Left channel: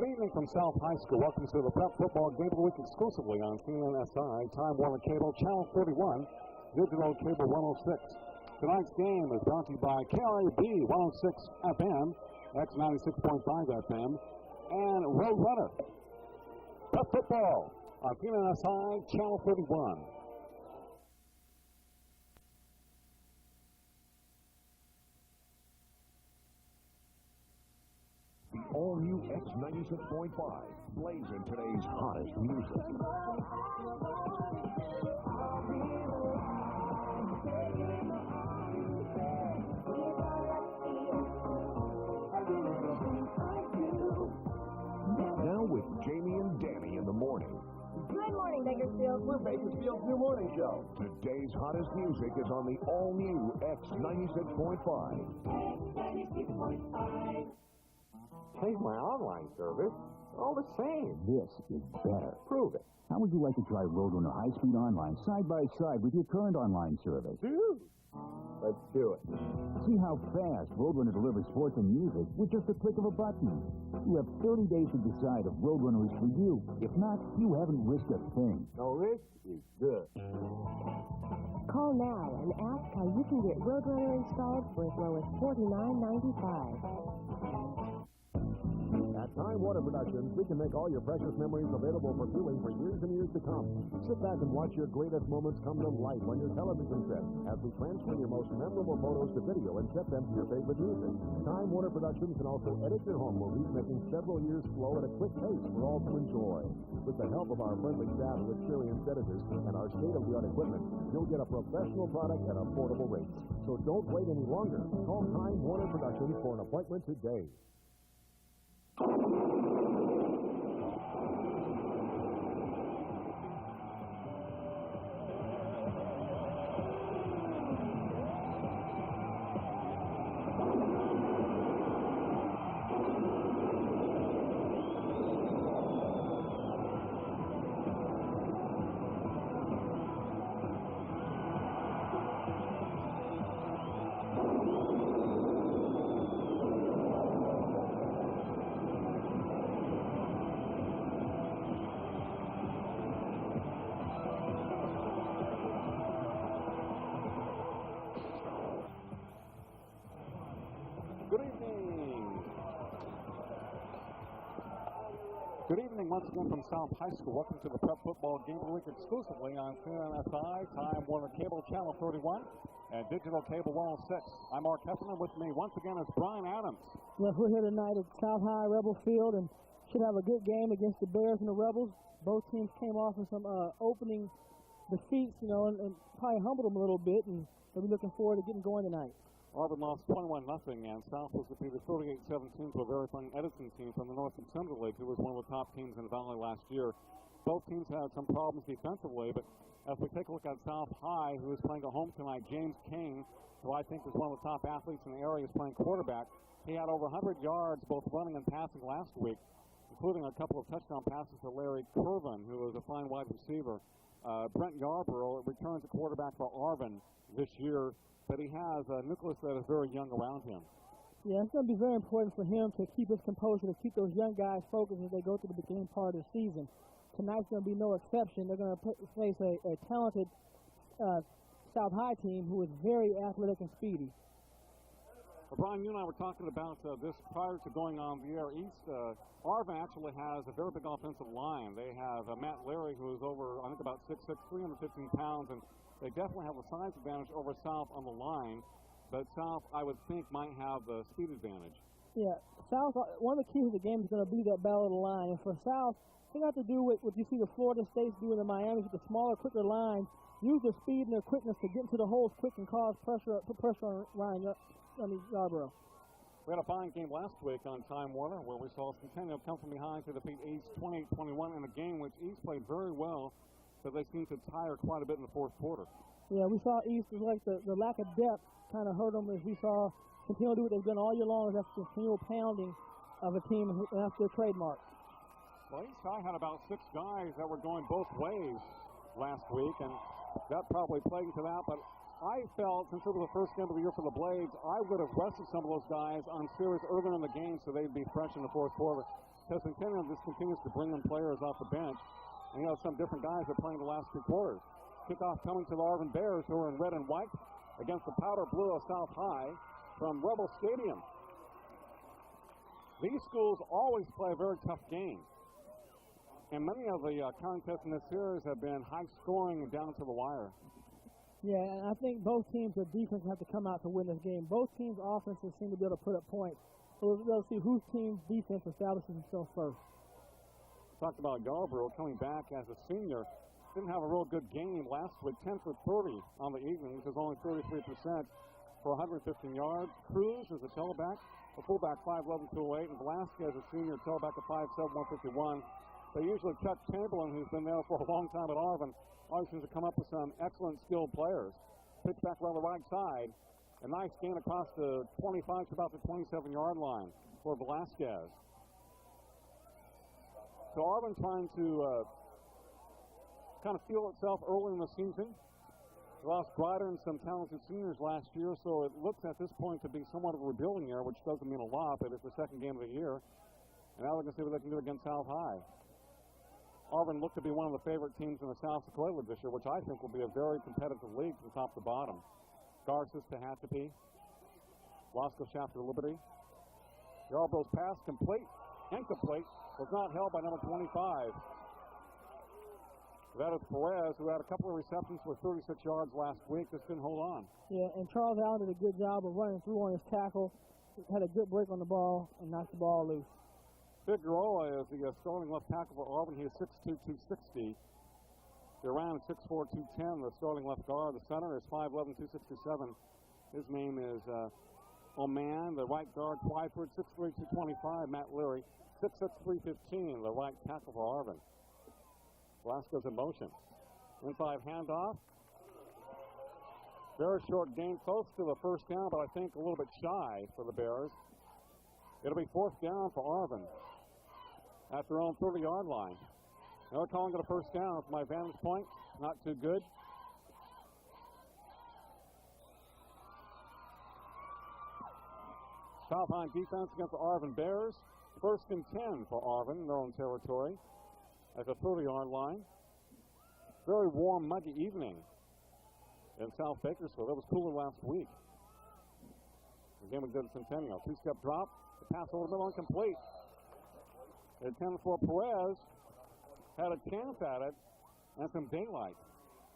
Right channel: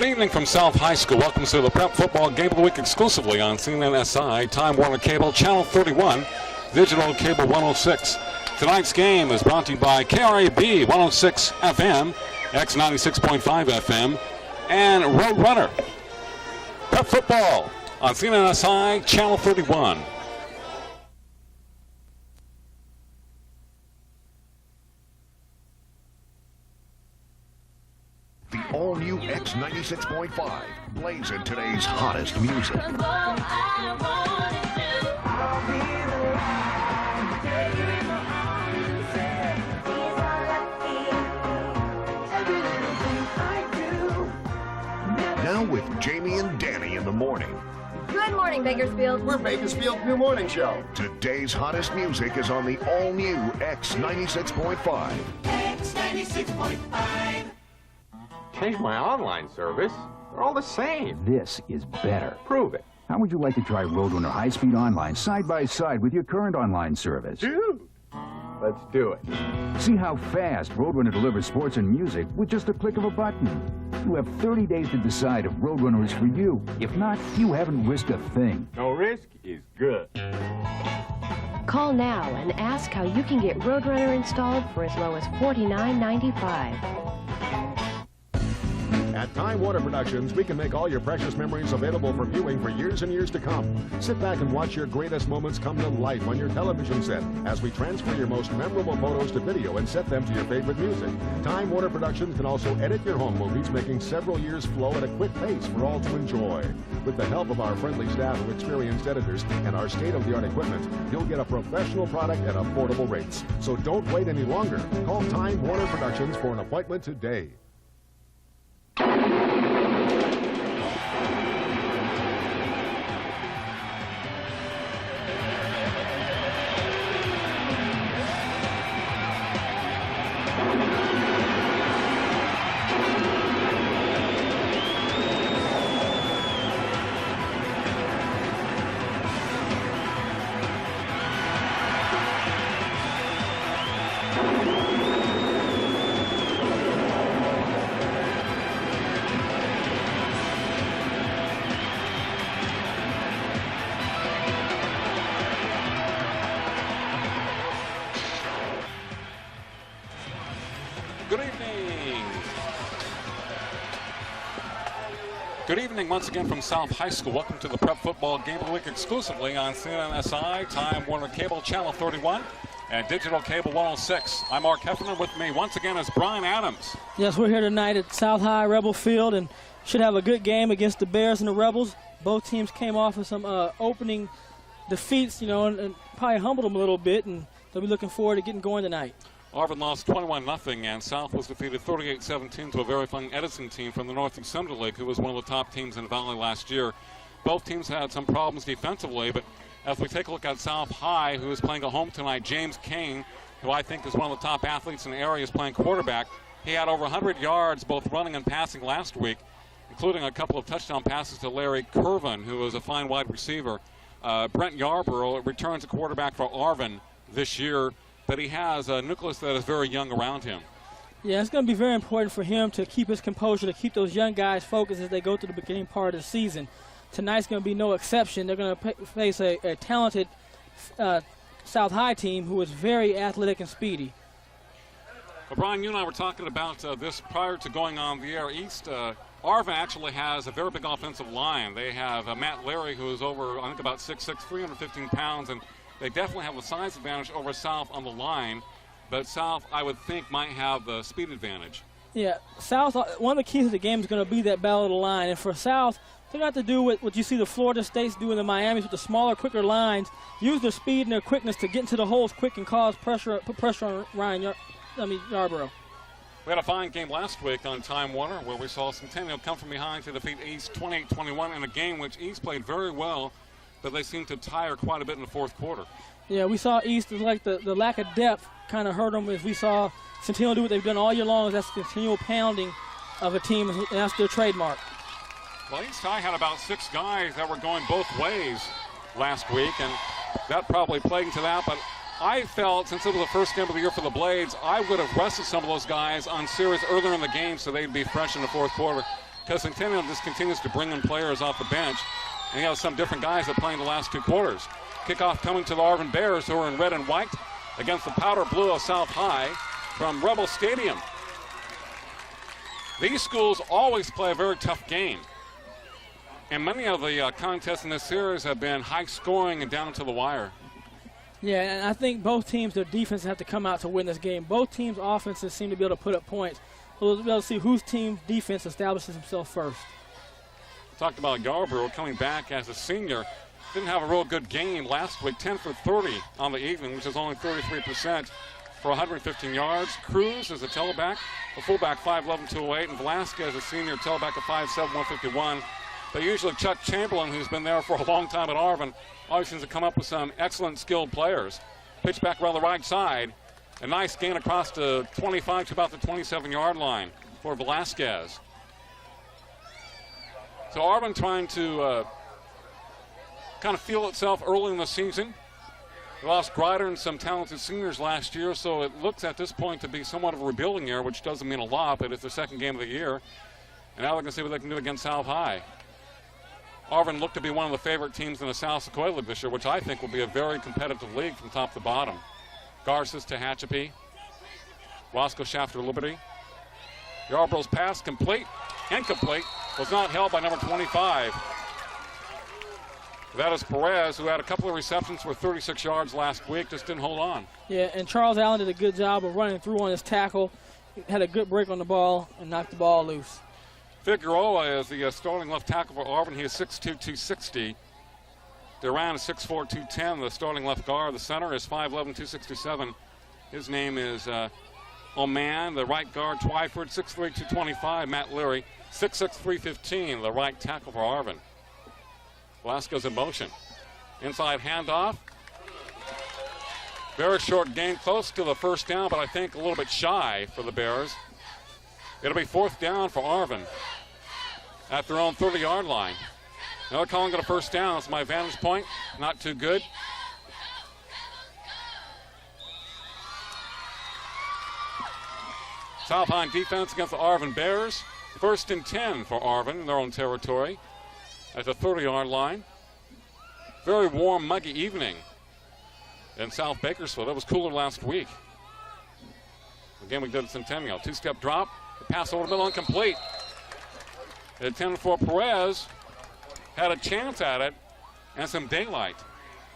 Good evening from South High School. Welcome to the Prep Football Game of the Week exclusively on CNNSI, Time Warner Cable, Channel 31, Digital Cable 106. Tonight's game is brought to you by KRAB 106 FM, X96.5 FM, and Roadrunner. Prep Football on CNNSI, Channel 31. The all-new X96.5 plays in today's hottest music. Now with Jamie and Danny in the morning. Good morning, Bakersfield. We're Bakersfield's new morning show. Today's hottest music is on the all-new X96.5. X96.5. Change my online service. They're all the same. This is better. Prove it. How would you like to try Roadrunner high-speed online side by side with your current online service? Dude, let's do it. See how fast Roadrunner delivers sports and music with just a click of a button. You have 30 days to decide if Roadrunner is for you. If not, you haven't risked a thing. No risk is good. Call now and ask how you can get Roadrunner installed for as low as $49.95. At Time Warner Productions, we can make all your precious memories available for viewing for years and years to come. Sit back and watch your greatest moments come to life on your television set as we transfer your most memorable photos to video and set them to your favorite music. Time Warner Productions can also edit your home movies, making several years flow at a quick pace for all to enjoy. With the help of our friendly staff of experienced editors and our state-of-the-art equipment, you'll get a professional product at affordable rates. So don't wait any longer. Call Time Warner Productions for an appointment today. Good evening. Good evening once again from South High School. Welcome to the Prep Football Game of the Week exclusively on CNNSI, Time Warner Cable, Channel 31, and Digital Cable 106. I'm Mark Heffernan. With me once again is Brian Adams. Yes, we're here tonight at South High Rebel Field and should have a good game against the Bears and the Rebels. Both teams came off of some opening defeats, and probably humbled them a little bit, and they'll be looking forward to getting going tonight. Arvin lost 21-0, and South was defeated 38-17 to a very fine Edison team from the Northeast Central League, who was one of the top teams in the Valley last year. Both teams had some problems defensively, but as we take a look at South High, who is playing at home tonight, James Kane, who I think is one of the top athletes in the area, is playing quarterback. He had over 100 yards, both running and passing last week, including a couple of touchdown passes to Larry Curvin, who is a fine wide receiver. Brent Yarborough returns a quarterback for Arvin this year, but he has a nucleus that is very young around him. Yeah, it's going to be very important for him to keep his composure, to keep those young guys focused as they go through the beginning part of the season. Tonight's going to be no exception. They're going to face a talented South High team who is very athletic and speedy. Well, Brian, you and I were talking about this prior to going on the air. East, Arvin actually has a very big offensive line. They have Matt Larry, who is over, I think, about 6'6", 315 pounds, and they definitely have a size advantage over South on the line, but South, I would think, might have the speed advantage. Yeah, South, one of the keys of the game is going to be that battle of the line. And for South, they got to do what you see the Florida States doing in Miami with the smaller, quicker lines, use their speed and their quickness to get into the holes quick and cause pressure, put pressure on Yarborough. We had a fine game last week on Time Warner where we saw Centennial come from behind to defeat East 28-21 in a game which East played very well, but they seemed to tire quite a bit in the fourth quarter. Yeah, we saw East, like the lack of depth kind of hurt them as we saw Centennial do what they've done all year long. That's continual pounding of a team, and that's their trademark. Well, East High had about 6 guys that were going both ways last week, and that probably played into that. But I felt, since it was the first game of the year for the Blades, I would have rested some of those guys on series earlier in the game so they'd be fresh in the fourth quarter. because Centennial just continues to bring in players off the bench, and you have some different guys that play in the last 2 quarters. Kickoff coming to the Arvin Bears, who are in red and white against the powder blue of South High from Rebel Stadium. These schools always play a very tough game. And many of the contests in this series have been high scoring and down to the wire. Yeah, and I think both teams, their defense have to come out to win this game. Both teams' offenses seem to be able to put up points. We'll be able to see whose team's defense establishes himself first. Talked about Yarborough coming back as a senior. Didn't have a real good game last week, 10 for 30 on the evening, which is only 33% for 115 yards. Cruz is a tailback, the fullback 5'11", 208, and Velasquez, a senior tailback of 5'7", 151. But usually Chuck Chamberlain, who's been there for a long time at Arvin, always seems to come up with some excellent skilled players. Pitch back around the right side. A nice gain across the 25 to about the 27-yard line for Velasquez. So Arvin trying to kind of feel itself early in the season. They lost Grider and some talented seniors last year, so it looks at this point to be somewhat of a rebuilding year, which doesn't mean a lot, but it's the second game of the year. And now they're going to see what they can do against South High. Arvin looked to be one of the favorite teams in the South Sequoia League this year, which I think will be a very competitive league from top to bottom. Garces to Hatchapee. Roscoe Shafter Liberty. Yarborough's pass complete. Incomplete. Was not held by number 25. That is Perez, who had a couple of receptions for 36 yards last week, just didn't hold on. Yeah, and Charles Allen did a good job of running through on his tackle. He had a good break on the ball and knocked the ball loose. Figueroa is the starting left tackle for Arvin. He is 6'2", 260. Duran is 6'4", 210. The starting left guard. The center is 5'11", 267. His name is Oman. The right guard, Twyford, 6'3", 225. Matt Leary, 6'6", 315. The right tackle for Arvin. Velasquez in motion. Inside handoff. Very short gain, close to the first down, but I think a little bit shy for the Bears. It'll be 4th down for Arvin at their own 30-yard line. Now they're calling it a first down. It's my vantage point. Not too good. South High defense against the Arvin Bears. 1st and 10 for Arvin in their own territory at the 30-yard line. Very warm, muggy evening in South Bakersfield. It was cooler last week. Again, we did at Centennial. 2-step drop. The pass over the middle, incomplete. The attempt for Perez had a chance at it and some daylight.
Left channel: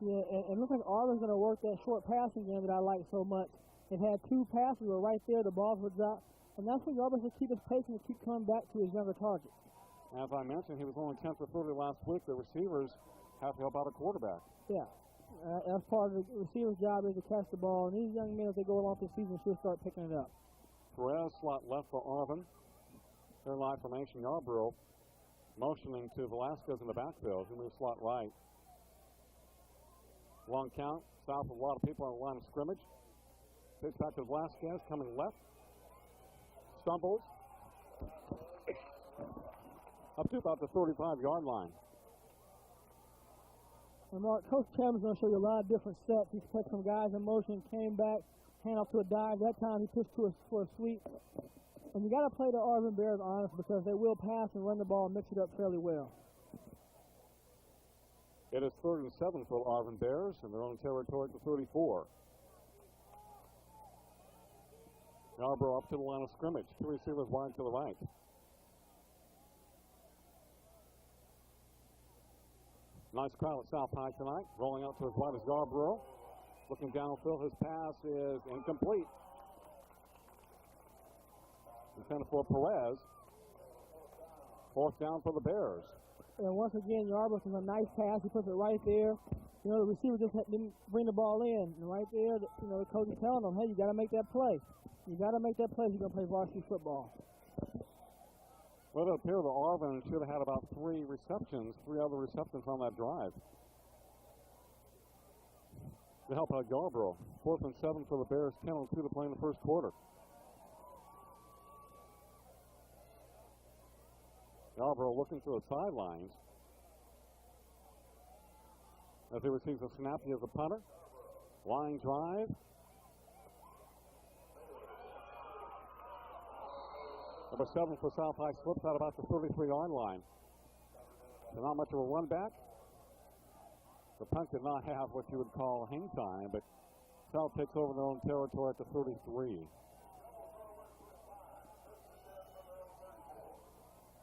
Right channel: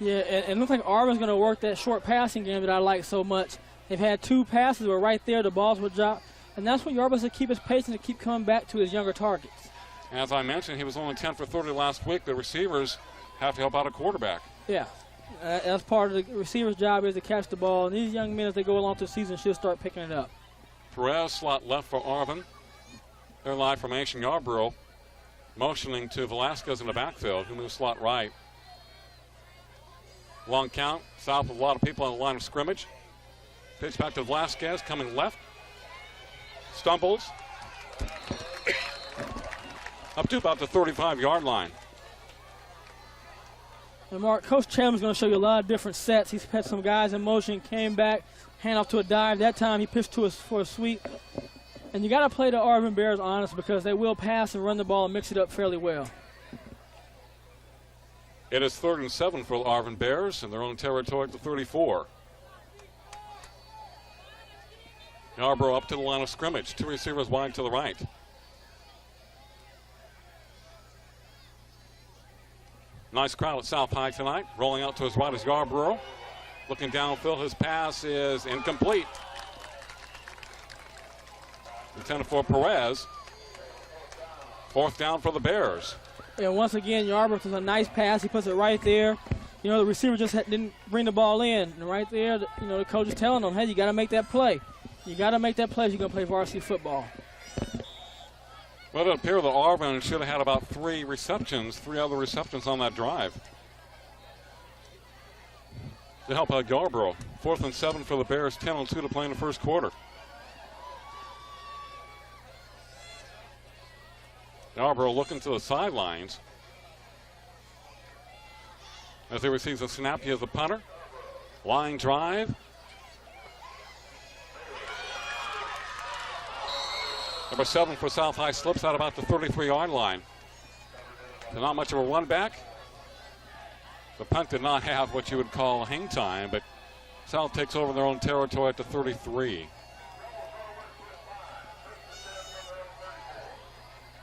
Yeah, and it looks like Arvin's going to work that short passing game that I like so much. They've had 2 passes that were right there. The balls were dropped. And that's what Yarborough's to keep his pace and to keep coming back to his younger targets. As I mentioned, he was only 10 for 30 last week. The receivers have to help out a quarterback. Yeah, that's part of the receiver's job is to catch the ball. And these young men, as they go along through the season, should start picking it up. Perez, slot left for Arvin. Their live formation, Yarborough motioning to Velasquez in the backfield, who moves slot right. Long count, south with a lot of people on the line of scrimmage. Pitch back to Velasquez, coming left. Stumbles. Up to about the 35-yard line. And Mark, Coach Chandler's going to show you a lot of different sets. He's had some guys in motion, came back, hand off to a dive. That time he pitched to us for a sweep. And you got to play the Arvin Bears honest because they will pass and run the ball and mix it up fairly well. It is 3rd and 7 for the Arvin Bears in their own territory at the 34. Yarborough up to the line of scrimmage. 2 receivers wide to the right. Nice crowd at South High tonight. Rolling out to his right is Yarborough. Looking downfield, his pass is incomplete. Intended for Perez. 4th down for the Bears. Yeah, once again, Yarborough does a nice pass. He puts it right there. You know, the receiver just didn't bring the ball in. And right there, the coach is telling them, hey, you got to make that play. You got to make that play if you're going to play varsity football. Well, it appeared that Arvin should have had about 3 other receptions on that drive. To help out Yarborough. 4th and 7 for the Bears, 10-2 to play in the first quarter. Yarborough looking to the sidelines as he receives a snap. He has the punter. Line drive. Number 7 for South High slips out about the 33-yard line. So not much of a run back. The punt did not have what you would call hang time, but South takes over their own territory at the 33.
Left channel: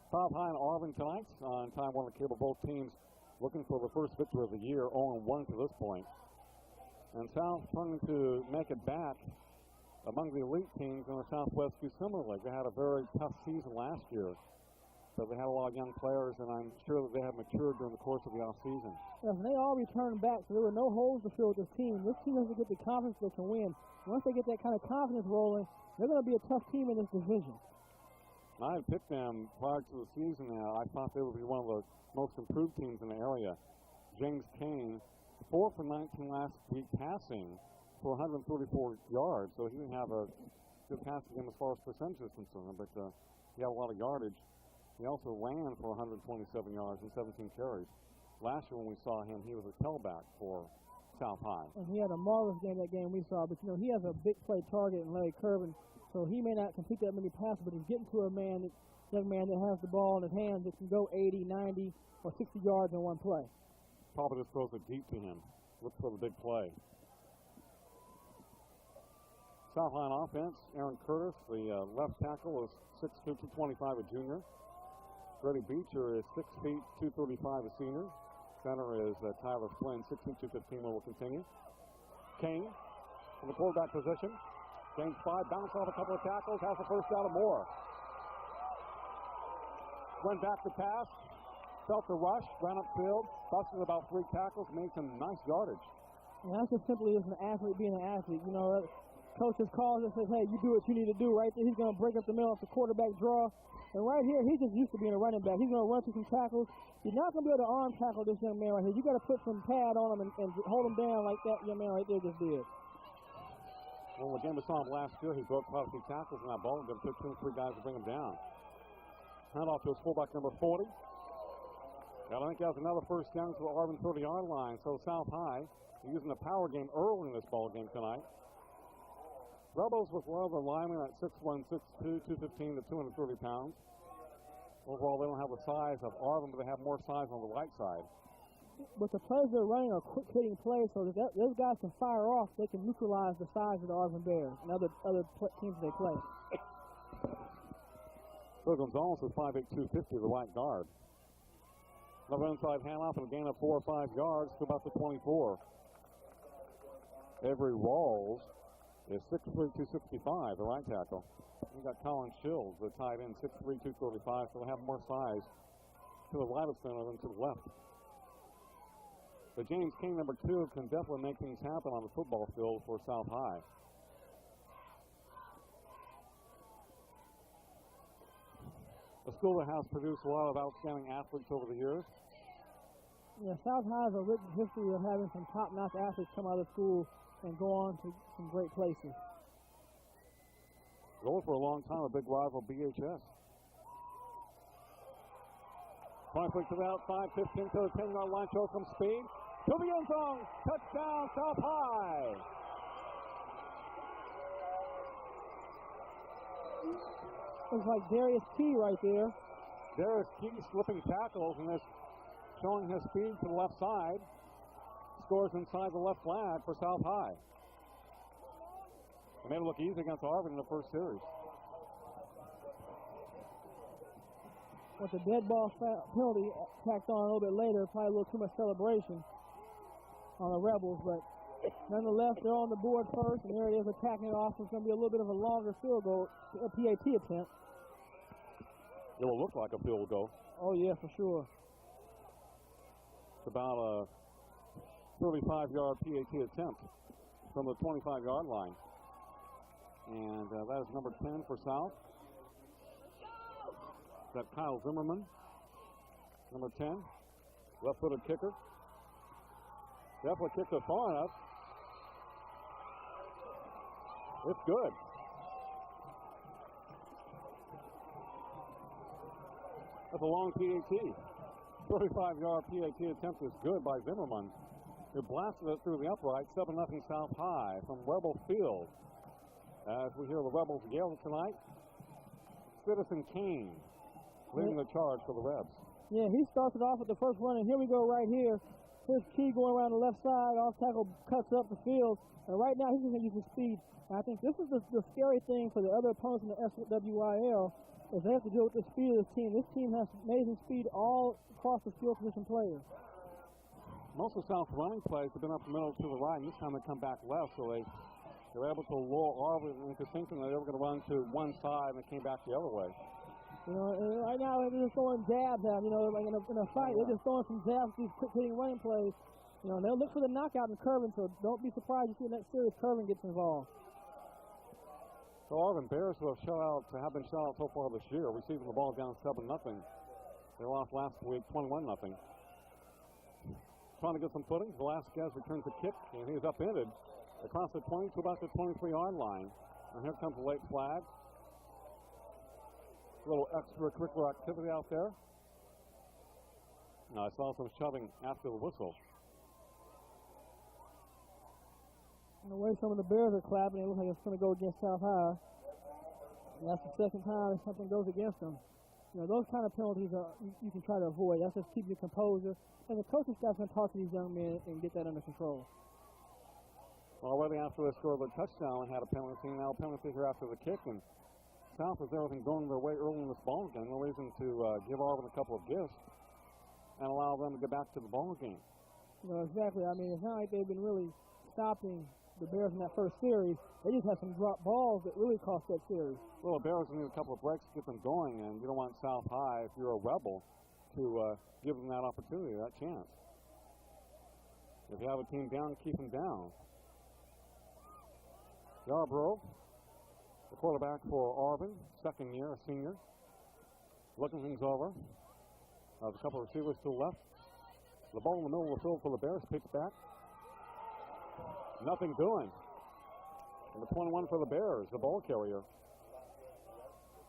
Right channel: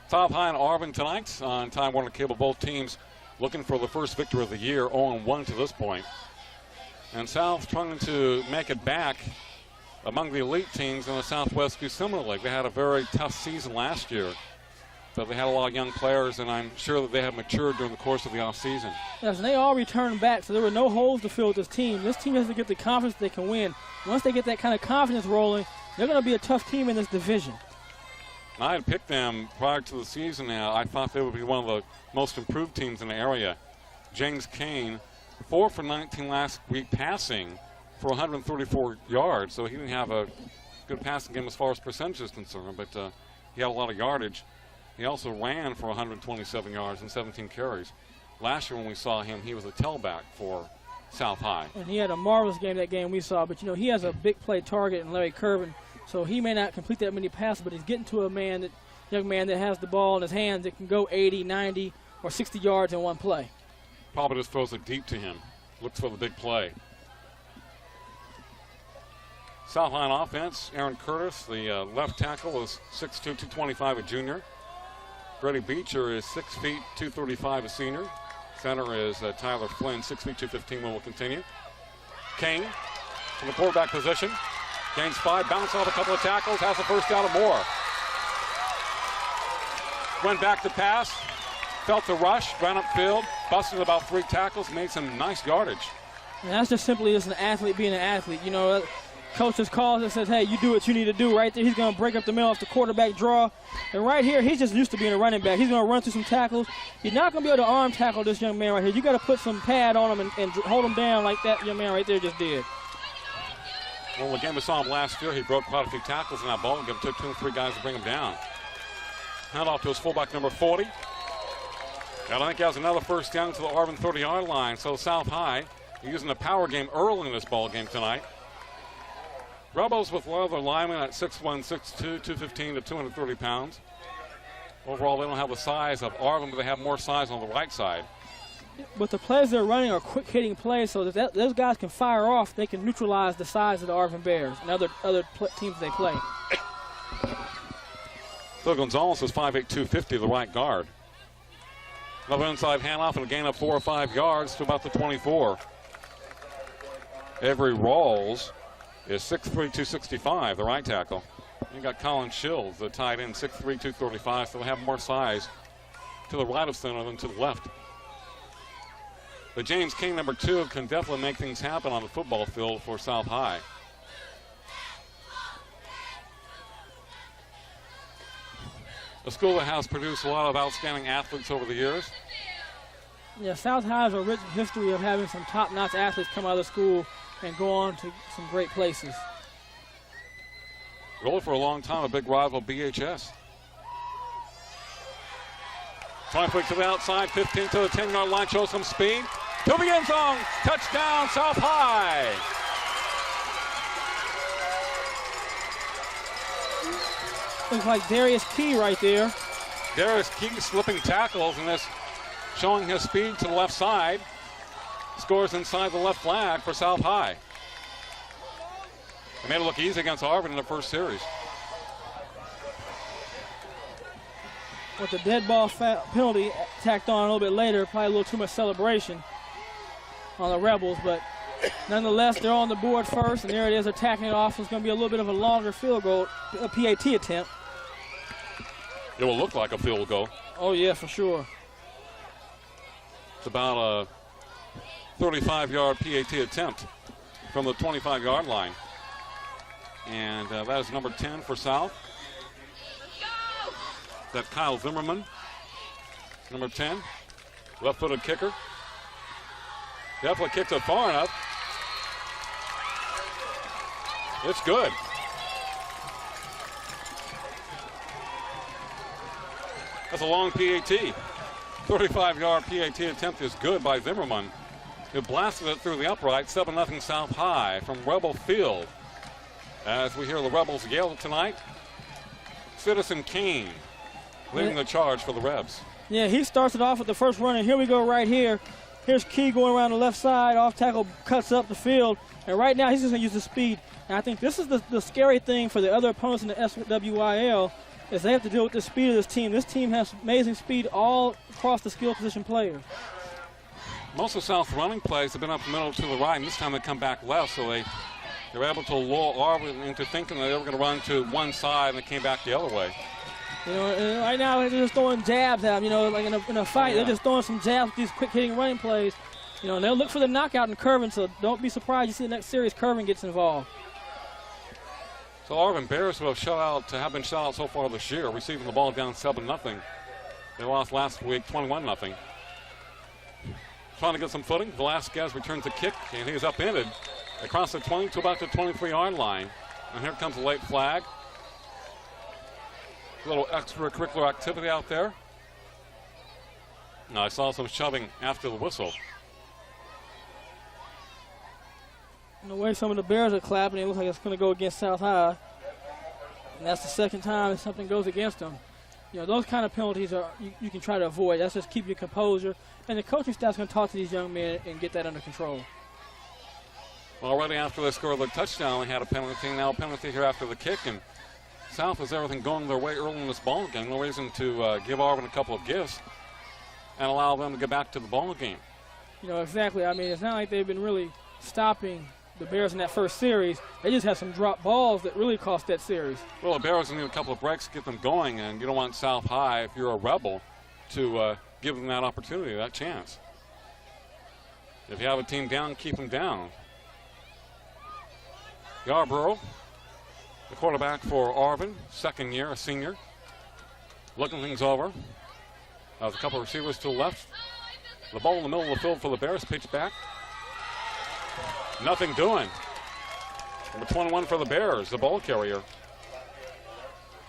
South High and Arvin tonight on Time Warner Cable. Both teams looking for the first victory of the year, 0-1 to this point. And South trying to make it back among the elite teams in the Southwest Summer League. They had a very tough season last year, but they had a lot of young players, and I'm sure that they have matured during the course of the offseason. Yes, and they all returned back, so there were no holes to fill with this team. This team has to get the confidence they can win. Once they get that kind of confidence rolling, they're going to be a tough team in this division. I had picked them prior to the season now. I thought they would be one of the most improved teams in the area. James Kane, 4 for 19 last week passing for 134 yards, so he didn't have a good passing game as far as percentage is concerned, but he had a lot of yardage. He also ran for 127 yards and 17 carries. Last year when we saw him, he was a tailback for South High. And he had a marvelous game that game we saw, but, you know, he has a big play target in Larry Curvin, so he may not complete that many passes, but he's getting to a young man that has the ball in his hands that can go 80, 90, or 60 yards in one play. Probably just throws it deep to him. Looks for the big play. South High on offense, Aaron Curtis, the left tackle, is 6'2", 225, a junior. Freddie Beecher is 6 feet, 235, a senior. Center is Tyler Flynn, 6 feet, 215, will continue. Kane in the quarterback position. Gains 5, bounce off a couple of tackles, has a first down or more. Went back to pass, felt the rush, ran upfield, busted about 3 tackles, made some nice yardage. And that's just simply as an athlete being an athlete. You know, coach just calls and says, hey, you do what you need to do right there. He's going to break up the middle off the quarterback draw. And right here, he's just used to being a running back. He's going to run through some tackles. He's not going to be able to arm tackle this young man right here. You got to put some pad on him and hold him down like that young man right there just did. Well, again, we saw him last year. He broke quite a few tackles in that ball game. It took 2 or 3 guys to bring him down. Hand off to his fullback, number 40. And I think he has another first down to the Arvin 30-yard line. So South High using the power game early in this ball game tonight. Rebels with one of their linemen at 6'1", 6'2", 215 to 230 pounds. Overall, they don't have the size of Arvin, but they have more size on the right side. But the plays they're running are quick-hitting plays, so that those guys can fire off. They can neutralize the size of the Arvin Bears and other teams they play. Phil Gonzalez is 5'8", 250, the right guard. Another inside handoff and a gain of 4 or 5 yards to about the 24. Avery Rawls is 6'3", 265, the right tackle. You got Colin Shills, the tight end, 6'3", 235, so they have more size to the right of center than to the left. But James King, number 2, can definitely make things happen on the football field for South High. A school that has produced a lot of outstanding athletes over the years. Yeah, South High has a rich history of having some top-notch athletes come out of the school and go on to some great places. Really for a long time, a big rival, BHS. 20 feet to the outside, 15 to the 10-yard line, shows some speed. To the end zone, touchdown, South High. Looks like Darius Key right there. Darius Key slipping tackles and this showing his speed to the left side. Scores inside the left flag for South High. They made it look easy against Arvin in the first series. With the dead ball penalty tacked on a little bit later, probably a little too much celebration on the Rebels, but nonetheless, they're on the board first, and there it is, attacking it off. It's going to be a little bit of a longer field goal, a PAT attempt. It will look like a field goal. Oh, yeah, for sure. It's about a 35-yard PAT attempt from the 25-yard line. And that is number 10 for South. That's Kyle Zimmerman, number 10, left-footed kicker. Definitely kicked it far enough. It's good. That's a long PAT. 35-yard PAT attempt is good by Zimmerman, who blasted it through the upright. 7-0 South High from Rebel Field. As we hear the Rebels yell tonight, Citizen Kane leading the charge for the Rebs. Yeah, he starts it off with the first run, and here we go right here. Here's Key going around the left side. Off tackle cuts up the field. And right now he's just going to use the speed. And I think this is the scary thing for the other opponents in the SWIL is they have to deal with the speed of this team. This team has amazing speed all across the skill position players. Most of South's running plays have been up the middle to the right, and this time they come back left, so they're able to lure Arvin into thinking that they were going to run to one side, and they came back the other way. You know, and right now they're just throwing jabs at him. You know, like in a fight, they're just throwing some jabs with these quick-hitting running plays. You know, and they'll look for the knockout in curving, so don't be surprised you see the next series curving gets involved. So Arvin Bears, who have been shut out so far this year, receiving the ball down 7-0. They lost last week 21-0. Trying to get some footing. Velasquez returns the kick, and he is upended across the 20 to about the 23-yard line. And here comes a late flag. A little extracurricular activity out there. Now I saw some shoving after the whistle. And the way some of the Bears are clapping, it looks like it's going to go against South High. And that's the second time something goes against them. You know, those kind of penalties are you can try to avoid. That's just keep your composure. And the coaching staff's going to talk to these young men and get that under control. Already after they scored the touchdown, they had a penalty. Now a penalty here after the kick. And South has everything going their way early in this ball game. No reason to give Arvin a couple of gifts and allow them to get back to the ball game. You know, exactly. I mean, it's not like they've been really stopping the Bears in that first series. They just had some drop balls that really cost that series. Well, the Bears need a couple of breaks to get them going, and you don't want South High, if you're a Rebel, to give them that opportunity, that chance. If you have a team down, keep them down. Yarborough, the quarterback for Arvin, second year, a senior, looking things over. There's a couple of receivers to the left. The ball in the middle of the field for the Bears, pitch back. Nothing doing. Number 21 for the Bears, the ball carrier.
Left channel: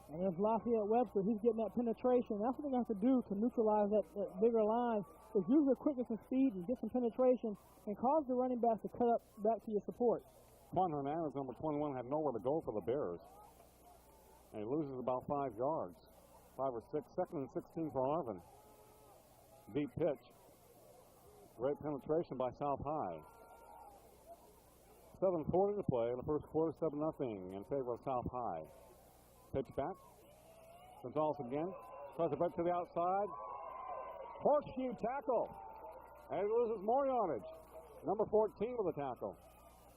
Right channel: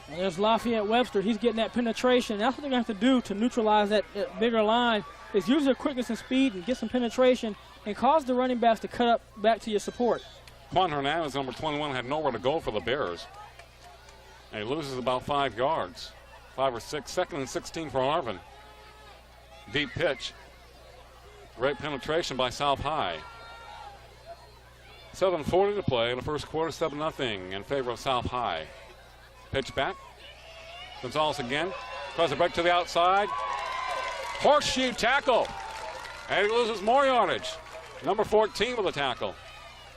And there's Lafayette Webster. He's getting that penetration. That's what they're going to have to do to neutralize that bigger line is use their quickness and speed and get some penetration and cause the running backs to cut up back to your support. Juan Hernandez, number 21, had nowhere to go for the Bears. And he loses about 5 yards, 5 or 6. Second and 16 for Arvin. Deep pitch. Great penetration by South High. 7:40 to play in the first quarter, 7-0 in favor of South High. Pitch back. Gonzalez again. Tries to break to the outside. Horseshoe tackle. And he loses more yardage. Number 14 with a tackle.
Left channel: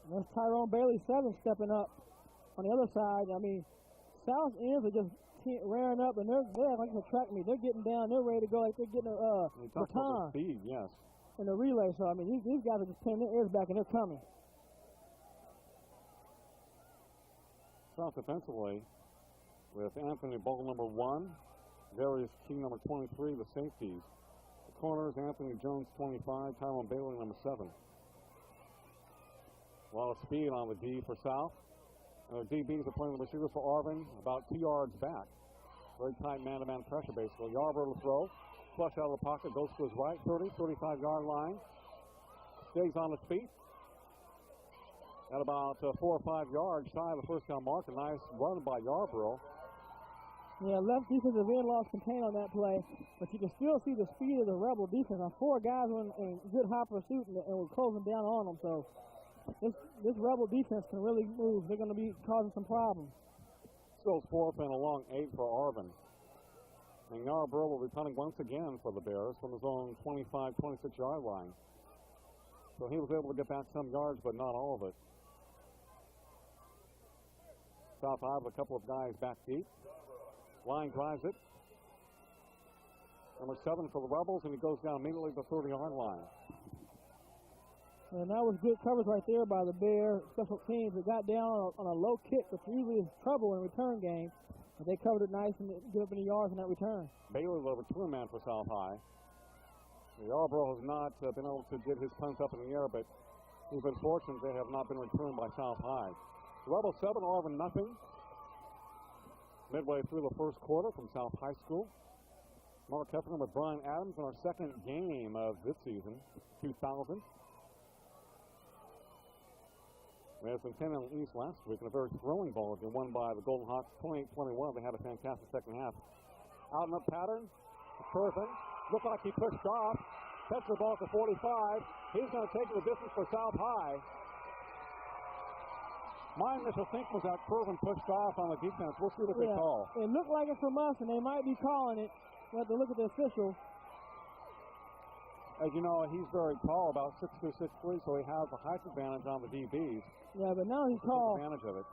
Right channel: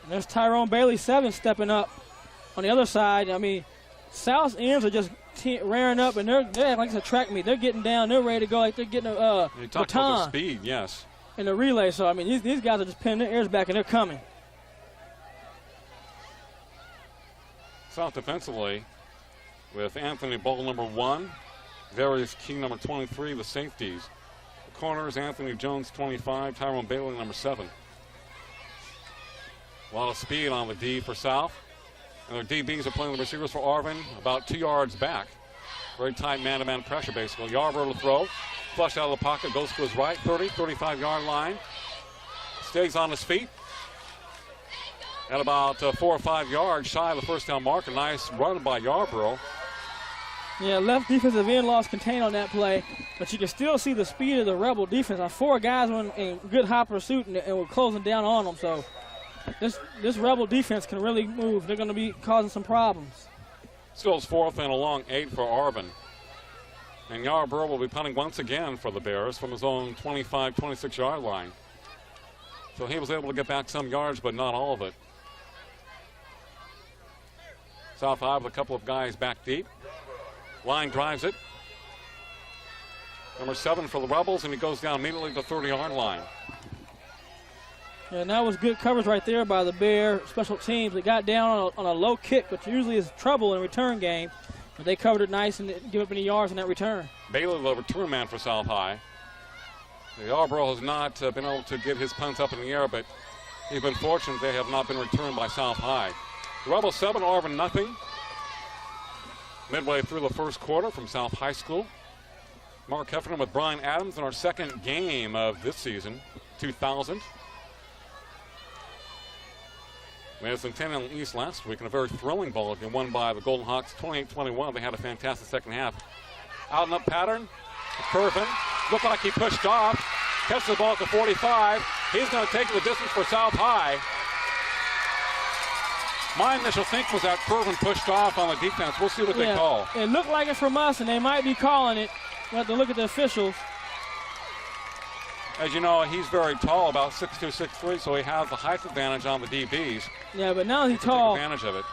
And there's Tyrone Bailey, 7, stepping up. On the other side, I mean, South's ends are just rearing up, and they're like it's a track meet. They're getting down. They're ready to go like they're getting a you talked about the speed, yes. In the relay. So, I mean, these guys are just pinning their ears back, and they're coming. South defensively with Anthony Bull, number 1, Darius Key, number 23, the safeties. The corners, Anthony Jones, 25, Tyrone Bailey, number 7. A lot of speed on the D for South. And their DBs are playing the receivers for Arvin about 2 yards back. Very tight man-to-man pressure, basically. Yarborough to throw. Flushed out of the pocket, goes to his right, 30, 35-yard line. Stays on his feet. At about 4 or 5 yards shy of the first down mark. A nice run by Yarborough. Yeah, left defensive end lost contain on that play, but you can still see the speed of the Rebel defense. 4 guys were in good high pursuit, and we're closing down on them. So this Rebel defense can really move. They're going to be causing some problems. Still is 4th and a long 8 for Arvin. And Yarborough will be punting once again for the Bears from his own 25, 26-yard line. So he was able to get back some yards, but not all of it. South High with a couple of guys back deep. Line drives it. Number 7 for the Rebels, and he goes down immediately to the 30-yard line. Yeah, and that was good coverage right there by the Bear special teams. They got down on a low kick, which usually is trouble in a return game. But they covered it nice and didn't give up any yards in that return. Bailey, the return man for South High. Yarborough has not been able to get his punts up in the air, but he's been fortunate they have not been returned by South High. The Rebels 7, Arvin nothing. Midway through the first quarter from South High School. Mark Heffernan with Brian Adams in our second game of this season, 2000. Madison 10 in the East last week in a very thrilling ball game won by the Golden Hawks 28-21. They had a fantastic second half. Out and up pattern. Arvin looked like he pushed off. Catches the ball at the 45. He's going to take the distance for South High. My initial think was that Arvin pushed off on the defense. We'll see what they call. It looked like it from us, and they might be calling it. We'll have to look at the officials. As you know, he's very tall, about 6'2", 6'3", so he has the height advantage on the DBs. Yeah, but now he's tall. Take advantage of it.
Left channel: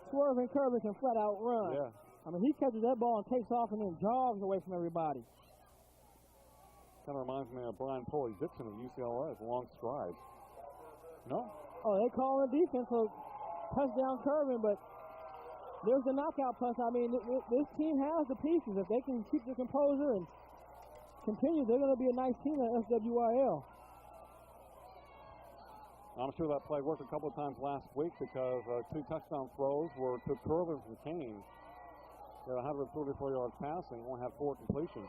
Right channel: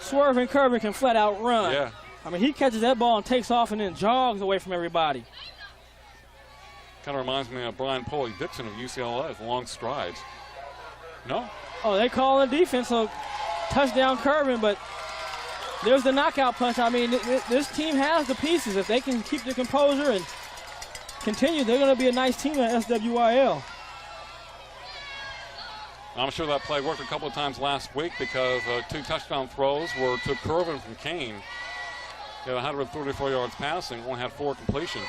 Swerving Arvin can flat out run. Yeah. I mean, he catches that ball and takes off and then jogs away from everybody. Kind of reminds me of Brian Poley-Dixon of UCLA with long strides. No? Oh, they call in defense, so touchdown Arvin, but there's the knockout punch. I mean, this team has the pieces. If they can keep their composure and continue, they're going to be a nice team at SWIL. I'm sure that play worked a couple of times last week because 2 touchdown throws were to Arvin from Kane. He had 134 yards passing, only had 4 completions.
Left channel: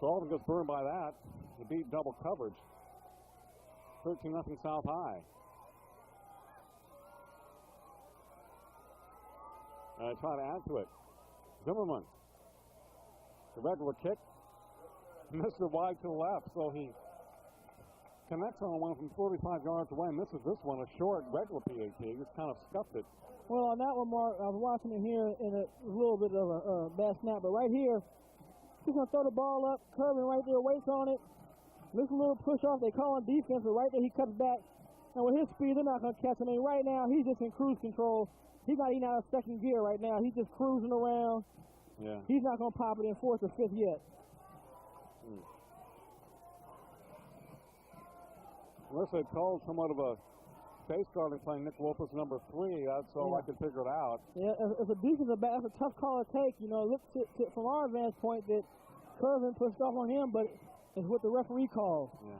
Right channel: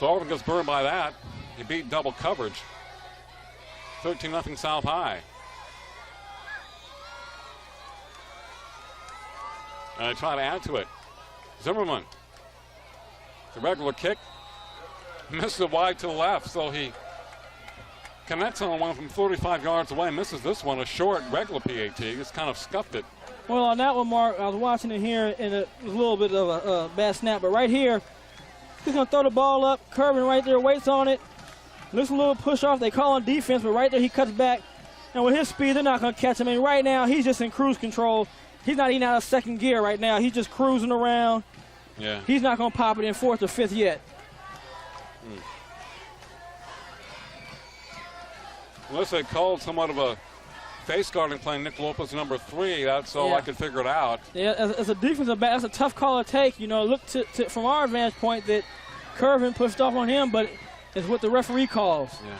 So Arvin gets burned by that. He beat double coverage. 13-0 South High. And they try to add to it. Zimmerman. The regular kick. Misses it wide to the left, so he connects on one from 35 yards away. Misses this one, a short regular PAT. Just kind of scuffed it. Well, on that one, Mark, I was watching it here, and it was a little bit of a bad snap. But right here, he's going to throw the ball up. Arvin right there, waits on it. Looks a little push off. They call on defense, but right there he cuts back. And with his speed, they're not going to catch him. And right now, he's just in cruise control. He's not even out of second gear right now. He's just cruising around. Yeah. He's not going to pop it in 4th or 5th yet. Unless they called somewhat of a face guarding play, Nick Lopez number 3. That's all I could figure it out. Yeah, as a defensive back, that's a tough call to take. You know, look from our vantage point that Arvin pushed off on him, but it's what the referee calls. Yeah.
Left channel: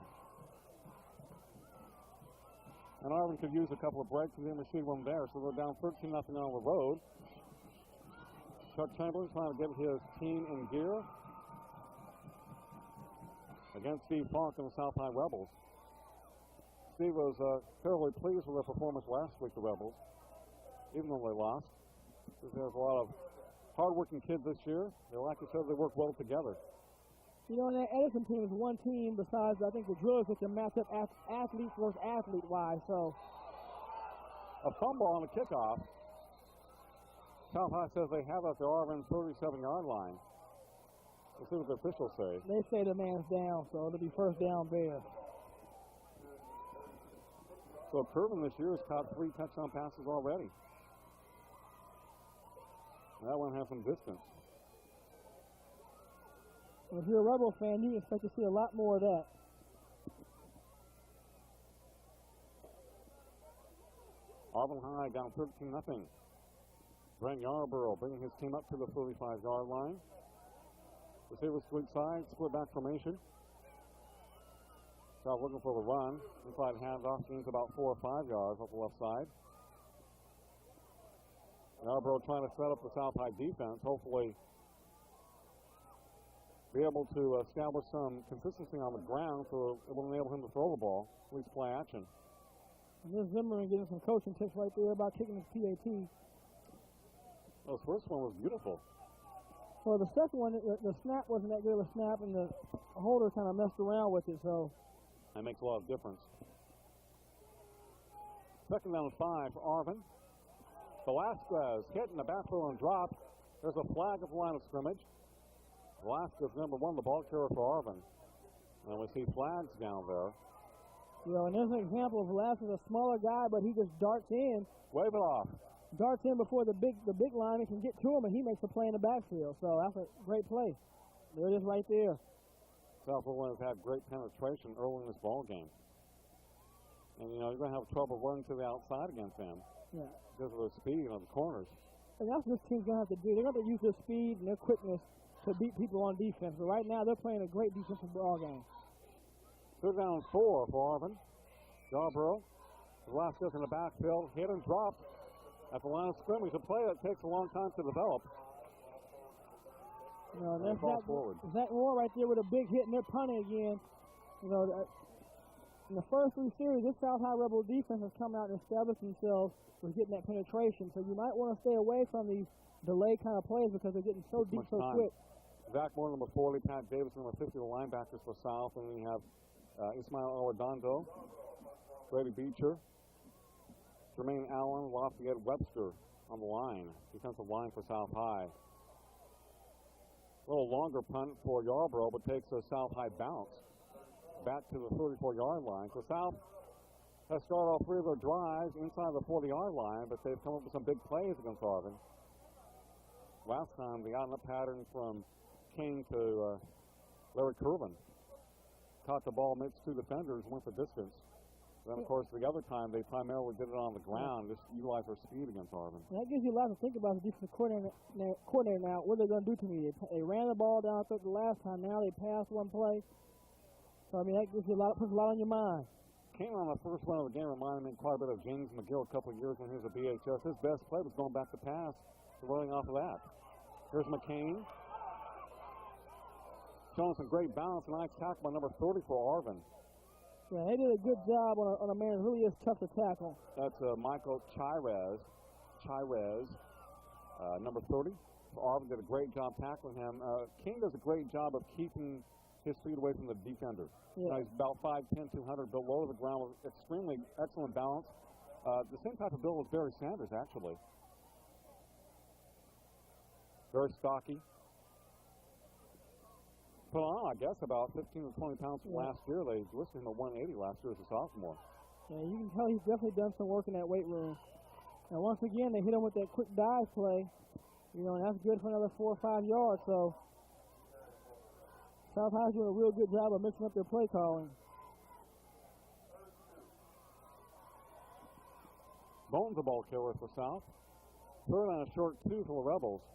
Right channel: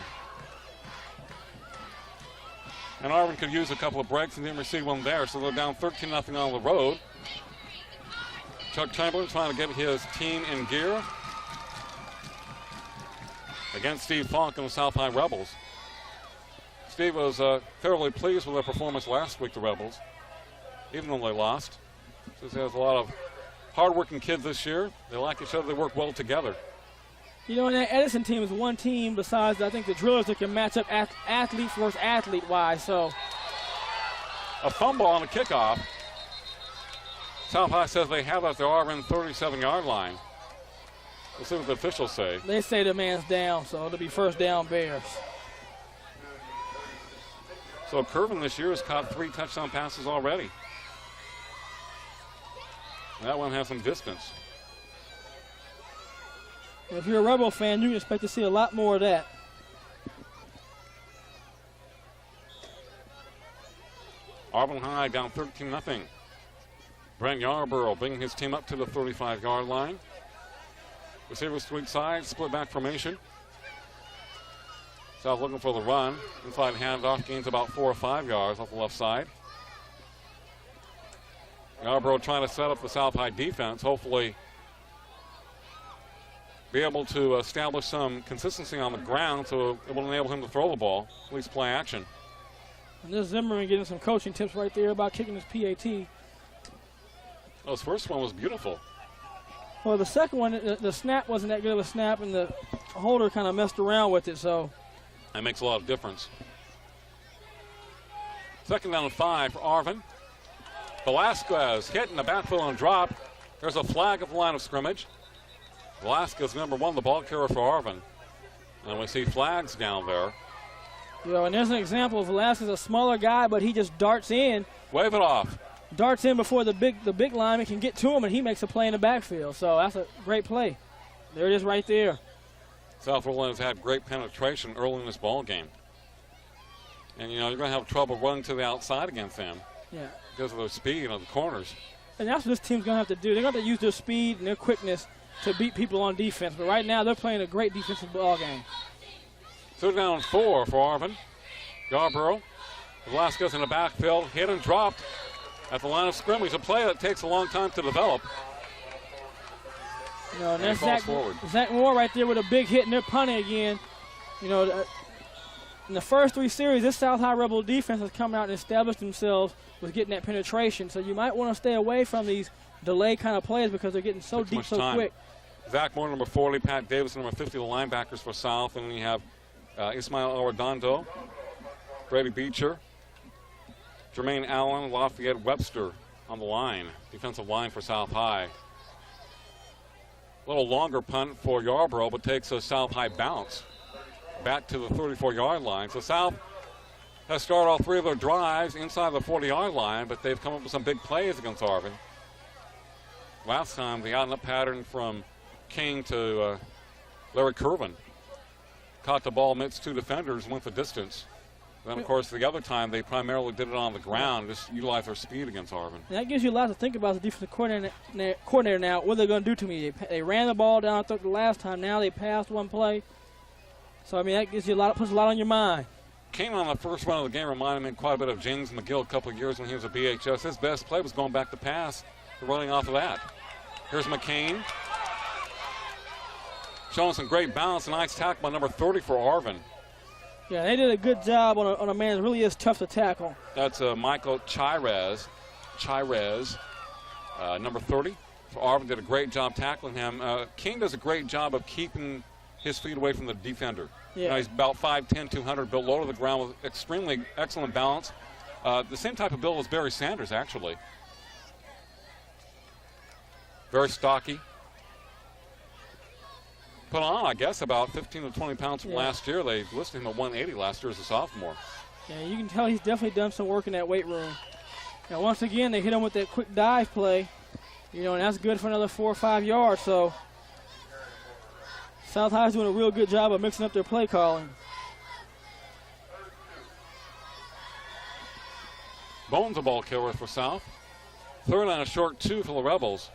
And Arvin could use a couple of breaks and didn't receive one there, so they're down 13-0 on the road. Chuck Chamberlain trying to get his team in gear against Steve Falk and the South High Rebels. Steve was fairly pleased with their performance last week, the Rebels, even though they lost. Says he has a lot of hard-working kids this year. They like each other. They work well together. You know, and that Edison team is one team besides, I think, the Drillers that can match up athlete versus athlete-wise. So a fumble on the kickoff. South High says they have it at their Arvin 37-yard line. We'll see what the officials say. They say the man's down, so it'll be first down Bears. So Arvin this year has caught 3 touchdown passes already. That one has some distance. If you're a Rebel fan, you can expect to see a lot more of that. Arvin High down 13-0. Brent Yarborough bringing his team up to the 35-yard line. Receivers to each side, split back formation. South looking for the run. Inside handoff, gains about 4 or 5 yards off the left side. Yarborough trying to set up the South High defense, hopefully be able to establish some consistency on the ground so it will enable him to throw the ball, at least play action. And this Zimmerman getting some coaching tips right there about kicking his PAT. Well, his first one was beautiful. Well, the second one, the snap wasn't that good of a snap, and the holder kind of messed around with it, so. That makes a lot of difference. 2nd down and 5 for Arvin. Velasquez hit in the backfield and drop. There's a flag at the line of scrimmage. Velasquez, number 1, the ball carrier for Arvin. And we see flags down there. You know, and there's an example of Velasquez, a smaller guy, but he just darts in. Wave it off. Darts in before the big lineman can get to him, and he makes a play in the backfield. So that's a great play. There it is right there. South Orleans has had great penetration early in this ball game. And, you know, you're going to have trouble running to the outside against them. Yeah. Because of their speed on the corners. And that's what this team's going to have to do. They're going to have to use their speed and their quickness to beat people on defense. But right now, they're playing a great defensive ball game. 3rd down and 4 for Arvin. Yarborough. Velasquez in the backfield, hit and dropped at the line of scrimmage. A play that takes a long time to develop. You know, and there's Zach Moore right there with a big hit, and they're punting again. You know, in the first 3 series, this South High Rebel defense has come out and established themselves with getting that penetration. So you might want to stay away from these delay kind of plays because they're getting so deep so quick. Zach Moore, number 40, Pat Davis, number 50, the linebackers for South. And we have Ismail Arredondo, Brady Beecher, Jermaine Allen, Lafayette Webster on the line, defensive line for South High. A little longer punt for Yarborough, but takes a South High bounce back to the 34-yard line. So South has started all 3 of their drives inside the 40-yard line, but they've come up with some big plays against Arvin. Last time, the out-and-up pattern from King to Larry Curvin. Caught the ball amidst 2 defenders, went the distance. Then, of course, the other time, they primarily did it on the ground, just utilize their speed against Arvin. That gives you a lot to think about as a defensive coordinator now. What are they going to do to me? They ran the ball down the last time. Now they passed one play. So, I mean, that gives you puts a lot on your mind. King on the first run of the game reminded me quite a bit of James McGill a couple of years when he was at BHS. His best play was going back to pass, running off of that. Here's McCain. Showing some great balance. A nice tackle by number 30 for Arvin. Yeah, they did a good job on a man that really is tough to tackle. That's Michael Chirez, number 30 for Arvin. Did a great job tackling him. King does a great job of keeping his feet away from the defender. Yeah. You know, he's about 5'10", 200, built low to the ground with extremely excellent balance. The same type of build as Barry Sanders, actually. Very stocky. Put on, I guess, about 15 to 20 pounds from last year. They listed him at 180 last year as a sophomore. Yeah, you can tell he's definitely done some work in that weight room. Now, once again, they hit him with that quick dive play, and that's good for another 4 or 5 yards. So South High's doing a real good job of mixing up their play calling. Bones a ball carrier for South. Third and a short 2 for the Rebels.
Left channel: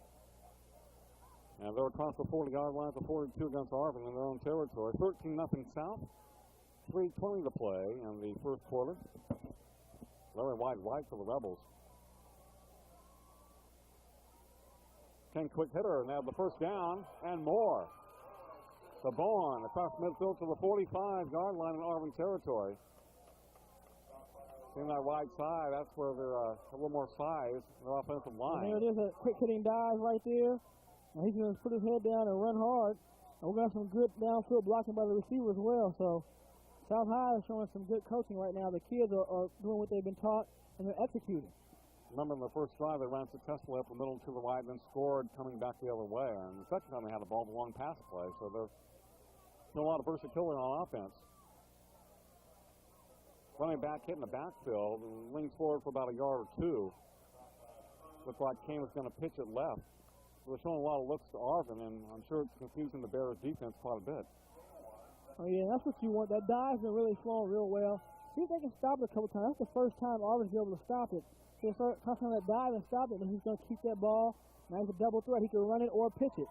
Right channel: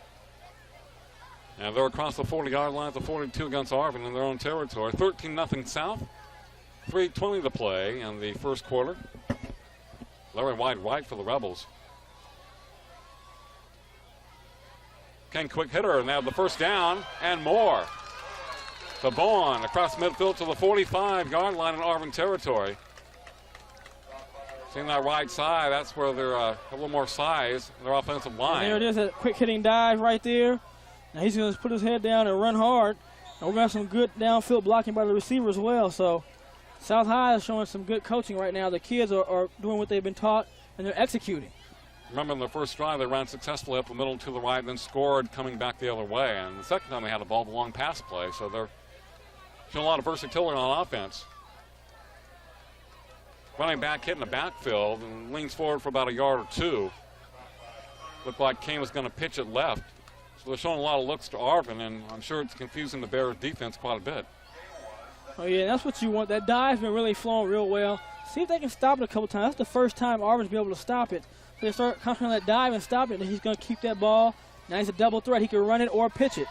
And they're across the 40-yard line, the 42 against Arvin in their own territory. 13-0 South. 3:20 to play in the first quarter. Larry wide right for the Rebels. King quick hitter, and they have the first down and more. To Bowen across midfield to the 45-yard line in Arvin territory. Seeing that right side, that's where they're a little more size in their offensive line. And there it is, a quick hitting dive right there. Now he's going to put his head down and run hard. And we're going to have some good downfield blocking by the receiver as well. So South High is showing some good coaching right now. The kids are doing what they've been taught, and they're executing. Remember in their first drive, they ran successfully up the middle to the right, then scored coming back the other way. And the second time they had the ball, the long pass play. So they're showing a lot of versatility on offense. Running back hitting the backfield and leans forward for about a yard or 2. Looked like Kane was going to pitch it left. So they're showing a lot of looks to Arvin, and I'm sure it's confusing the Bears defense quite a bit. Oh, yeah, that's what you want. That dive's been really flowing real well. See if they can stop it a couple times. That's the first time Arvin's been able to stop it. So they start concentrating on that dive and stop it, and he's going to keep that ball. Now he's a double threat. He can run it or pitch it.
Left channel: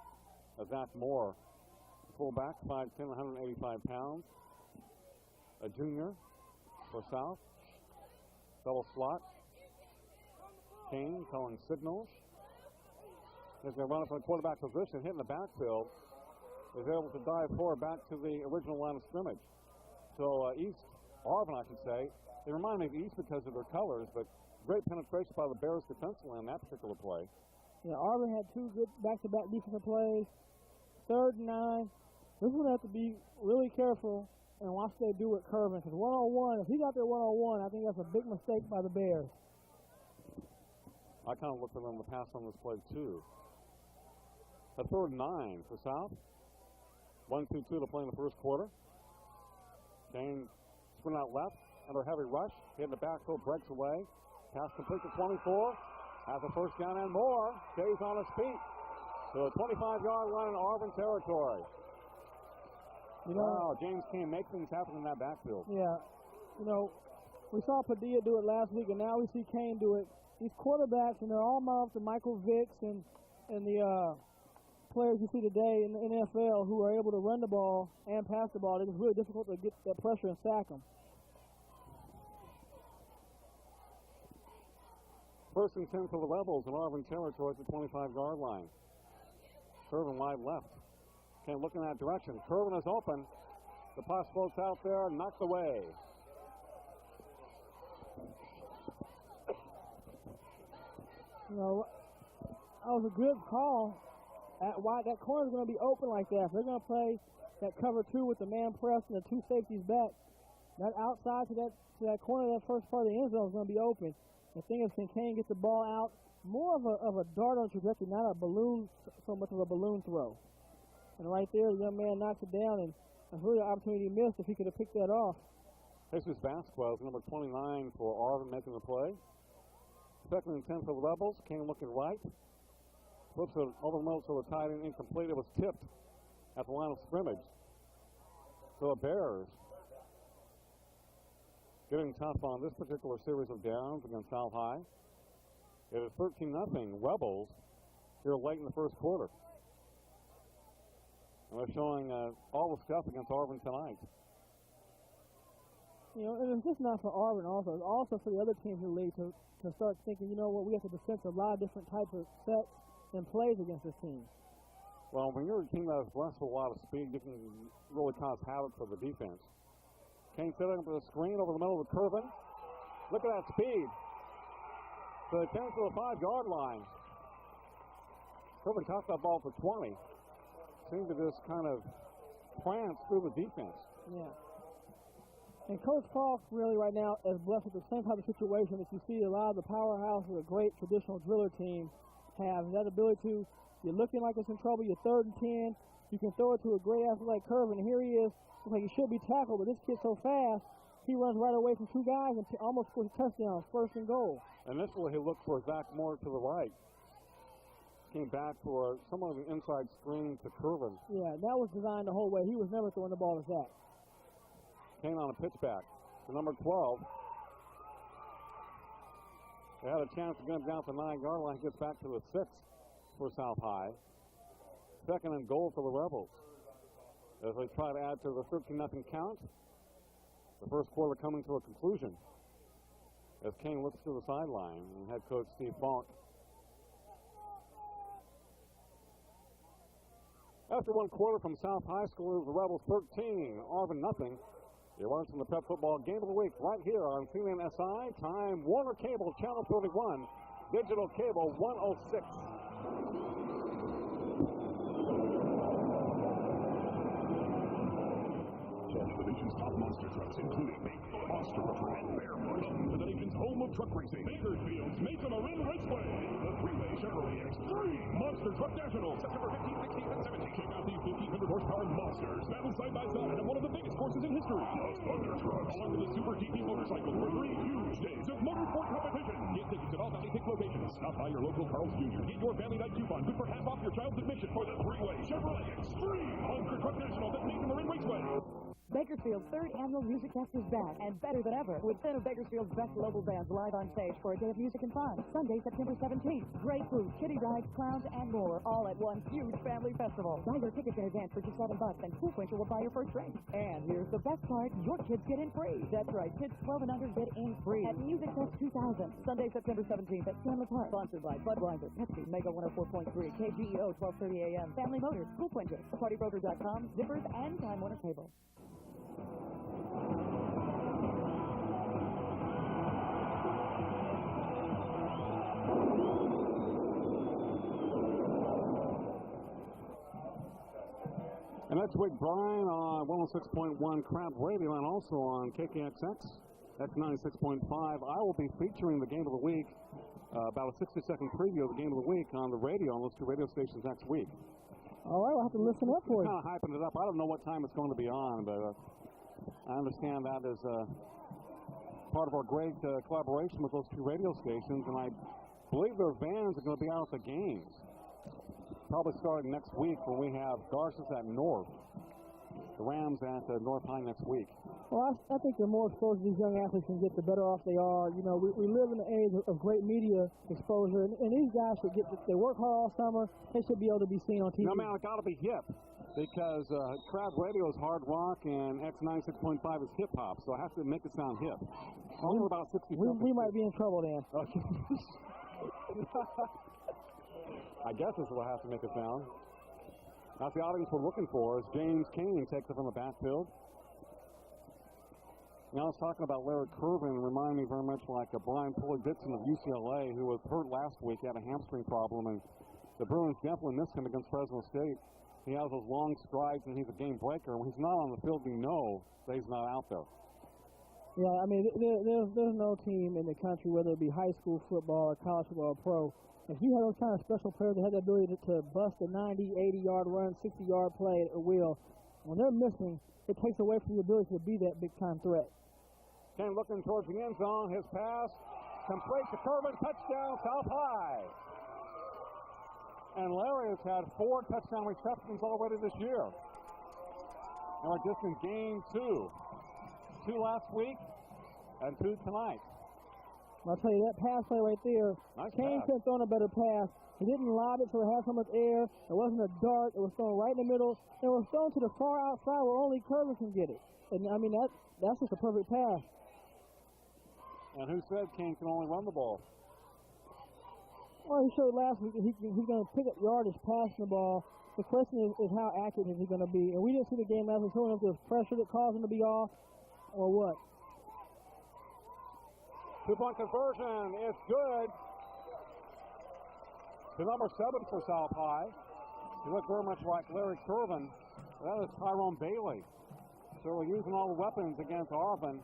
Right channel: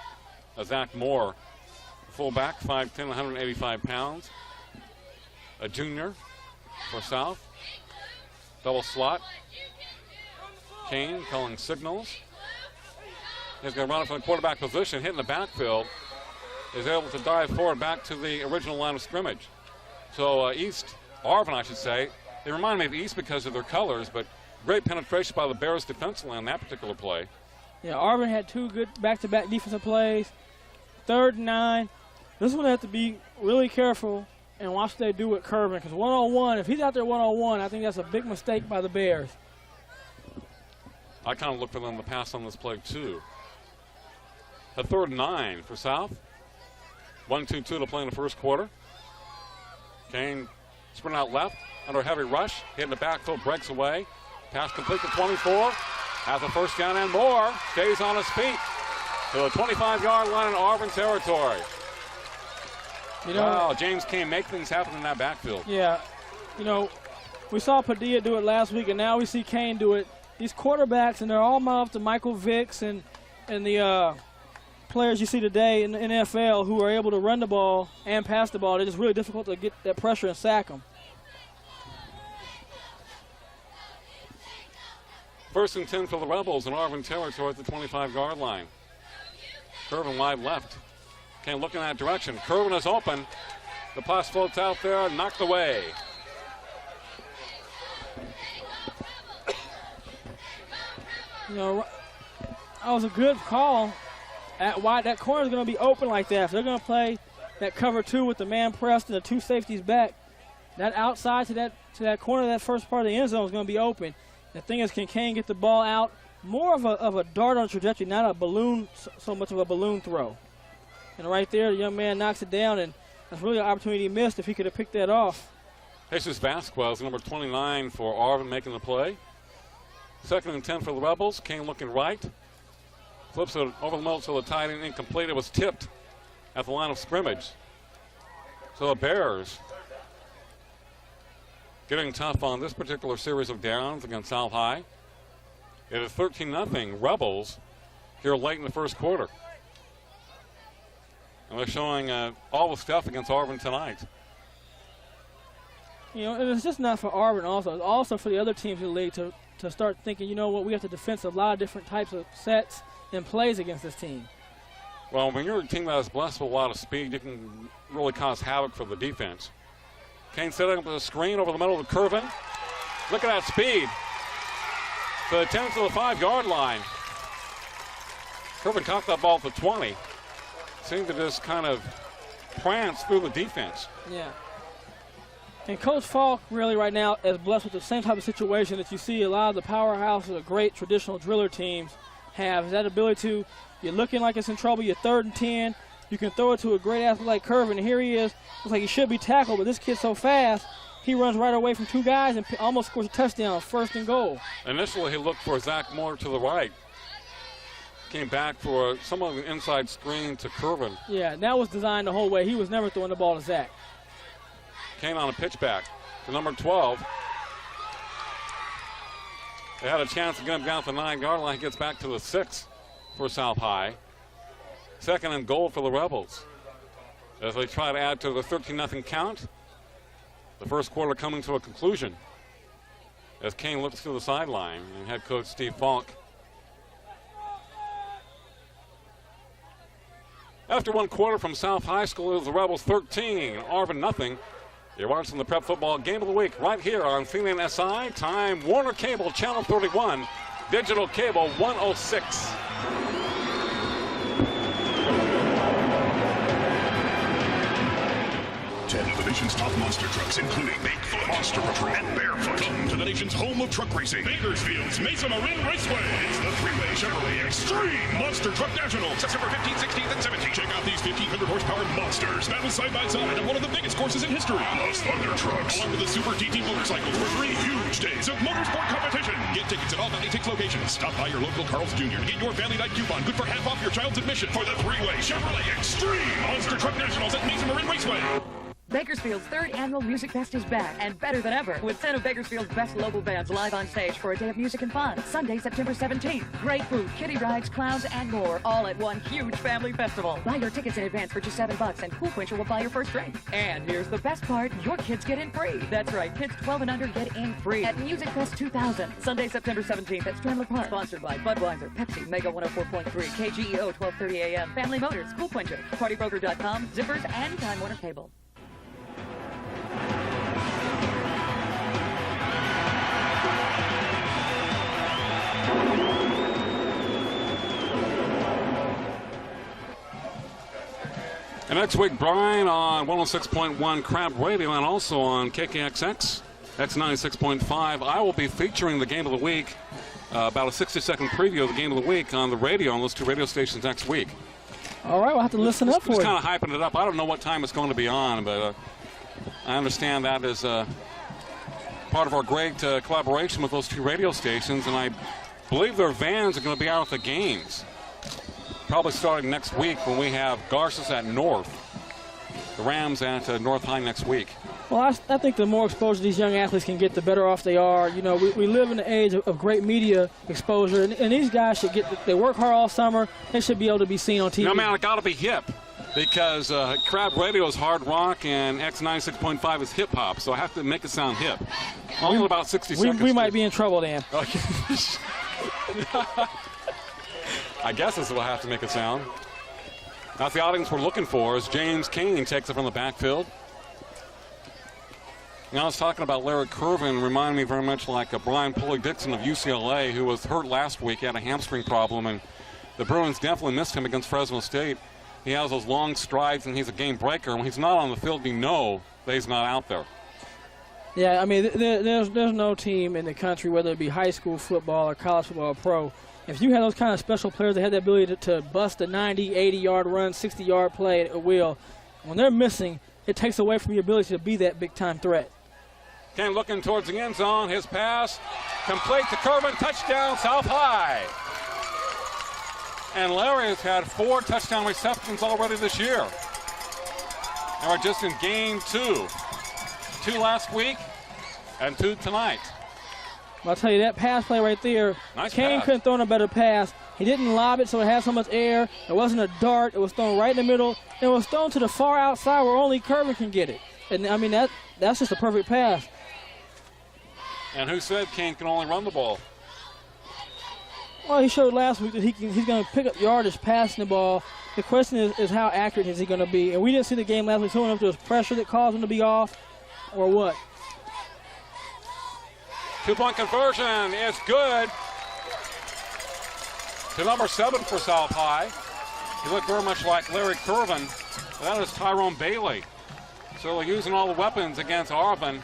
Zach Moore, fullback, 5'10", 185 pounds. A junior for South. Double slot. Kane calling signals. He's going to run it from the quarterback position, hitting the backfield. Is able to dive forward back to the original line of scrimmage. So Arvin, I should say, they remind me of East because of their colors, but great penetration by the Bears defensive line on that particular play. Yeah, Arvin had 2 good back-to-back defensive plays. 3rd and 9. This one they have to be really careful and watch what they do with Curvin, because one-on-one, if he's out there one-on-one, I think that's a big mistake by the Bears. I kind of look for them to pass on this play, too. A 3rd and 9 for South. 1-2-2 to play in the first quarter. Kane sprint out left under a heavy rush. Hitting the backfield, breaks away. Pass complete to 24. Has a first down and more. Stays on his feet to the 25-yard line in Arvin territory. Wow, James Kane make things happen in that backfield. Yeah, we saw Padilla do it last week, and now we see Kane do it. These quarterbacks, and they're all modeled to Michael Vicks and the players you see today in the NFL who are able to run the ball and pass the ball. It's just really difficult to get that pressure and sack them. 1st and 10 for the Rebels in Arvin territory at the 25-yard line. Curvin wide left. Can't look in that direction. Curvin is open. The pass floats out there, knocked away. You know, that was a good call. At wide, that corner is going to be open like that. If they're going to play that cover 2 with the man pressed and the 2 safeties back, that outside to that corner, that first part of the end zone is going to be open. The thing is, can Kane get the ball out? More of a dart on trajectory, not a balloon, so much of a balloon throw. And right there, the young man knocks it down, and that's really an opportunity he missed if he could have picked that off. Jesus Vasquez, number 29 for Arvin, making the play. 2nd and 10 for the Rebels. Kane looking right. Flips it over the middle to the tight end, incomplete. It was tipped at the line of scrimmage. So the Bears getting tough on this particular series of downs against South High. It is 13-0 Rebels here late in the first quarter. And they're showing all the stuff against Arvin tonight. You know, and it's just not for Arvin also. It's also for the other teams in the league to start thinking, you know what, we have to defend a lot of different types of sets and plays against this team. Well, when you're a team that is blessed with a lot of speed, you can really cause havoc for the defense. Kane setting up a screen over the middle of Curvin. Look at that speed. So 10 to the 5-yard line. Curvin caught that ball at the 20. Seemed to just kind of prance through the defense. Yeah. And Coach Falk really right now is blessed with the same type of situation that you see a lot of the powerhouses of great traditional driller teams have. Is that ability to, you're looking like it's in trouble, you're 3rd and 10, you can throw it to a great athlete like Curvin, and here he is. Looks like he should be tackled, but this kid's so fast, he runs right away from 2 guys and almost scores a touchdown, 1st and goal. Initially, he looked for Zach Moore to the right. Came back for some of the inside screen to Curvin. Yeah, that was designed the whole way. He was never throwing the ball to Zach. Kane on a pitchback to number 12. They had a chance to get him down to the 9-yard line. He gets back to the 6 for South High. 2nd and goal for the Rebels as they try to add to the 13-0 count. The first quarter coming to a conclusion as Kane looks to the sideline and head coach Steve Falk. After 1 quarter from South High School, it was the Rebels 13, Arvin 0. You're watching the Prep Football Game of the Week right here on CNN SI. Time Warner Cable Channel 31, Digital Cable 106. 10 of the nation's top monster trucks, including Bigfoot, Monster Truck, and Barefoot. Come to the nation's home of truck racing, Bakersfield's Mesa Marin Raceway. It's the 3-way Chevrolet Extreme Monster Truck National, September 15th, 16th, and 17th. Check out these 1,500 horsepower monsters, battle side by side on one of the biggest courses in history. Plus Thunder trucks, along with the Super GT motorcycles for 3 huge days of motorsport competition. Get tickets at all 96 locations. Stop by your local Carl's Jr. to get your family night coupon, good for half off your child's admission for the 3-way Chevrolet Extreme Monster Truck Nationals at Mesa Marin Raceway. Bakersfield's 3rd annual Music Fest is back, and better than ever, with 10 of Bakersfield's best local bands live on stage for a day of music and fun. Sunday, September 17th. Great food, kiddie rides, clowns, and more, all at one huge family festival. Buy your tickets in advance for just $7, and Cool Quencher will buy your first drink. And here's the best part, your kids get in free. That's right, kids 12 and under get in free at Music Fest 2000. Sunday, September 17th at Strandler Park. Sponsored by Budweiser, Pepsi, Mega 104.3, KGEO 1230 AM, Family Motors, Cool Quencher, PartyBroker.com, Zippers, and Time Warner Cable. And next week, Brian on 106.1 Crab Radio and also on KKXX. That's 96.5. I will be featuring the Game of the Week, about a 60-second preview of the Game of the Week on the radio on those 2 radio stations next week. All right, we'll have to listen up for it. Just kind of hyping it up. I don't know what time it's going to be on, but I understand that is part of our great collaboration with those 2 radio stations, and I believe their vans are going to be out at the games. Probably starting next week when we have Garces at North. The Rams at North High next week. Well, I think the more exposure these young athletes can get, the better off they are. You know, we live in the age of great media exposure, and these guys should they work hard all summer. They should be able to be seen on TV. No, man, it got to be hip because Crab Radio is hard rock and X96.5 is hip hop, so I have to make it sound hip. Only about 60 seconds. We might be in trouble, Dan. Okay. I guess this will have to make it sound. That's the audience we're looking for as James Kane takes it from the backfield. You know, I was talking about Larry Curvin, reminded me very much like Brian Pulley-Dixon of UCLA, who was hurt last week. He had a hamstring problem, and the Bruins definitely missed him against Fresno State. He has those long strides, and he's a game breaker. When he's not on the field, we know that he's not out there. Yeah, I mean, there's no team in the country, whether it be high school football or college football or pro, if you have those kind of special players that have the ability to bust a 90, 80-yard run, 60-yard play at will, when they're missing, it takes away from your ability to be that big-time threat. Ken looking towards the end zone. His pass complete to Curvin. Touchdown, South High. And Larry has had 4 touchdown receptions already this year. And we're just in game 2. 2 last week and 2 tonight. I'll tell you, that pass play right there, Nice Kane pass. couldn't throw in a better pass. He didn't lob it, so it had so much air. It wasn't a dart. It was thrown right in the middle. It was thrown to the far outside where only Curvin can get it. And, I mean, that's just a perfect pass. And who said Kane can only run the ball? Well, he showed last week that he's going to pick up yardage passing the ball. The question is how accurate is he going to be? And we didn't see the game last week, so I don't know if there was pressure that caused him to be off or what. 2-point conversion is good. To number 7 for South High. He looked very much like Larry Curvin. That is Tyrone Bailey. So they're using all the weapons against Arvin.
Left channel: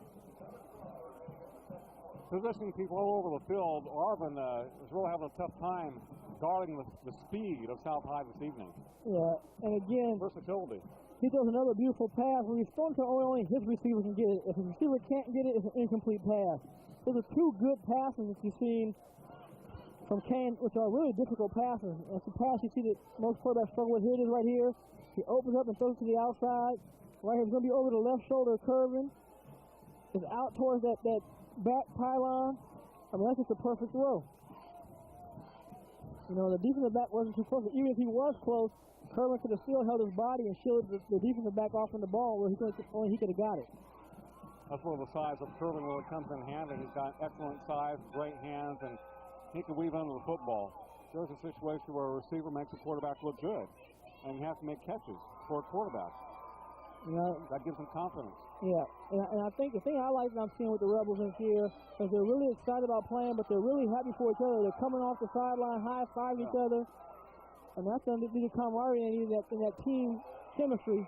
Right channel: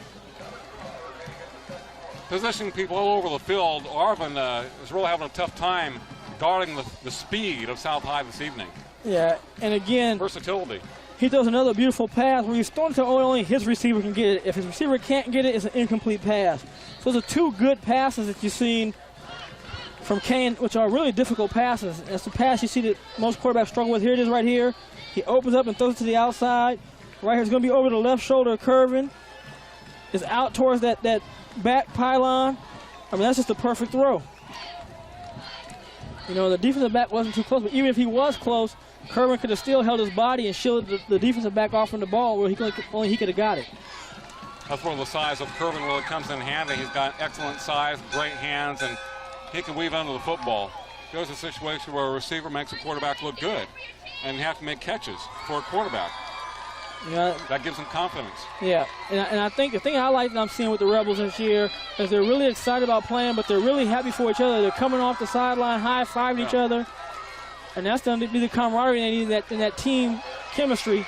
Positioning people all over the field. Arvin is really having a tough time guarding the speed of South High this evening. Yeah, and again, versatility. He does another beautiful pass where he's throwing to only his receiver can get it. If his receiver can't get it, it's an incomplete pass. So those are 2 good passes that you've seen from Kane, which are really difficult passes. It's the pass you see that most quarterbacks struggle with. Here it is right here. He opens up and throws it to the outside. Right here, it's going to be over the left shoulder of Curvin. It's out towards that back pylon. I mean, that's just a perfect throw. You know, the defensive back wasn't too close, but even if he was close, Curvin could have still held his body and shielded the defensive back off from the ball where only he could have got it. That's where the size of Curvin really comes in handy. He's got excellent size, great hands, and he can weave under the football. There's a situation where a receiver makes a quarterback look good, and you have to make catches for a quarterback. Yeah, that gives them confidence. Yeah, and I think the thing I like that I'm seeing with the Rebels this year is they're really excited about playing, but they're really happy for each other. They're coming off the sideline, high-fiving each other. And that's going to be the camaraderie they need in that team chemistry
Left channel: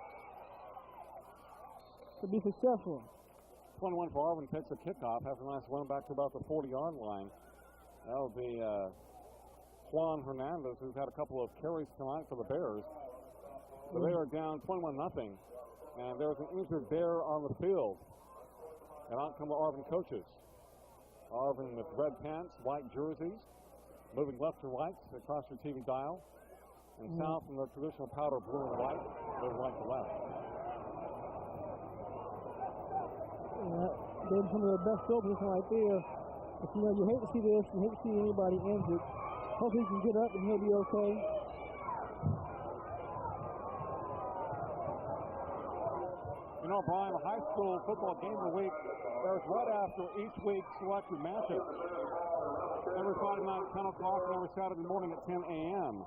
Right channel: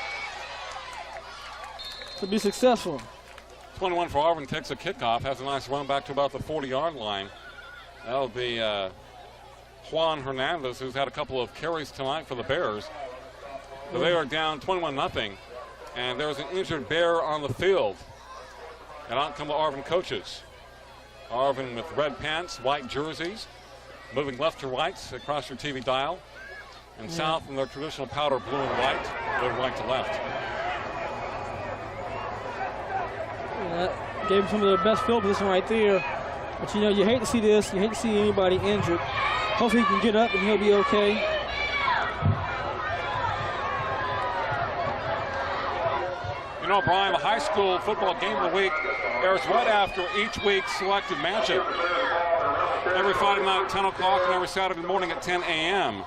to be successful. 21 for Arvin takes a kickoff, has a nice run back to about the 40-yard line. That'll be Juan Hernandez, who's had a couple of carries tonight for the Bears. So they are down 21-0, and there's an injured Bear on the field. And out come the Arvin coaches. Arvin with red pants, white jerseys, moving left to right across your TV dial. And South in their traditional powder blue and white, they're right to left. Yeah, that gave him some of the best field position right there. But you know, you hate to see this. You hate to see anybody injured. Hopefully he can get up and he'll be okay. You know, Brian, the high school football game of the week airs right after each week's selected matchup. Every Friday night at 10 o'clock and every Saturday morning at 10 a.m.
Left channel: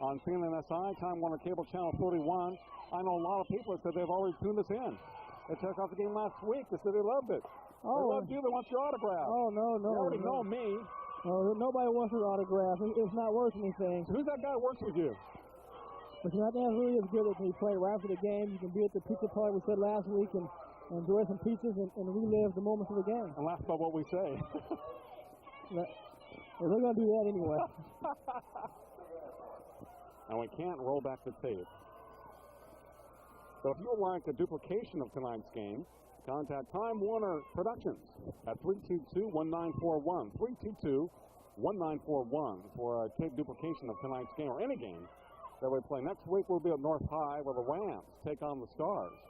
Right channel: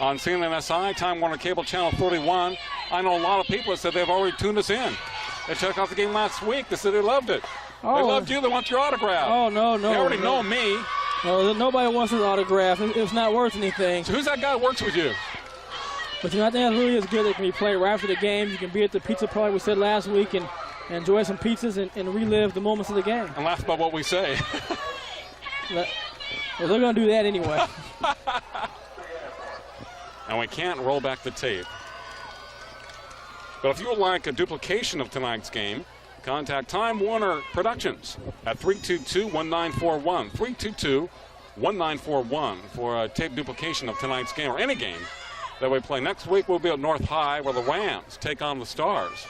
on CNNSI, Time Warner Cable Channel 31. I know a lot of people that said they've already tuned us in. They checked out the game last week. They said they loved it. Oh. They loved you. They want your autograph. Oh, no. They already know me. No, nobody wants his autograph. It's not worth anything. So who's that guy that works with you? But, you know, I think that really is good that when you play right after the game, you can be at the pizza party we said last week and enjoy some pizzas and relive the moments of the game. And laugh about what we say. Well, they're going to do that anyway. And we can't roll back the tape. But if you would like a duplication of tonight's game, contact Time Warner Productions at 322-1941. 322-1941 for a tape duplication of tonight's game or any game that we play. Next week we'll be at North High where the Rams take on the Stars.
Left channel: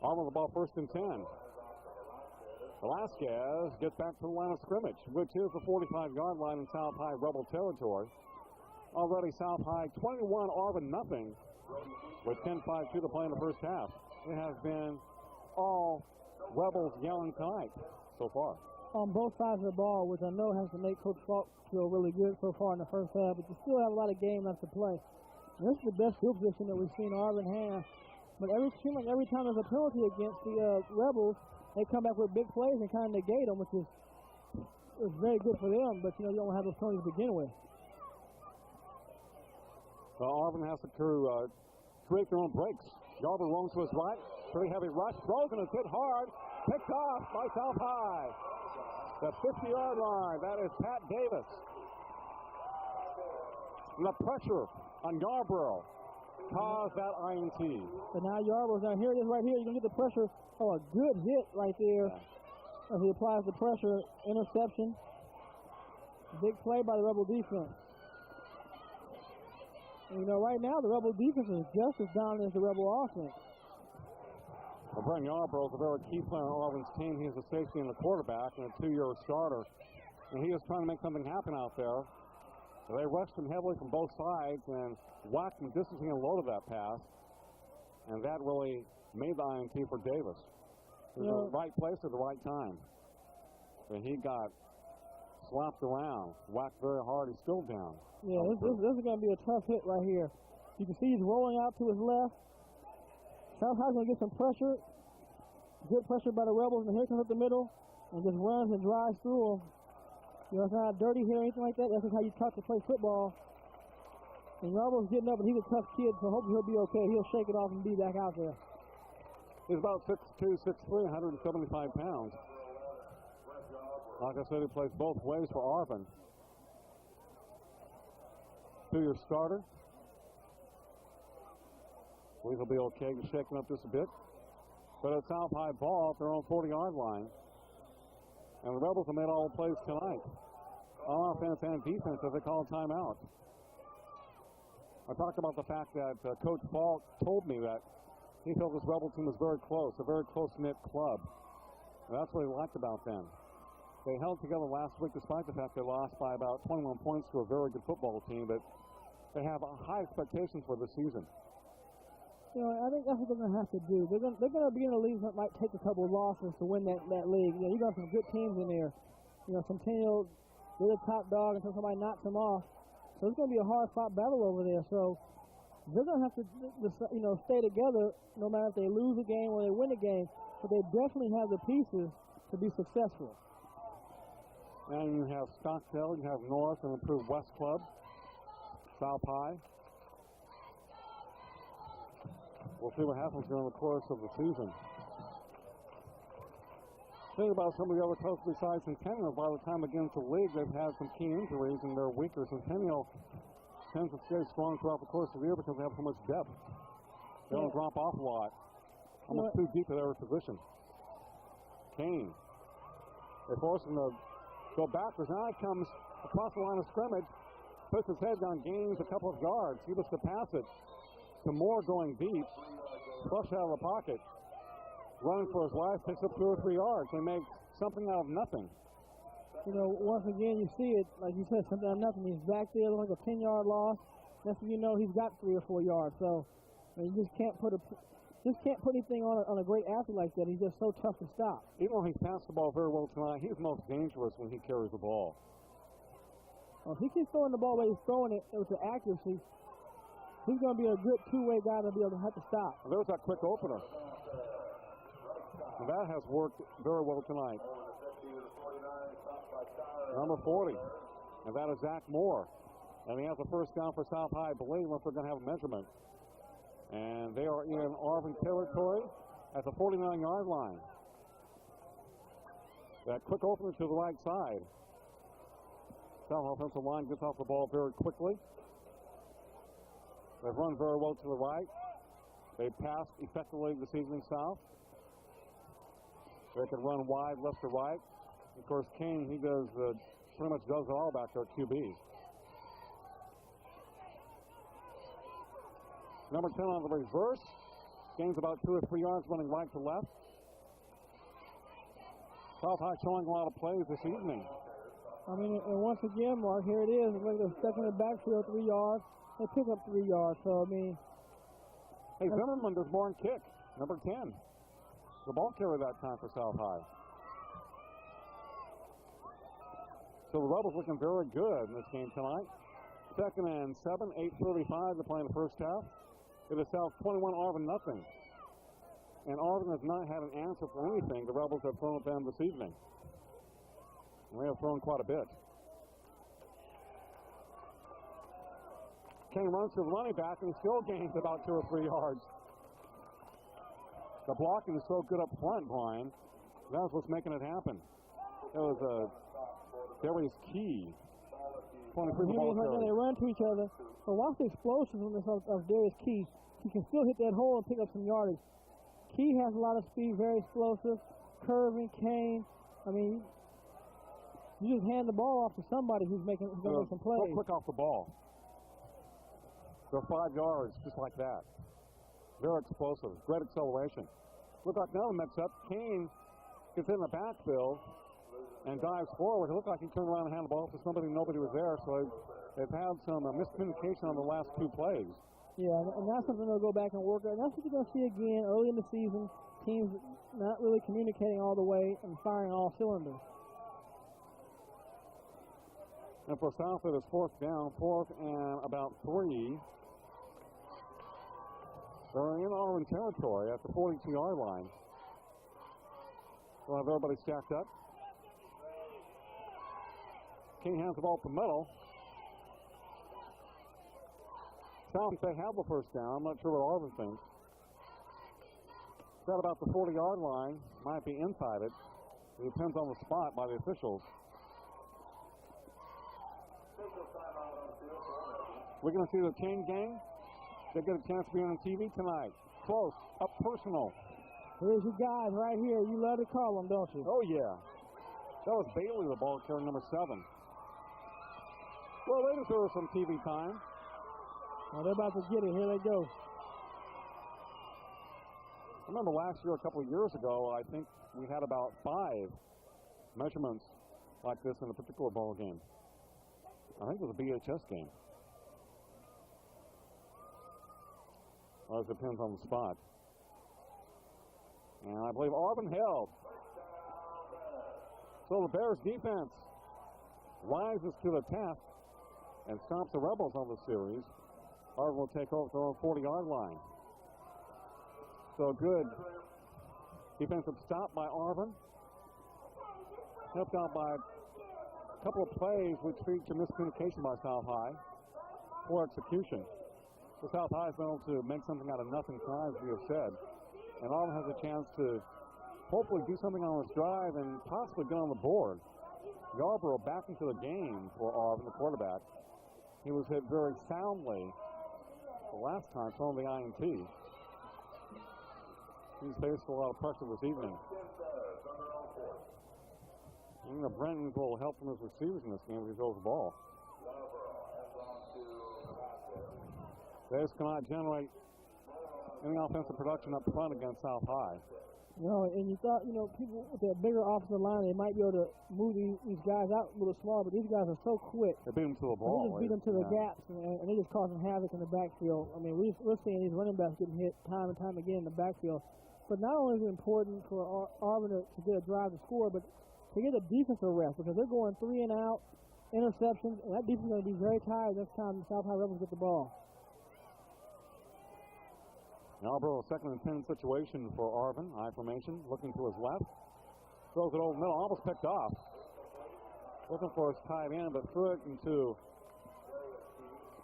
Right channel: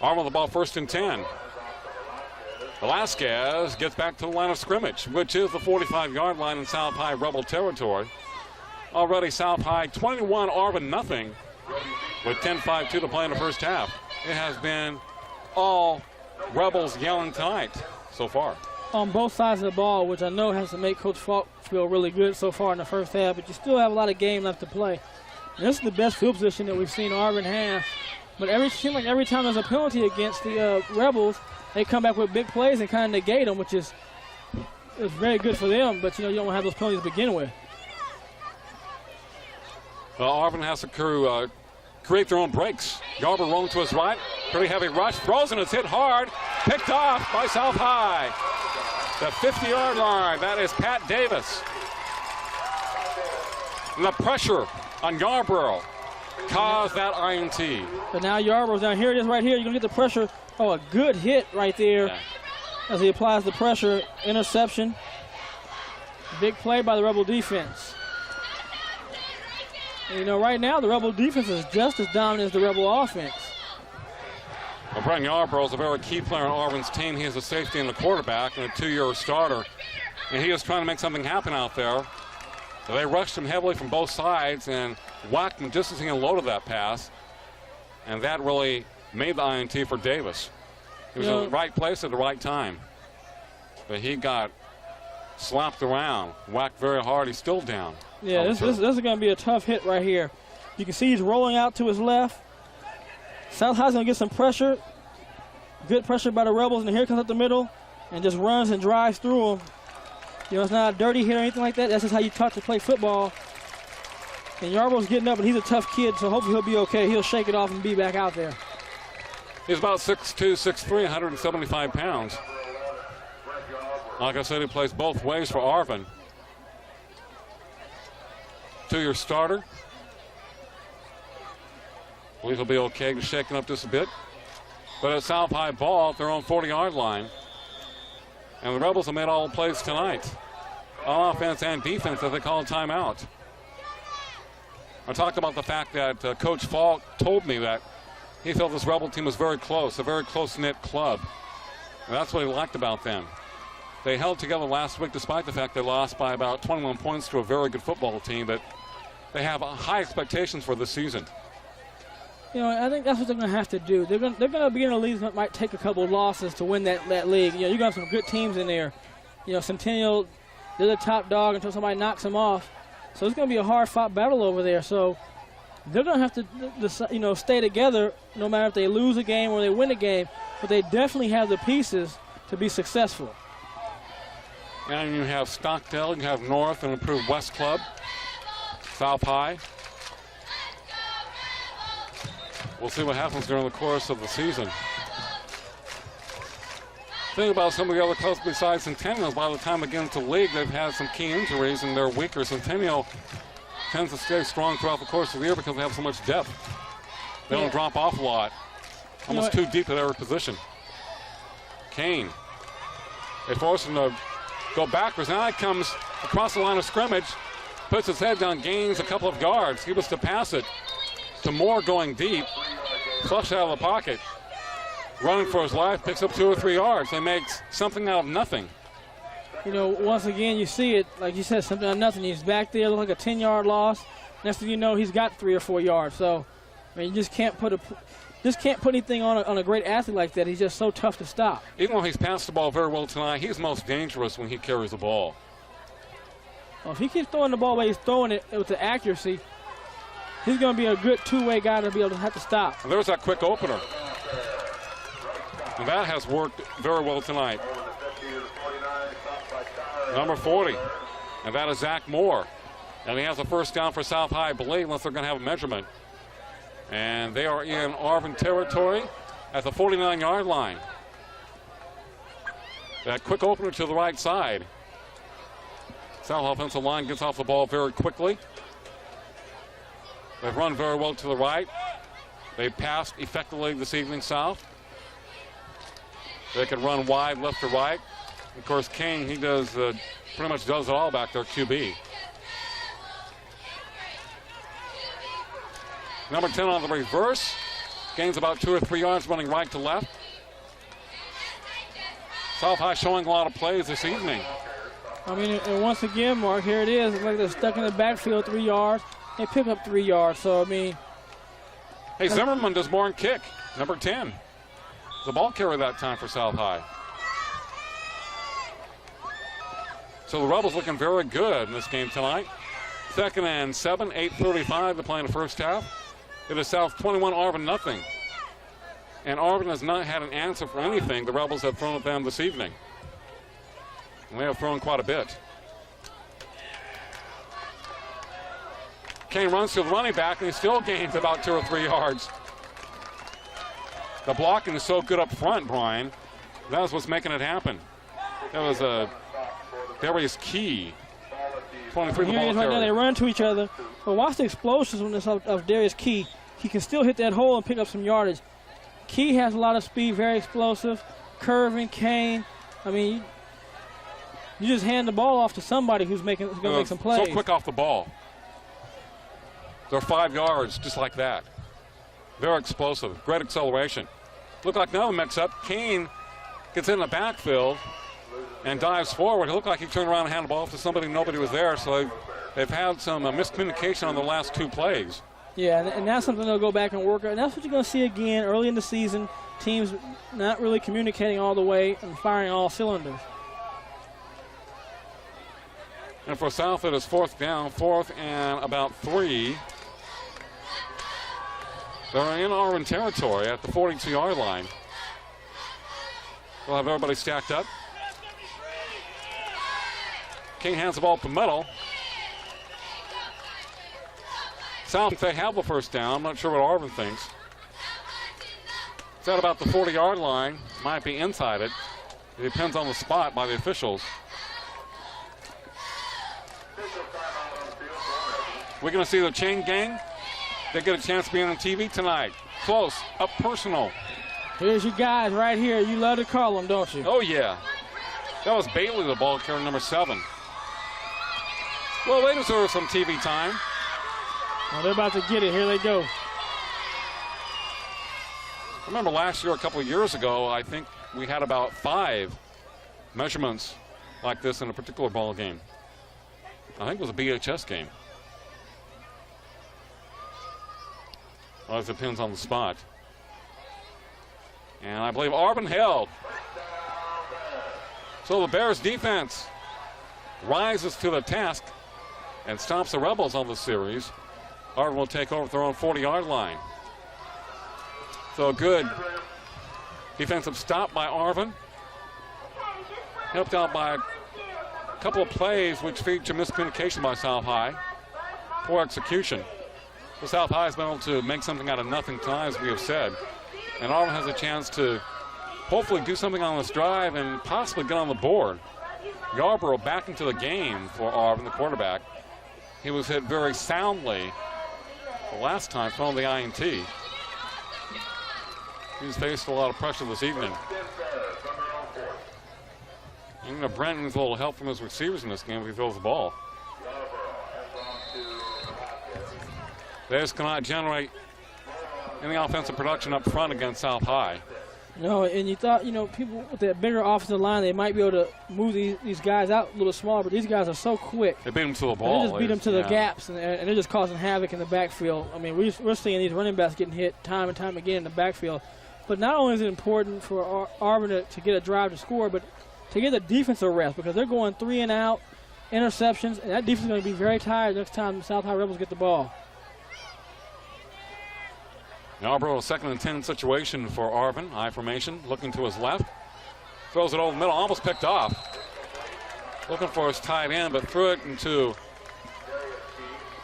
Arm on the ball, 1st and 10. Velasquez gets back to the line of scrimmage, which is the 45-yard line in South High Rebel territory. Already South High 21, Arvin nothing, with 10:5 to play in the first half. It has been all Rebels yelling tonight so far. On both sides of the ball, which I know has to make Coach Falk feel really good so far in the first half, but you still have a lot of game left to play. And this is the best field position that we've seen Arvin have But seems like every time there's a penalty against the Rebels, they come back with big plays and kind of negate them, which is very good for them. But you don't have those penalties to begin with. Well, Arvin has to create their own breaks. Garber rolling to his right, pretty heavy rush, throws and it's hit hard, picked off by South High. The 50-yard line. That is Pat Davis. And the pressure on Yarborough caused that INT. But now Yarborough's down. Here it is right here. You're going to get the pressure. Oh, a good hit right there as he applies the pressure. Interception. Big play by the Rebel defense. And, right now the Rebel defense is just as dominant as the Rebel offense. Well, Brent Yarborough is a very key player on Arvin's team. He is a safety and a quarterback and a 2-year starter. And he is trying to make something happen out there. So they rushed him heavily from both sides and whacked him just as he unloaded that pass. And that really made the INT for Davis. He was in the right place at the right time. But he got slapped around, whacked very hard. He's still down. Yeah, this is going to be a tough hit right here. You can see he's rolling out to his left. South High's going to get some pressure. Good pressure by the Rebels, and here comes up the middle and just runs and drives through them. It's not a dirty hit or anything like that. That's just how you taught to play football. And Yarborough's getting up, and he's a tough kid, so hopefully he'll be okay. He'll shake it off and be back out there. He's about 6'2", 6'3", 175 pounds. Like I said, he plays both ways for Arvin. 2-year starter. I believe he'll be okay, just shaking up just a bit. But it's South High ball at their own 40-yard line. And the Rebels have made all the plays tonight, on offense and defense, as they call a timeout. I talked about the fact that Coach Falk told me that he felt this Rebel team was very close, a very close-knit club. And that's what he liked about them. They held together last week despite the fact they lost by about 21 points to a very good football team, but they have high expectations for this season. I think that's what they're going to have to do. They're going to be in a league that might take a couple of losses to win that league. You're going to have some good teams in there. Centennial, they're the top dog until somebody knocks them off. So it's going to be a hard-fought battle over there. So they're going to have to, stay together no matter if they lose a game or they win a game. But they definitely have the pieces to be successful. And you have Stockdale, you have North, and improved West Club, South High. We'll see what happens during the course of the season. Think about some of the other clubs besides Centennial. By the time they get into league, they've had some key injuries and they're weaker. Centennial tends to stay strong throughout the course of the year because they have so much depth. They don't drop off a lot. Almost too deep at every position. Kane. They force him to go backwards. Now he comes across the line of scrimmage, puts his head down, gains a couple of yards. He was to pass it to Moore going deep, flushed out of the pocket, running for his life, picks up 2 or 3 yards. They make something out of nothing. Once again, you see it, like you said, something out of nothing. He's back there, look like a 10-yard loss. Next thing you know, he's got 3 or 4 yards. So, you just can't put anything on a great athlete like that. He's just so tough to stop. Even though he's passed the ball very well tonight, he's most dangerous when he carries the ball. Well, if he keeps throwing the ball the way he's throwing it with the accuracy, he's going to be a good two-way guy to be able to have to stop. And there's that quick opener. And that has worked very well tonight. Number 40. And that is Zach Moore. And he has a first down for South High, I believe, unless they're going to have a measurement. And they are in Arvin territory at the 49-yard line. That quick opener to the right side. South offensive line gets off the ball very quickly. They've run very well to the right. They passed effectively this evening, South. They can run wide left to right. Of course, King, he does pretty much does it all back there, QB. Number 10 on the reverse. Gains about 2 or 3 yards running right to left. South High showing a lot of plays this evening. And once again, Mark, here it is. It's like they're stuck in the backfield 3 yards. They pick up 3 yards. So, Hey, Zimmerman does more in kick. Number 10. The ball carrier that time for South High. So the Rebels looking very good in this game tonight. 2nd and 7, 8:35 to play in the first half. It is South 21, Arvin nothing. And Arvin has not had an answer for anything the Rebels have thrown at them this evening. And they have thrown quite a bit. Kane runs to the running back, and he still gains about 2 or 3 yards. The blocking is so good up front, Brian. That is what's making it happen. That was Darius Key. 23 the ball Right now they run to each other. But watch the explosiveness of Darius Key. He can still hit that hole and pick up some yardage. Key has a lot of speed, very explosive. Curving, Kane. I mean, you just hand the ball off to somebody who's going to make some plays. So quick off the ball. They're 5 yards, just like that. Very explosive, great acceleration. Looked like another mix-up. Kane gets in the backfield and dives forward. It looked like he turned around and handed the ball off to somebody. Nobody was there, so they've had some miscommunication on the last 2 plays. Yeah, and that's something they'll go back and work on. And that's what you're going to see again early in the season. Teams not really communicating all the way and firing all cylinders. And for South, it is 4th down, 4th and about 3. They're in Arvin territory at the 42-yard line. We'll have everybody stacked up. King hands the ball to Metal. South, they have the first down. I'm not sure what Arvin thinks. It's at about the 40-yard line. Might be inside it. It depends on the spot by the officials. We're going to see the chain gang. They get a chance to be on the TV tonight. Close, up personal. Here's your guys right here. You love to call them, don't you? Oh, yeah. That was Bailey, the ball carrier, number 7. Well, they deserve some TV time. Well, they're about to get it. Here they go. I remember last year, a couple of years ago, I think we had about 5 measurements like this in a particular ball game. I think it was a BHS game. Well, it depends on the spot. And I believe Arvin held. So the Bears defense rises to the task and stops the Rebels on the series. Arvin will take over at their own 40-yard line. So a good defensive stop by Arvin. Helped out by a couple of plays which feature miscommunication by South High. Poor execution. The South High has been able to make something out of nothing tonight, as we have said. And Arvin has a chance to hopefully do something on this drive and possibly get on the board. Yarborough back into the game for Arvin, the quarterback. He was hit very soundly the last time from the INT. He's faced a lot of pressure this evening. Even Brent needs a little help from his receivers in this game if he throws the ball. They just cannot generate any offensive production up front against South High. No, and you thought, people with that bigger offensive line, they might be able to move these guys out a little smaller, but these guys are so quick. They beat them to the ball. They just beat them to the gaps, and they're just causing havoc in the backfield. I mean, we're seeing these running backs getting hit time and time again in the backfield. But not only is it important for Arvin to get a drive to score, but to get the defensive rest, because they're going 3 and out, interceptions, and that defense is going to be very tired next time the South High Rebels get the ball. Yarborough, a 2nd and 10 situation for Arvin. High formation, looking to his left. Throws it over the middle, almost picked off. Looking for his tight end, but threw it into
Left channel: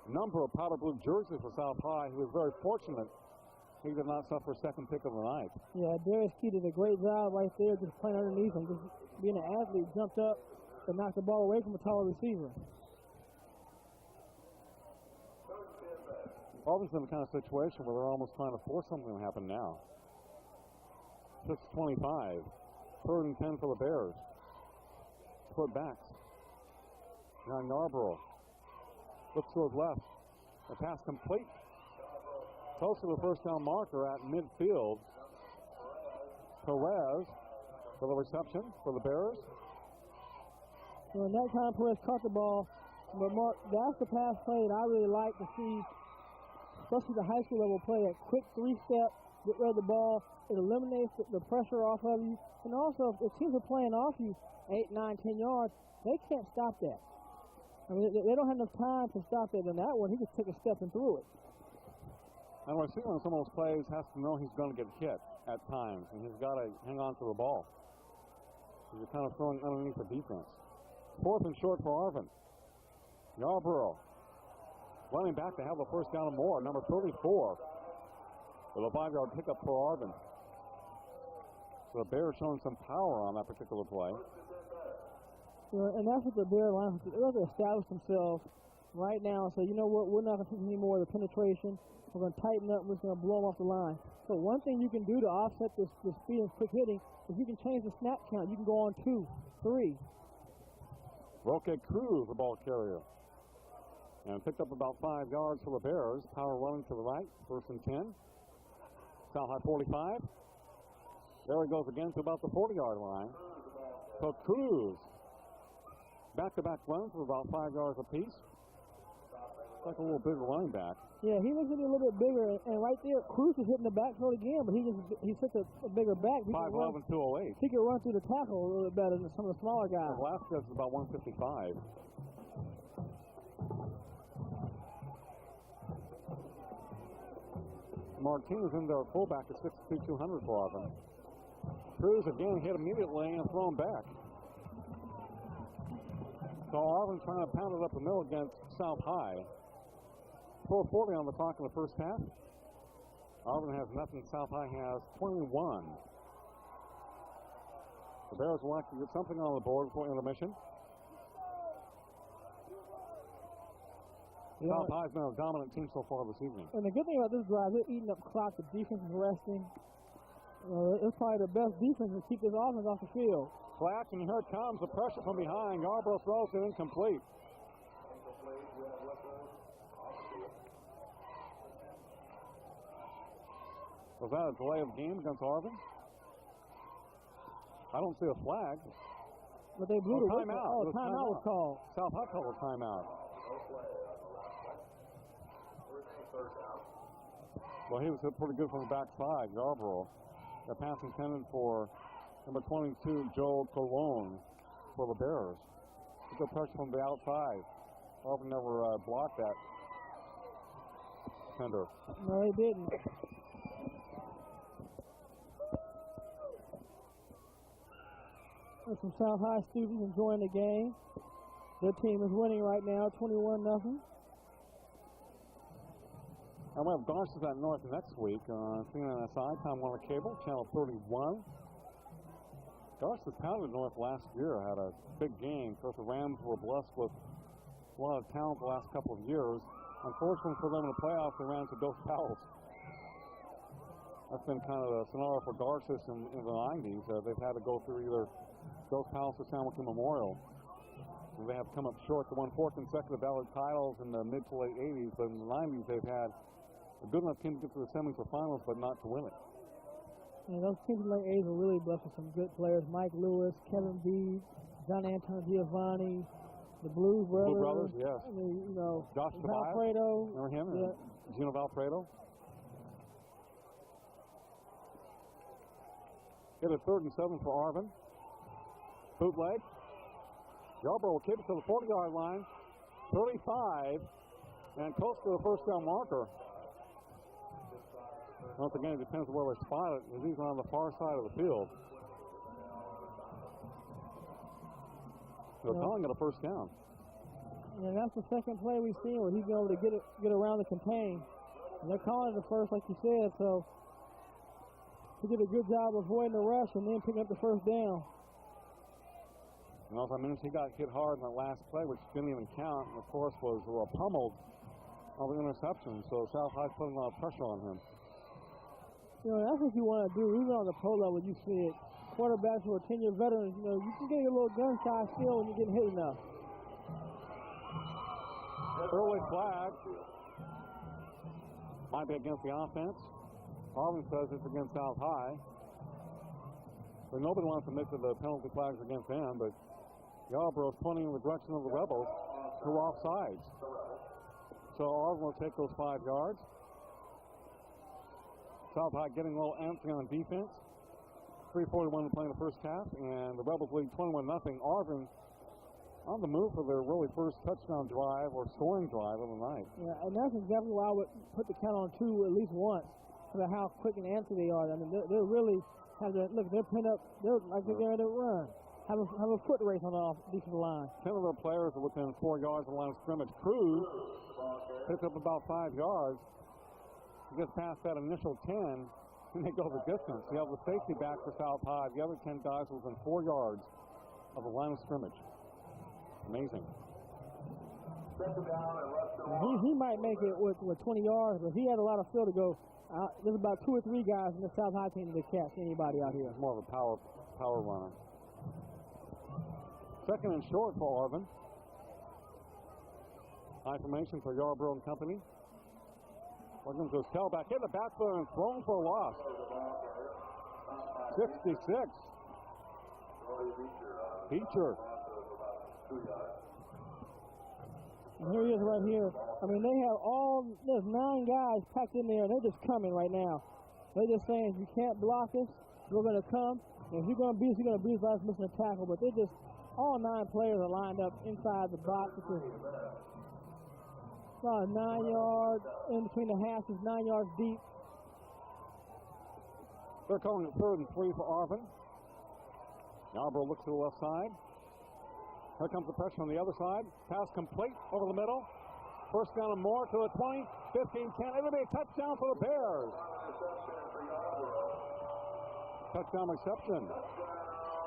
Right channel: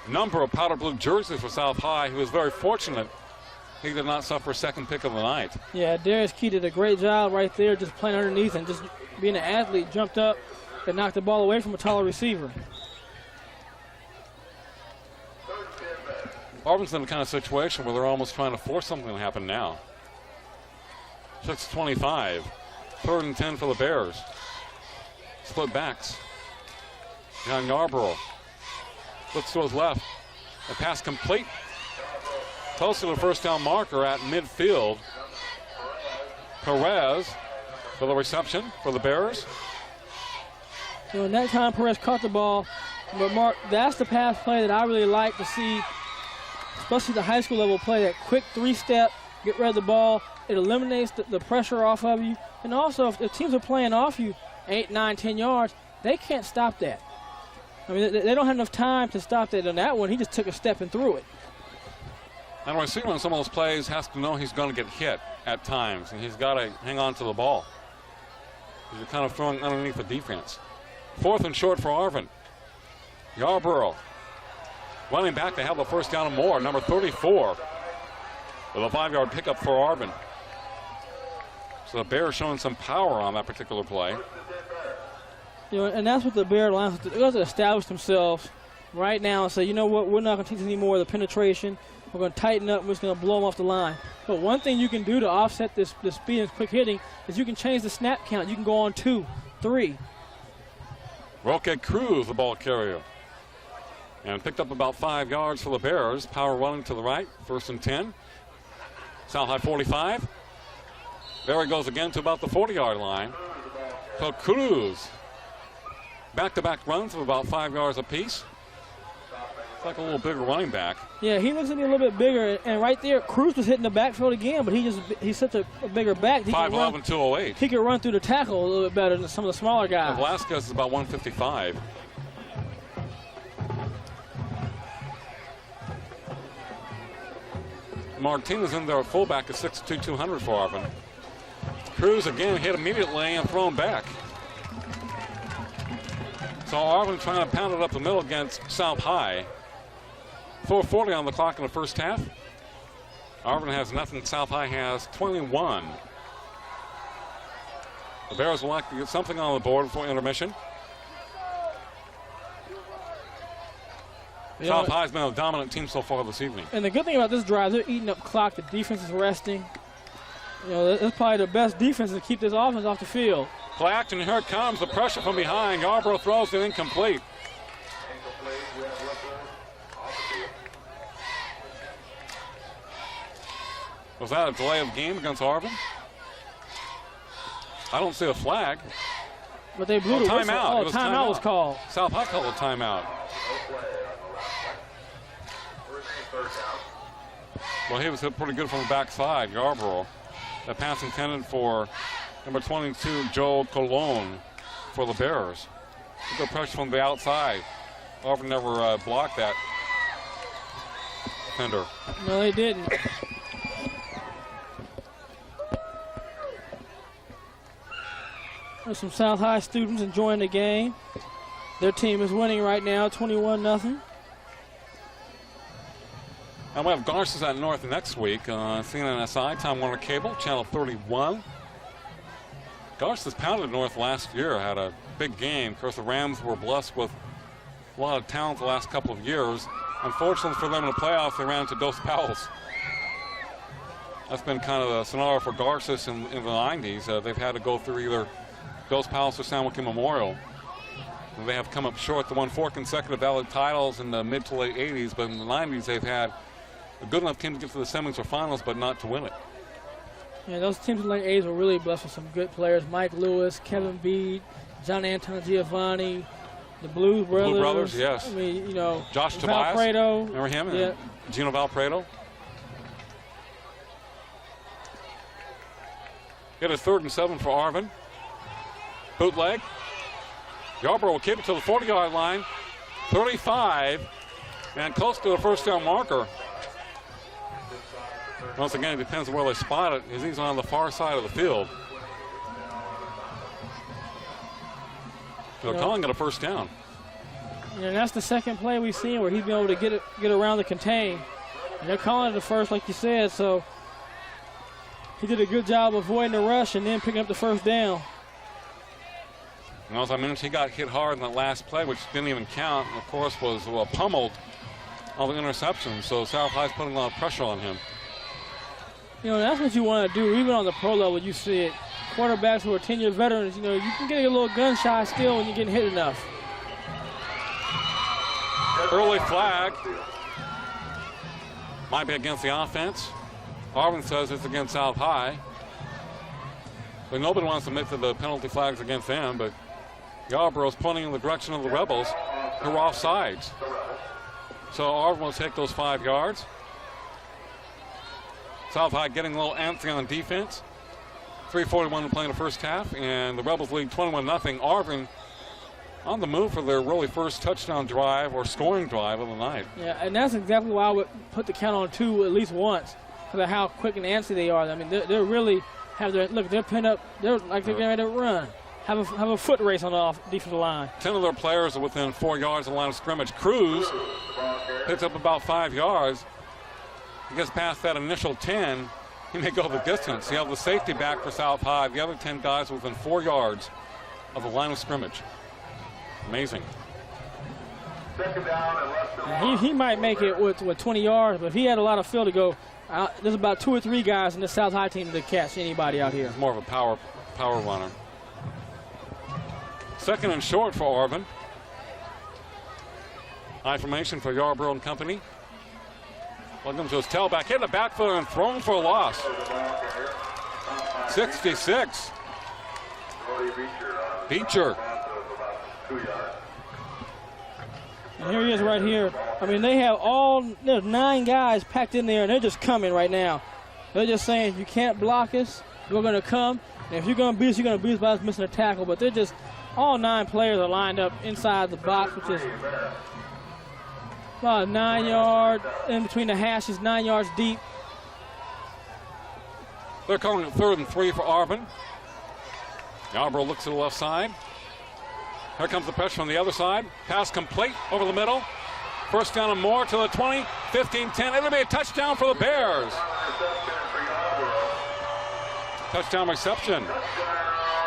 a number of powder blue jerseys for South High, who was very fortunate he did not suffer a 2nd pick of the night. Yeah, Darius Key did a great job right there, just playing underneath and just being an athlete, jumped up and knocked the ball away from a taller receiver. Arvin's in the kind of situation where they're almost trying to force something to happen now. 6:25. 3rd and 10 for the Bears. Split backs. Behind Yarborough. Looks to his left. The pass complete. Close to the first down marker at midfield. Perez for the reception for the Bears. And that time Perez caught the ball. But Mark, that's the pass play that I really like to see, especially the high school level play, that quick 3-step, get rid of the ball. It eliminates the pressure off of you. And also, if teams are playing off you 8, 9, 10 yards, they can't stop that. I mean, they don't have enough time to stop that. On that one, he just took a step and threw it. And a receiver on some of those plays has to know he's going to get hit. at times, and he's got to hang on to the ball. You're kind of throwing underneath the defense. 4th and short for Arvin. Yarborough running back to have the first down and more. Number 34 with a 5-yard pickup for Arvin. So the Bears showing some power on that particular play. You know, and that's what the Bear Lions do. They have to establish themselves right now and say, you know what, we're not going to take any more of the penetration. We're going to tighten up. We're just going to blow them off the line. But one thing you can do to offset this speed and quick hitting is you can change the snap count. You can go on 2, 3. Roque Cruz, the ball carrier. And picked up about 5 yards for the Bears. Power running to the right. 1st and 10. South High 45. There he goes again to about the 40-yard line. So Cruz, back-to-back runs of about 5 yards apiece. It's like a little bigger running back. Yeah, he looks to be a little bit bigger. And right there, Cruz was hitting the backfield again, but he's such a bigger back. 5'11", 208. He could run through the tackle a little bit better than some of the smaller guys. And Velasquez is about 155. Martinez in there, fullback is 6'2", 200 for Arvin. Cruz again hit immediately and thrown back. So Arvin trying to pound it up the middle against South High. 4:40 on the clock in the first half. Arvin has nothing. South High has 21. The Bears will like to get something on the board before intermission. South High's been a dominant team so far this evening. And the good thing about this drive, they're eating up clock. The defense is resting. You know, that's probably the best defense to keep this offense off the field. Play action, here it comes. The pressure from behind. Yarborough throws it incomplete. Was that a delay of game against Arvin? I don't see a flag. But they blew the whistle. Timeout. Timeout was called. South High called a timeout. Well, he was hit pretty good from the backside, Yarborough. The pass intended for number 22, Joe Colon, for the Bears. Good pressure from the outside. Arvin never blocked that defender. No, they didn't. There's some South High students enjoying the game. Their team is winning right now, 21-0. And we have Garces at North next week. CNNSI, Time Warner Cable, Channel 31. Garces pounded North last year, had a big game. Of course, the Rams were blessed with a lot of talent the last couple of years. Unfortunately for them in the playoffs, they ran into Dos Pals. That's been kind of the scenario for Garces in the 90s. They've had to go through either Dos Pals or San Joaquin Memorial. And they have come up short. They won 4 consecutive Valley titles in the mid to late 80s, but in the 90s they've had a good enough team to get to the semis or finals, but not to win it. Yeah, those teams in the late 80s were really blessed with some good players. Mike Lewis, Kevin Bede, John Anton Giovanni, the Blues Brothers. Blue Brothers, yes. I mean, you know, Josh Tobias. Valpredo. Remember him? Yeah. And Gino Valpredo. Get a 3rd and 7 for Arvin. Bootleg. Yarborough will keep it to the 40-yard line. 35. And close to the first down marker. Once again, it depends on where they spot it, as he's on the far side of the field. They're calling it a first down. Yeah, and that's the second play we've seen where he's been able to get around the contain. And they're calling it the first, like you said, so he did a good job avoiding the rush and then picking up the first down. And as I mentioned, he got hit hard in that last play, which didn't even count, and of course was pummeled on the interception. So South High's putting a lot of pressure on him. You know, that's what you want to do. Even on the pro level, you see it. Quarterbacks who are 10-year veterans, you know, you can get a little gun shy still when you're getting hit enough. Early flag. Might be against the offense. Arvin says it's against South High. But nobody wants to admit to the penalty flags against them, but Yarborough's pointing in the direction of the Rebels, who are offsides. So Arvin will take those 5 yards. South High getting a little antsy on defense. 3:41 to play in the first half, and the Rebels lead 21-0. Arvin on the move for their really first touchdown drive or scoring drive of the night. Yeah, and that's exactly why I would put the count on 2 at least once. because of how quick and antsy they are. I mean, they're really have their look. They're pinned up. They're like they're getting ready to run. Have a foot race on the defensive line. 10 of their players are within 4 yards of the line of scrimmage. Cruz picks up about 5 yards. He gets past that initial 10. He may go the distance. He has the safety back for South High. The other 10 guys are within 4 yards of the line of scrimmage. Amazing. He might make it with 20 yards, but if he had a lot of field to go, there's about 2 or 3 guys in the South High team that catch anybody out here. He's more of a power runner. Second and short for Arvin. High formation for Yarborough and company. Welcome to his tailback, hit the back foot and thrown for a loss. 66. Beecher. And here he is right here. I mean, there's 9 guys packed in there, and they're just coming right now. They're just saying, you can't block us, we're going to come. And if you're going to beat us, you're going to beat us by us missing a tackle. But they're just, all 9 players are lined up inside the box, which is about 9 yards in between the hashes, 9 yards deep. They're calling it 3rd and 3 for Arvin. Yarborough looks to the left side. Here comes the pressure on the other side. Pass complete over the middle. First down and more to the 20, 15, 10. It'll be a touchdown for the Bears. Touchdown reception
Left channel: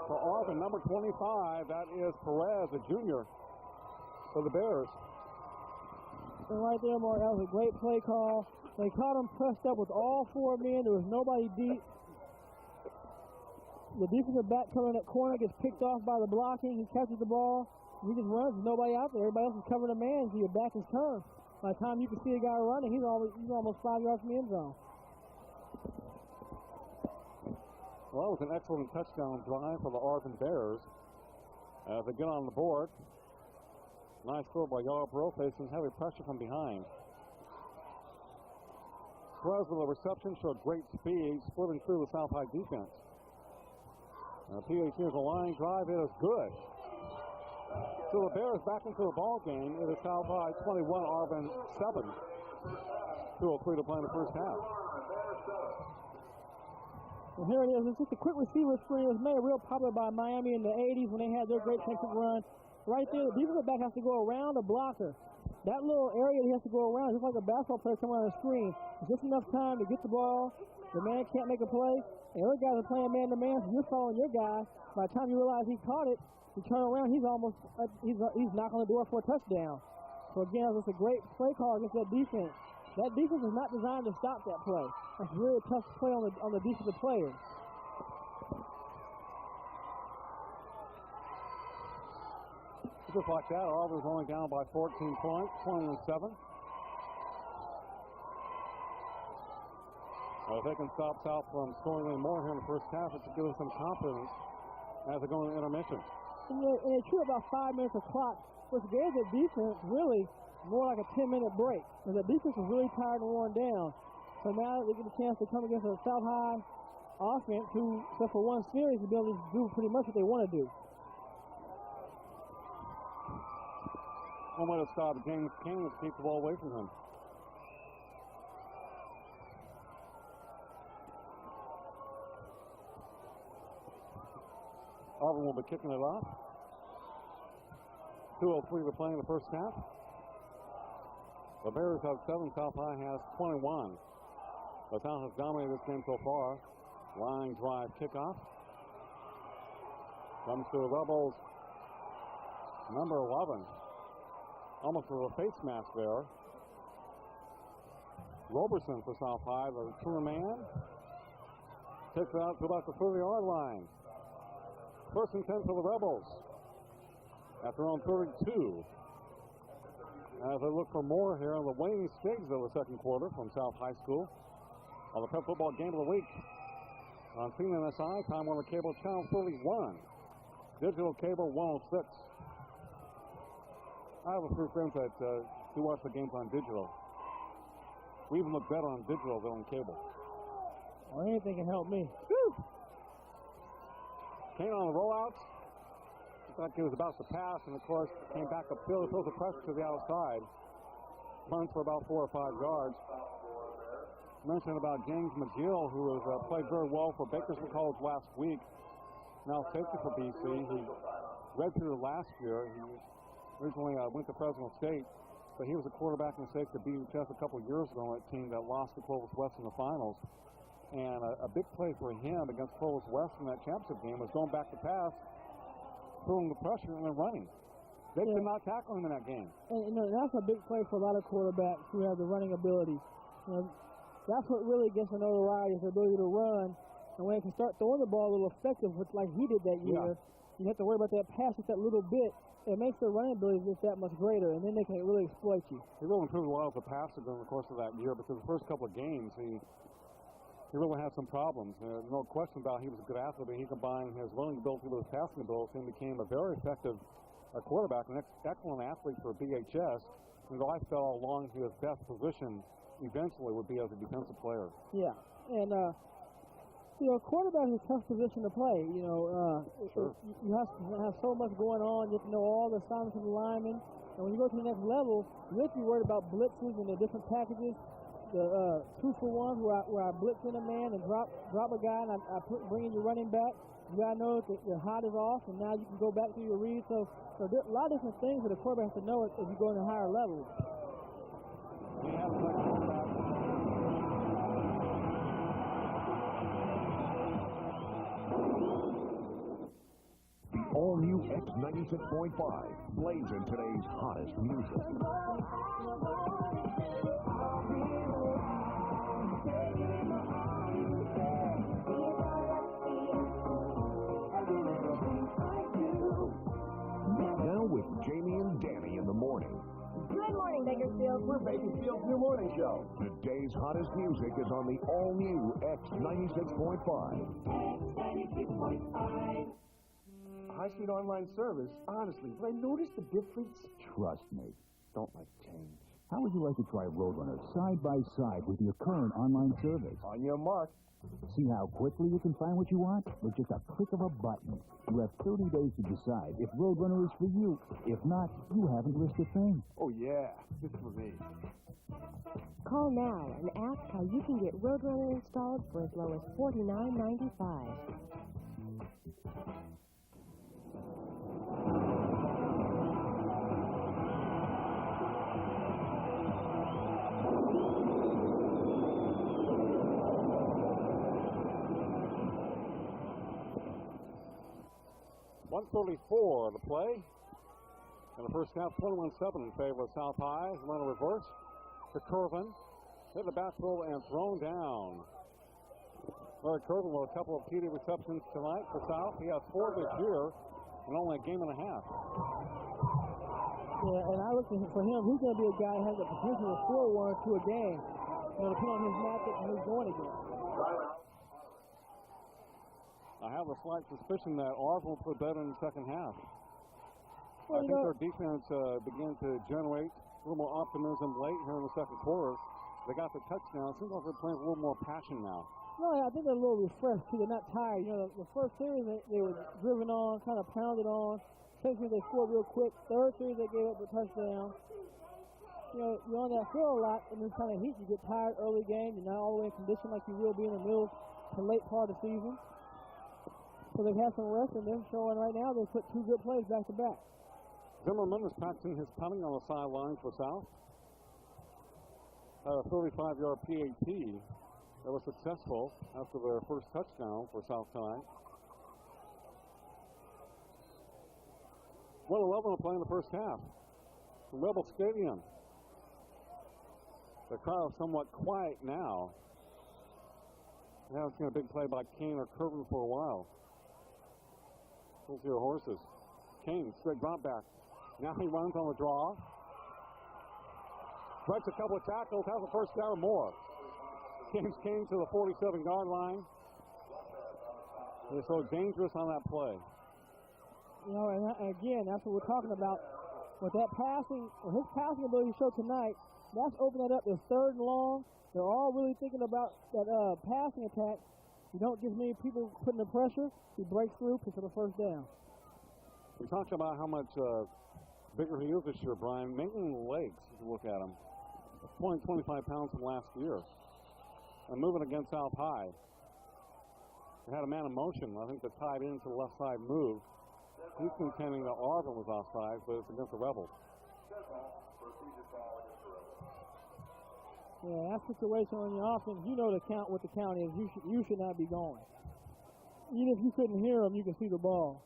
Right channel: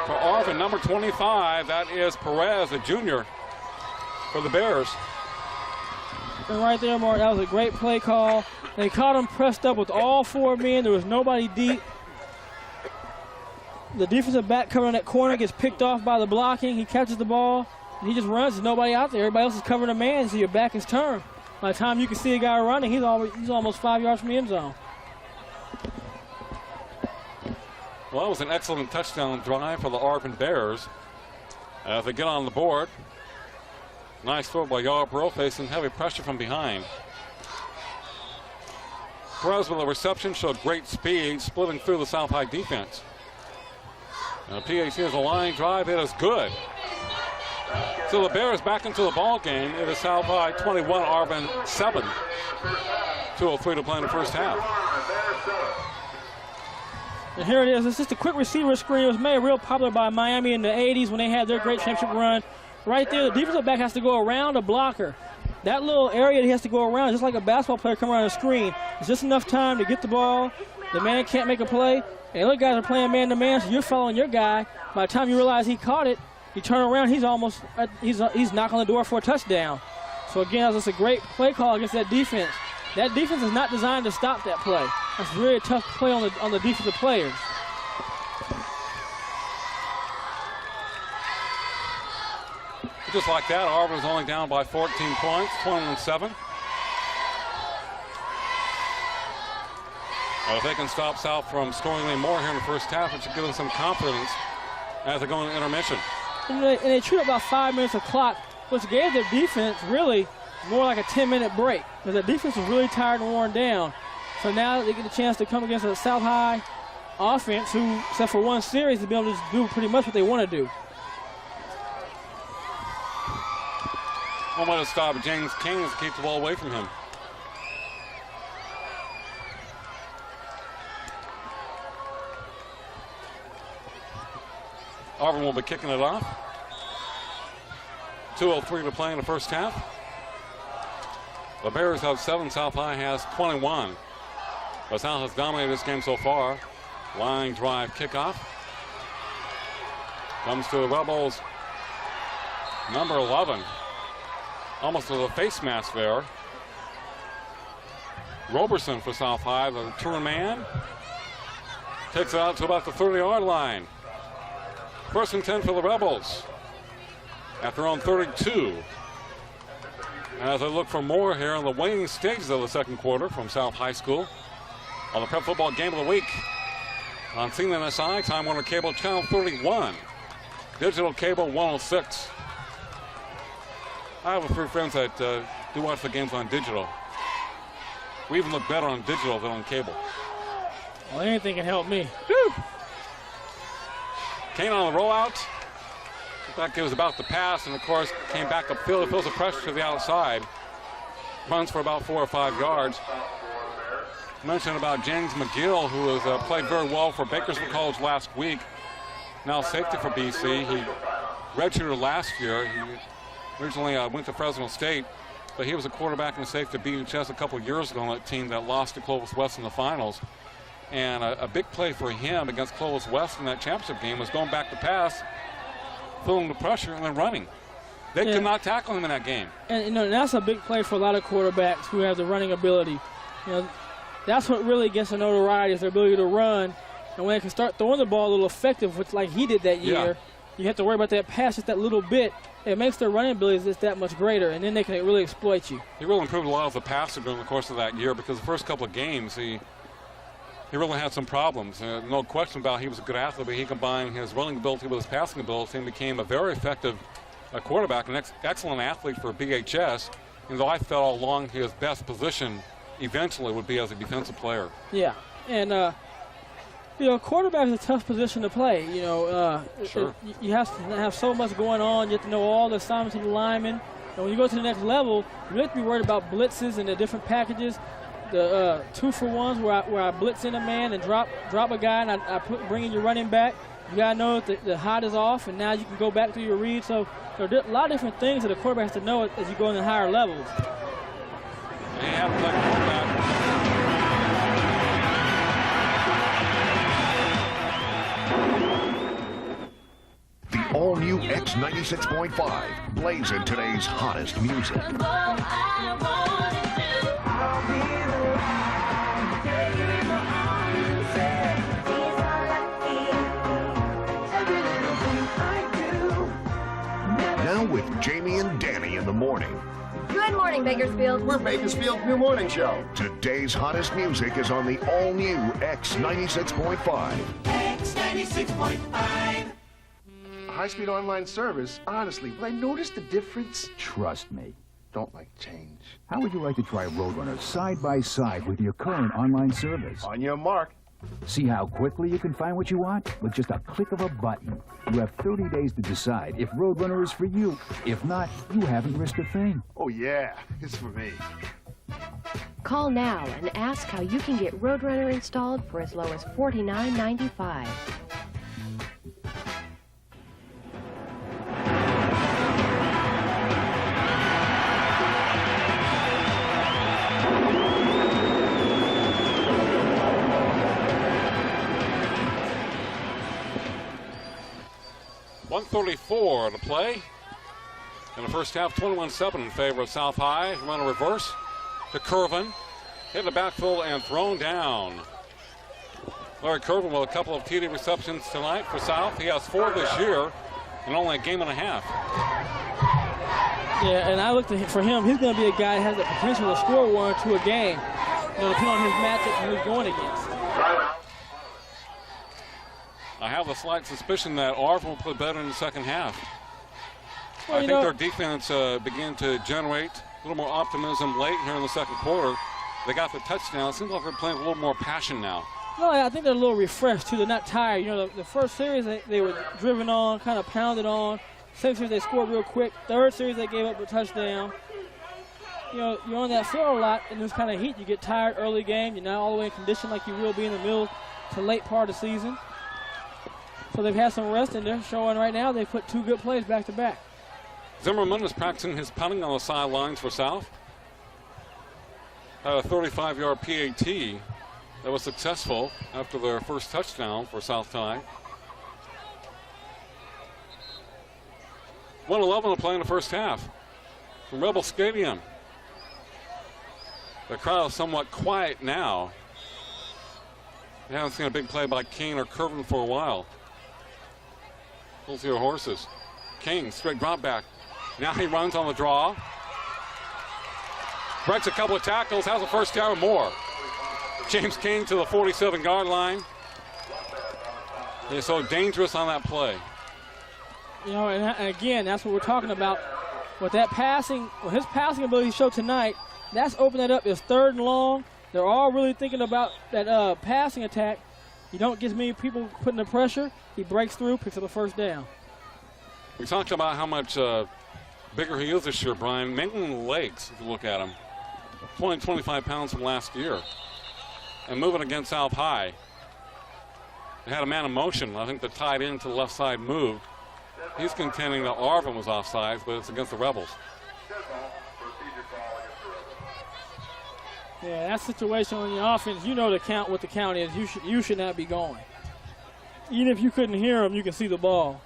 for Arvin, number 25. That is Perez, a junior, for the Bears. And right there, Mark, that was a great play call. They caught him pressed up with all 4 men. There was nobody deep. The defensive back covering that corner gets picked off by the blocking. He catches the ball, and he just runs. There's nobody out there. Everybody else is covering a man, so your back is turned. By the time you can see a guy running, he's almost 5 yards from the end zone. Well, that was an excellent touchdown drive for the Arvin Bears. As they get on the board. Nice throw by Yarborough, facing heavy pressure from behind. Perez with a reception showed great speed, splitting through the South High defense. And the PAT is a line drive. It is good. So the Bears back into the ball game. It is South High 21, Arvin 7. 2:03 to play in the first half. And here it is. It's just a quick receiver screen. It was made real popular by Miami in the 80s when they had their great championship run. Right there, the defensive back has to go around a blocker. That little area he has to go around, just like a basketball player coming around a screen. It's just enough time to get the ball. The man can't make a play. And other guys are playing man-to-man, so you're following your guy. By the time you realize he caught it, you turn around, he's knocking on the door for a touchdown. So again, that's a great play call against that defense. That defense is not designed to stop that play. That's a very tough play on the defensive players. Just like that, Arvin's only down by 14 points, 21-7. Well, if they can stop South from scoring any more here in the first half, it should give them some confidence as they go into intermission. And they chewed about 5 minutes of clock, which gave their defense really more like a 10-minute break, because the defense was really tired and worn down. So now they get a chance to come against a South High offense who, except for one series, to be able to do pretty much what they want to do. One way to stop James King is to keep the ball away from him. Arvin will be kicking it off. 2:03 to play in the first half. The Bears have 7, South High has 21. But South has dominated this game so far. Line drive kickoff. Comes to the Rebels. Number 11. Almost with a face mask there. Roberson for South High, the return man. Takes it out to about the 30-yard line. First and 10 for the Rebels. At their own 32. As they look for more here in the waning stages of the second quarter from South High School. On the Prep Football Game of the Week. On CNSI, Time Warner Cable Channel 31. Digital Cable 106. I have a few friends that do watch the games on digital. We even look better on digital than on cable. Well, anything can help me. Woo! Kane on the rollout. Looked like it was about to pass, and of course came back upfield. It feels the pressure to the outside. Runs for about 4 or 5 yards. mentioned about James McGill, who has played very well for Bakersfield College last week. Now safety for BC. He redshirted last year. He originally went to Fresno State, but he was a quarterback and a safety to BHS a couple years ago on that team that lost to Clovis West in the finals. And a big play for him against Clovis West in that championship game was going back to pass, filling the pressure, and then running. They could not tackle him in that game. And you know, that's a big play for a lot of quarterbacks who have the running ability. You know, that's what really gets the notoriety, is their ability to run. And when they can start throwing the ball a little effective, which like he did that year, you have to worry about that pass just that little bit. It makes their running ability just that much greater, and then they can really exploit you. He really improved a lot as a passer during the course of that year, because the first couple of games he really had some problems. No question about it, he was a good athlete, but he combined his running ability with his passing ability and became a very effective quarterback, an excellent athlete for BHS. And though I felt all along his best position eventually would be as a defensive player. Yeah, and you know, quarterback is a tough position to play. You know, sure. You have to have so much going on. You have to know all the assignments of the linemen. And when you go to the next level, you have to be worried about blitzes and the different packages. The 2-for-1s where I blitz in a man and drop a guy, and I bring in your running back. You gotta know that the hot is off, and now you can go back to your read. So there are a lot of different things that a quarterback has to know as you go into higher levels. The all-new X96.5 plays in today's hottest music. Now with Jamie and Danny in the morning. Good morning, Bakersfield. We're Bakersfield's new morning show. Today's hottest music is on the all-new X96.5. X96.5. High-speed online service, honestly, will I notice the difference? Trust me. Don't like change. How would you like to try Roadrunner side by side with your current online service? On your mark. See how quickly you can find what you want with just a click of a button. You have 30 days to decide if Roadrunner is for you. If not, you haven't risked a thing. Oh, yeah, it's for me. Call now and ask how you can get Roadrunner installed for as low as $49.95. .134 to play. In the first half, 21-7 in favor of South High. Run a reverse to Curvin. Hit the backfield and thrown down. Larry Curvin with a couple of TD receptions tonight for South. He has 4 this year in only a game and a half. Yeah, and I looked at for him, he's going to be a guy that has the potential to score 1 or 2 a game. You know, depending on his matchup and who he's going against. I have a slight suspicion that Arvin will play better in the second half. Well, I think their defense began to generate a little more optimism late here in the second quarter. They got the touchdown. It seems like they're playing a little more passion now. No, I think they're a little refreshed, too. They're not tired. You know, the first series, they were driven on, kind of pounded on. Second series, they scored real quick. Third series, they gave up a touchdown. You know, you're on that field a lot in this kind of heat. You get tired early game. You're not all the way in condition like you will be in the middle to late part of the season. So they've had some rest, and they're showing right now they put 2 good plays back to back. Zimmerman is practicing his punting on the sidelines for South. Had a 35-yard PAT that was successful after their first touchdown for South High. 1:11 to play in the first half from Rebel Stadium. The crowd is somewhat quiet now. They haven't seen a big play by King or Curvin for a while. We'll see your horses. King, straight drop back. Now he runs on the draw. Breaks a couple of tackles, has a first down or more. James King to the 47-yard line. He's so dangerous on that play. You know, and again, that's what we're talking about. With that passing, with his passing ability showed tonight, that's opened it up. It's 3rd and long. They're all really thinking about that passing attack. You don't get as many people putting the pressure. He breaks through, picks up a first down. We talked about how much bigger he is this year, Brian. Mainly in the legs, if you look at him. 25 pounds from last year. and moving against South High. They had a man in motion. I think the tight end to the left side moved. He's contending that Arvin was offsides, but it's against the Rebels. Yeah, that situation on the offense, you know the count, what the count is. You should not be going. Even if you couldn't hear him, you can see the ball.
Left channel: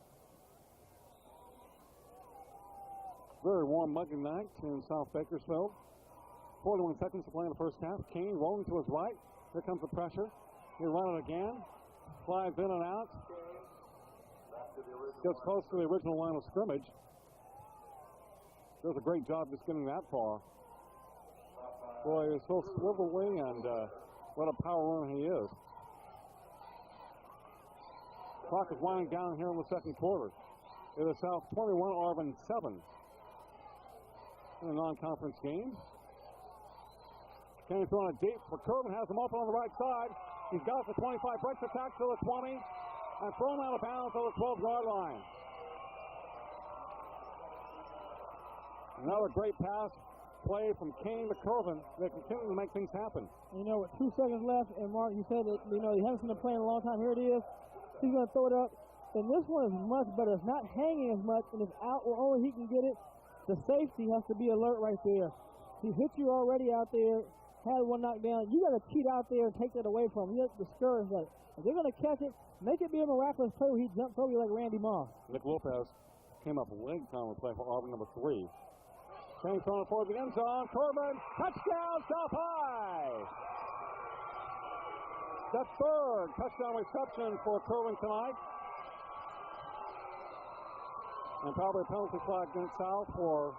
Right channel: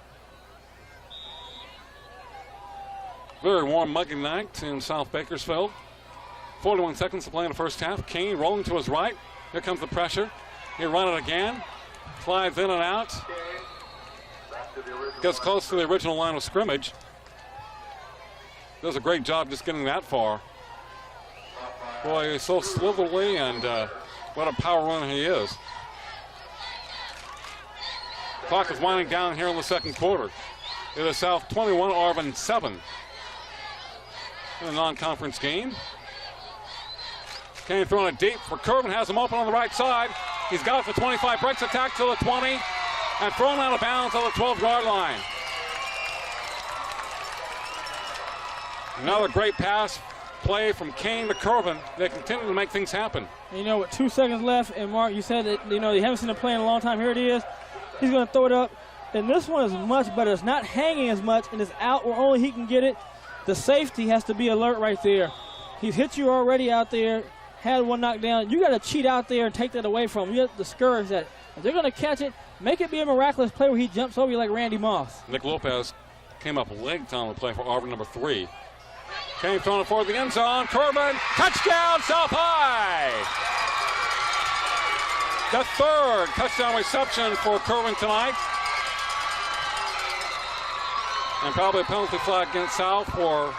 Very warm, muggy night in South Bakersfield. 41 seconds to play in the first half. Kane rolling to his right. Here comes the pressure. He'll run it again. Slides in and out. Gets close to the original line of scrimmage. Does a great job just getting that far. Boy, he's so slithery, and what a power runner he is. Clock is winding down here in the second quarter. It is South 21, Arvin 7. In a non-conference game. Kane throwing it deep for Kervin, has him open on the right side. He's got it for 25, breaks attack to the 20, and thrown out of bounds on the 12-yard line. Another great pass play from Kane to Kervin. They continue to make things happen. You know, with 2 seconds left, and Mark, you said that, you know, you haven't seen him play in a long time. Here it is. He's going to throw it up. And this one is much better. It's not hanging as much, and it's out where only he can get it. The safety has to be alert right there. He's hit you already out there, had one knocked down. You got to cheat out there and take that away from him. You have to discourage that. If they're going to catch it, make it be a miraculous play where he jumps over you like Randy Moss. Nick Lopez came up late on the play for Arvin, number 3. Kane throwing it for the end zone. Kervin, touchdown, South High! The third touchdown reception for Kervin tonight. And probably a penalty flag against South for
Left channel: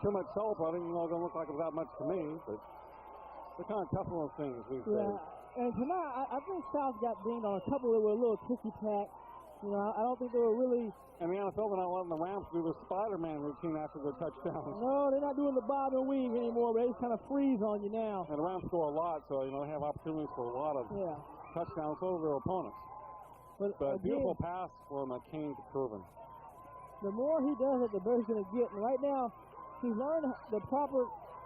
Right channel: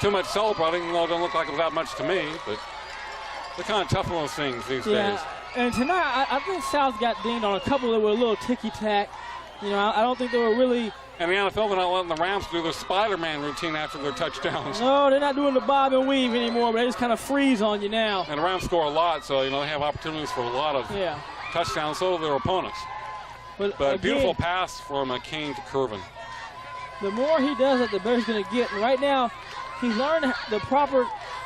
too much celebrating, even though it doesn't look like it was that much to me. But they're kind of tough on those things these days. And tonight, I think South got dinged on a couple that were a little ticky-tack. You know, I don't think they were really... And the NFL, they're not letting the Rams do their Spider-Man routine after their touchdowns. No, they're not doing the bob and weave anymore, but they just kind of freeze on you now. And the Rams score a lot, so, you know, they have opportunities for a lot of touchdowns, so do their opponents. But again, beautiful pass from Kane to Kervin. The more he does it, the better he's going to get. And right now, he's learned the proper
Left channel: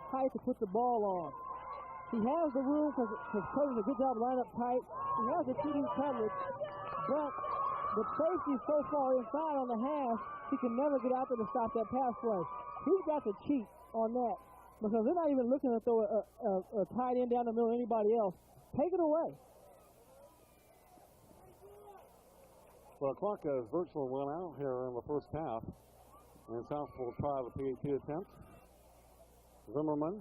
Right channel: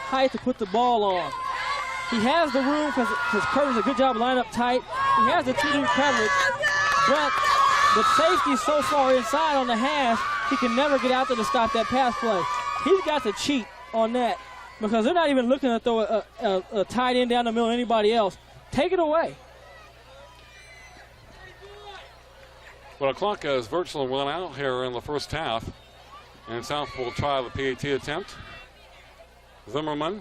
height to put the ball on. He has the room because Kervin's a good job lining up tight. He has the 2-deep coverage, but the safety's so far inside on the hash, he can never get out there to stop that pass play. He's got to cheat on that because they're not even looking to throw a tight end down the middle of anybody else. Take it away. Well, the clock has virtually run out here in the first half, and South will try the PAT attempt. Zimmerman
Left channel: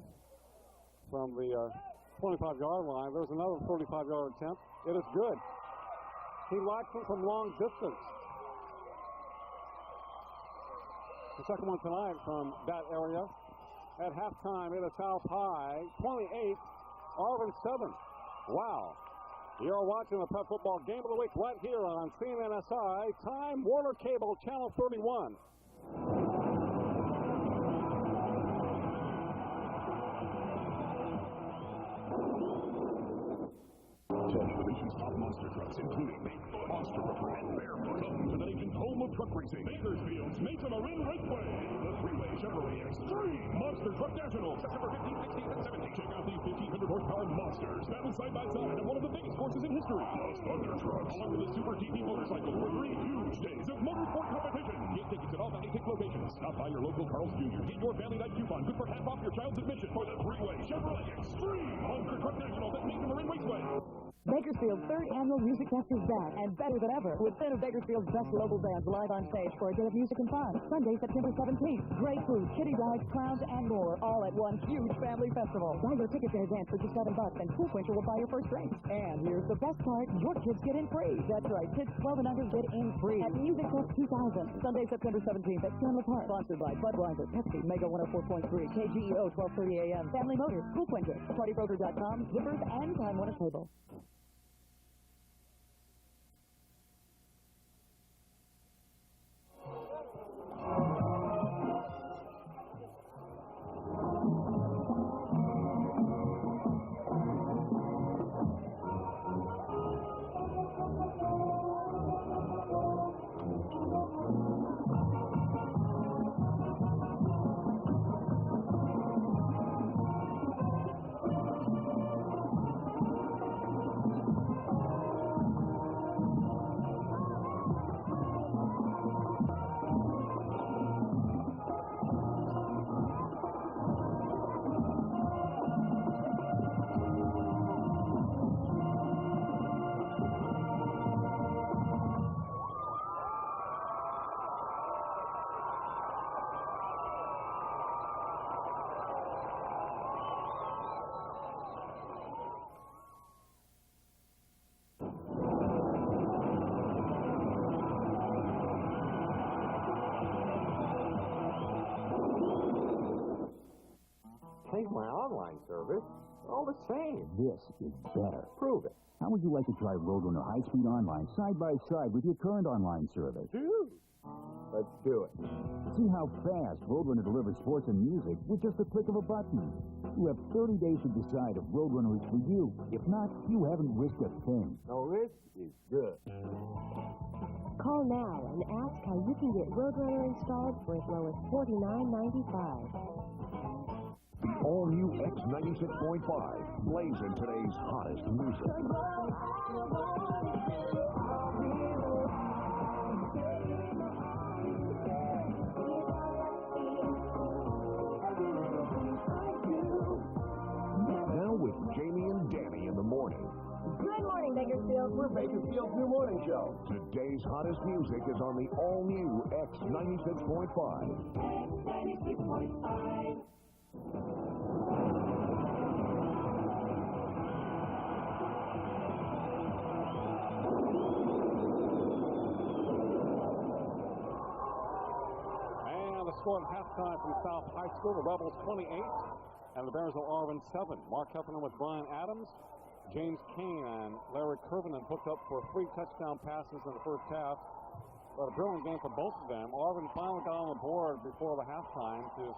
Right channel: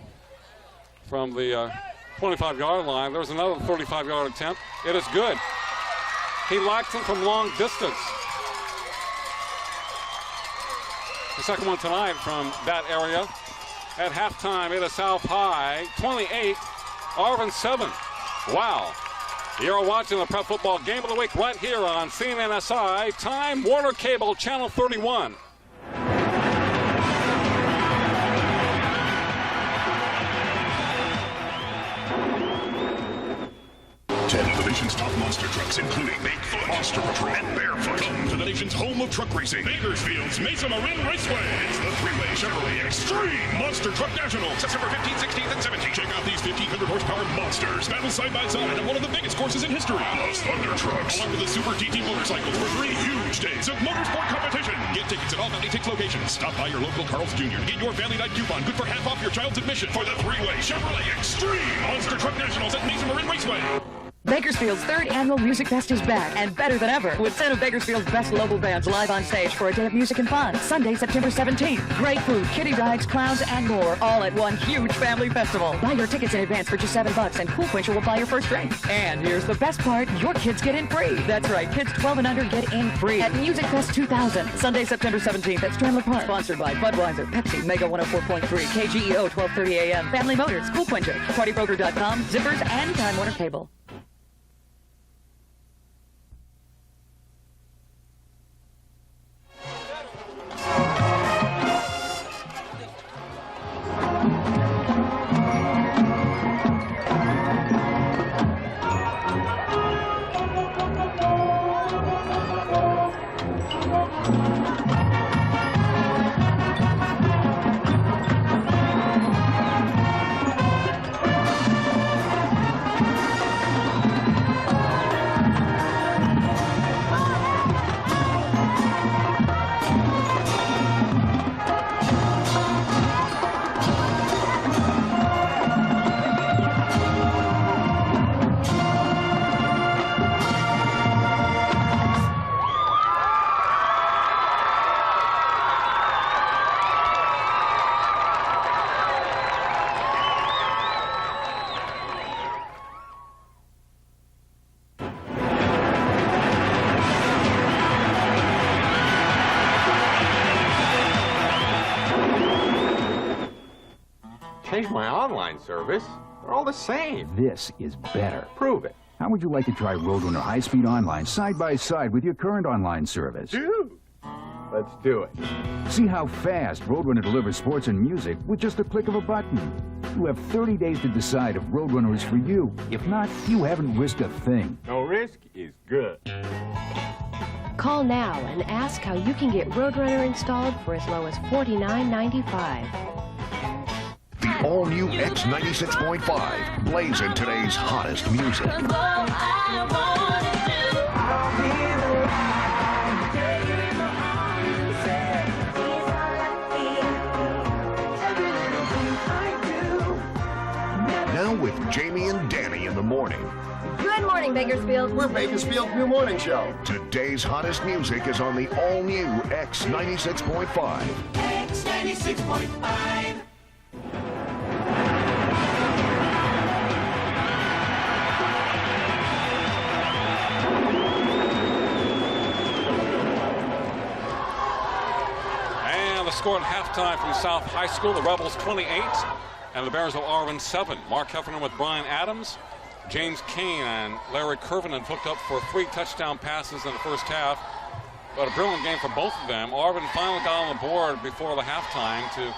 from the 25-yard line. There's another 35-yard attempt. It is good. He likes him from long distance. The second one tonight from that area. At halftime, it is South High 28, Arvin 7. Wow. You're watching the Prep Football Game of the Week right here on CNNSI, Time Warner Cable, Channel 31. Nation's top monster trucks, including Bigfoot, Monster Truck, and Barefoot. Come to the nation's home of truck racing, Bakersfield's Mesa Marin Raceway. It's the three-way Chevrolet Extreme Monster Truck National, September 15th, 16th, and 17th. Check out these 1,500 horsepower monsters battle side by side on one of the biggest courses in history. Those Thunder Trucks, along with the Super GT motorcycles for 3 huge days of motorsport competition. Get tickets at all 96 locations. Stop by your local Carl's Jr. Get your family night coupon, good for half off your child's admission for the three-way Chevrolet Extreme Monster Truck Nationals at Mesa Marin Raceway. Bakersfield's 3rd annual Music Fest is back, and better than ever, with 10 of Bakersfield's best local bands live on stage for a day of music and fun. Sunday, September 17th. Great food, kiddie rides, clowns, and more, all at one huge family festival. Buy your tickets in advance for just $7, and Cool Quencher will buy your first drink. And here's the best part, your kids get in free. That's right, kids 12 and under get in free at Music Fest 2000. Sunday, September 17th at Strandler Park. Sponsored by Budweiser, Pepsi, Mega 104.3, KGEO 1230 AM, Family Motors, Cool Quencher, PartyBroker.com, Zippers, and Time Warner Cable. Change my online service. They're all the same. This is better. Prove it. How would you like to try Roadrunner High-Speed Online side by side with your current online service? Dude, let's do it. See how fast Roadrunner delivers sports and music with just a click of a button. You have 30 days to decide if Roadrunner is for you. If not, you haven't risked a thing. No risk is good. Call now and ask how you can get Roadrunner installed for as low as $49.95. The all-new X96.5 plays in today's hottest music. Now with Jamie and Danny in the morning. Good morning, Bakersfield. We're Bakersfield's new morning show. Today's hottest music is on the all-new X96.5. X96.5. And the score at halftime from South High School, the Rebels 28 and the Bears of Arvin 7. Mark Heffernan with Brian Adams. James Kane and Larry Curvin had hooked up for 3 touchdown passes in the first half. But a brilliant game for both of them. Arvin finally got on the board before the halftime to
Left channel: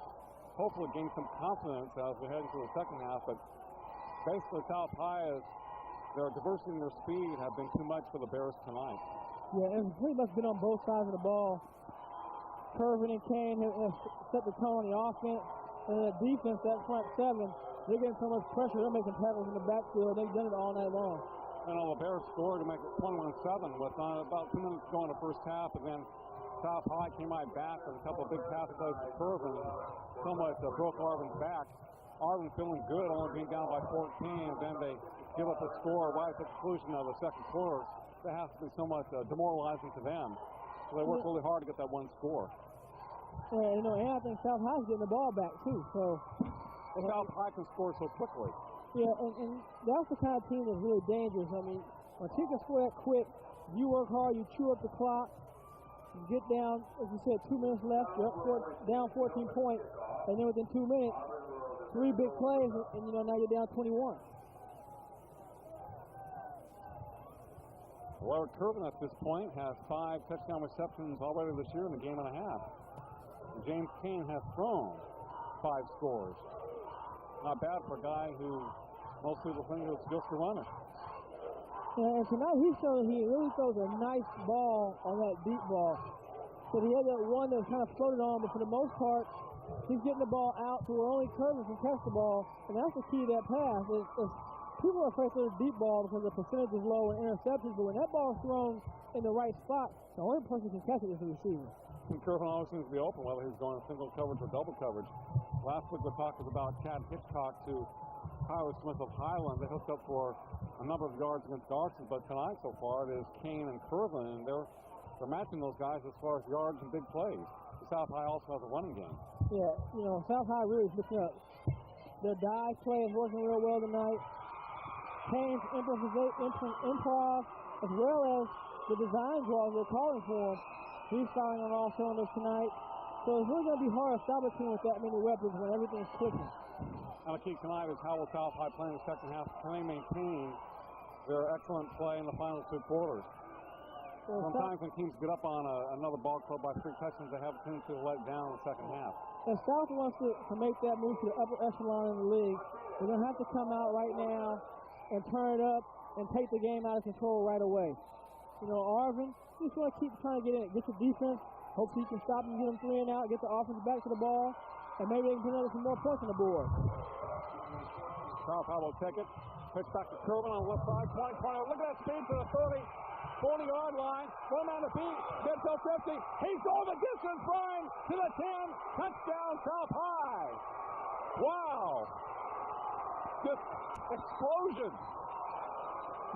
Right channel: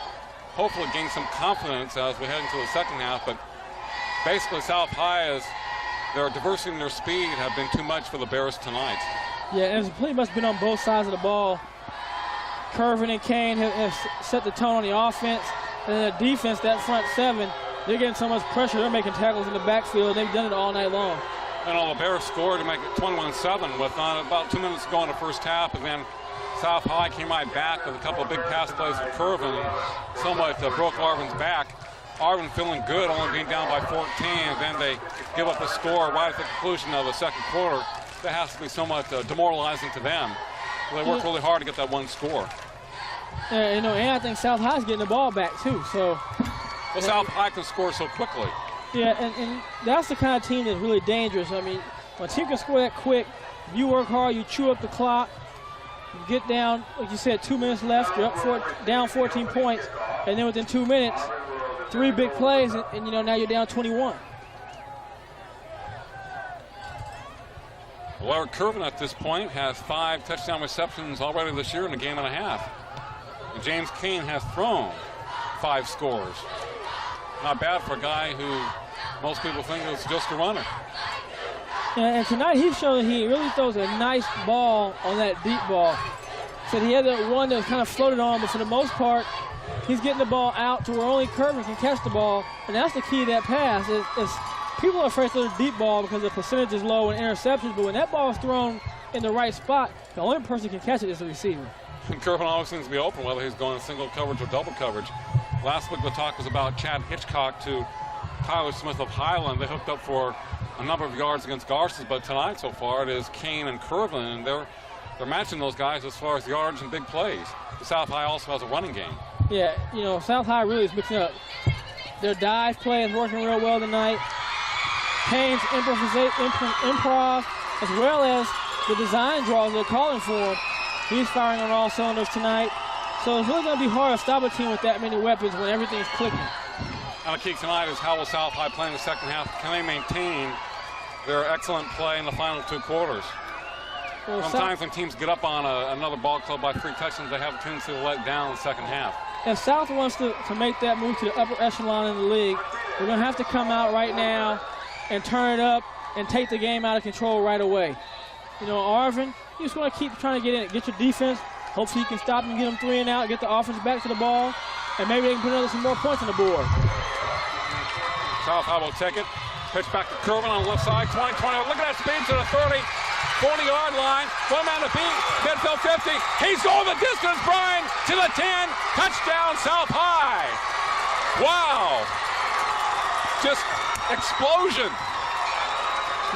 hopefully gain some confidence as we head into the second half. But basically South High, as their diversity and their speed have been too much for the Bears tonight. Yeah, it's pretty much been on both sides of the ball. Curvin and Kane have set the tone on the offense. And then the defense, that front 7, they're getting so much pressure, they're making tackles in the backfield. They've done it all night long. And all the Bears scored to make it 21-7 with about 2 minutes to go in the first half. And then South High came right back with a couple of big pass plays for Curvin and somewhat broke Arvin's back. Arvin feeling good, only being down by 14, and then they give up the score right at the conclusion of the second quarter. That has to be somewhat demoralizing to them. They worked really hard to get that one score. And I think South High's getting the ball back too. So, well, South High can score so quickly. Yeah, and that's the kind of team that's really dangerous. I mean, when a team can score that quick, you work hard, you chew up the clock, you get down, like you said, 2 minutes left, you're up down 14 points, and then within 2 minutes, 3 big plays, and now you're down 21. Larry Curvin at this point has 5 touchdown receptions already this year in a game and a half. And James Kane has thrown 5 scores. Not bad for a guy who most people think is just a runner. And tonight he showed that he really throws a nice ball on that deep ball. So he had that one that was kind of floated on, but for the most part, he's getting the ball out to where only Curvin can catch the ball. And that's the key to that pass. People are afraid to throw the deep ball because the percentage is low in interceptions, but when that ball is thrown in the right spot, the only person who can catch it is the receiver. And Curvin always seems to be open, whether he's going single coverage or double coverage. Last week the talk was about Chad Hitchcock to Tyler Smith of Highland. They hooked up for a number of yards against Garces, but tonight so far it is Kane and Curvin, and they're matching those guys as far as yards and big plays. The South High also has a running game. Yeah, South High really is mixing up. Their dive play is working real well tonight. Kane's improv, as well as the design draws they're calling for. He's firing on all cylinders tonight. So it's really going to be hard to stop a team with that many weapons when everything's clicking. Now the key tonight is how will South High play in the second half? Can they maintain their excellent play in the final 2 quarters? Well, sometimes when teams get up on another ball club by 3 touchdowns, they have a tendency to let down in the second half. If South wants to make that move to the upper echelon in the league, we're going to have to come out right now and turn it up and take the game out of control right away. Arvin, you just want to keep trying to get in it, get your defense. Hopefully you can stop and get them 3 and out, get the offense back to the ball, and maybe they can put some more points on the board. South High will take it. Pitch back to Curvin on the left side, 20, 20. Look at that speed to the 30, 40-yard line. 1 man to beat, midfield 50. He's going the distance, Brian, to the 10. Touchdown, South High. Wow. Just explosion.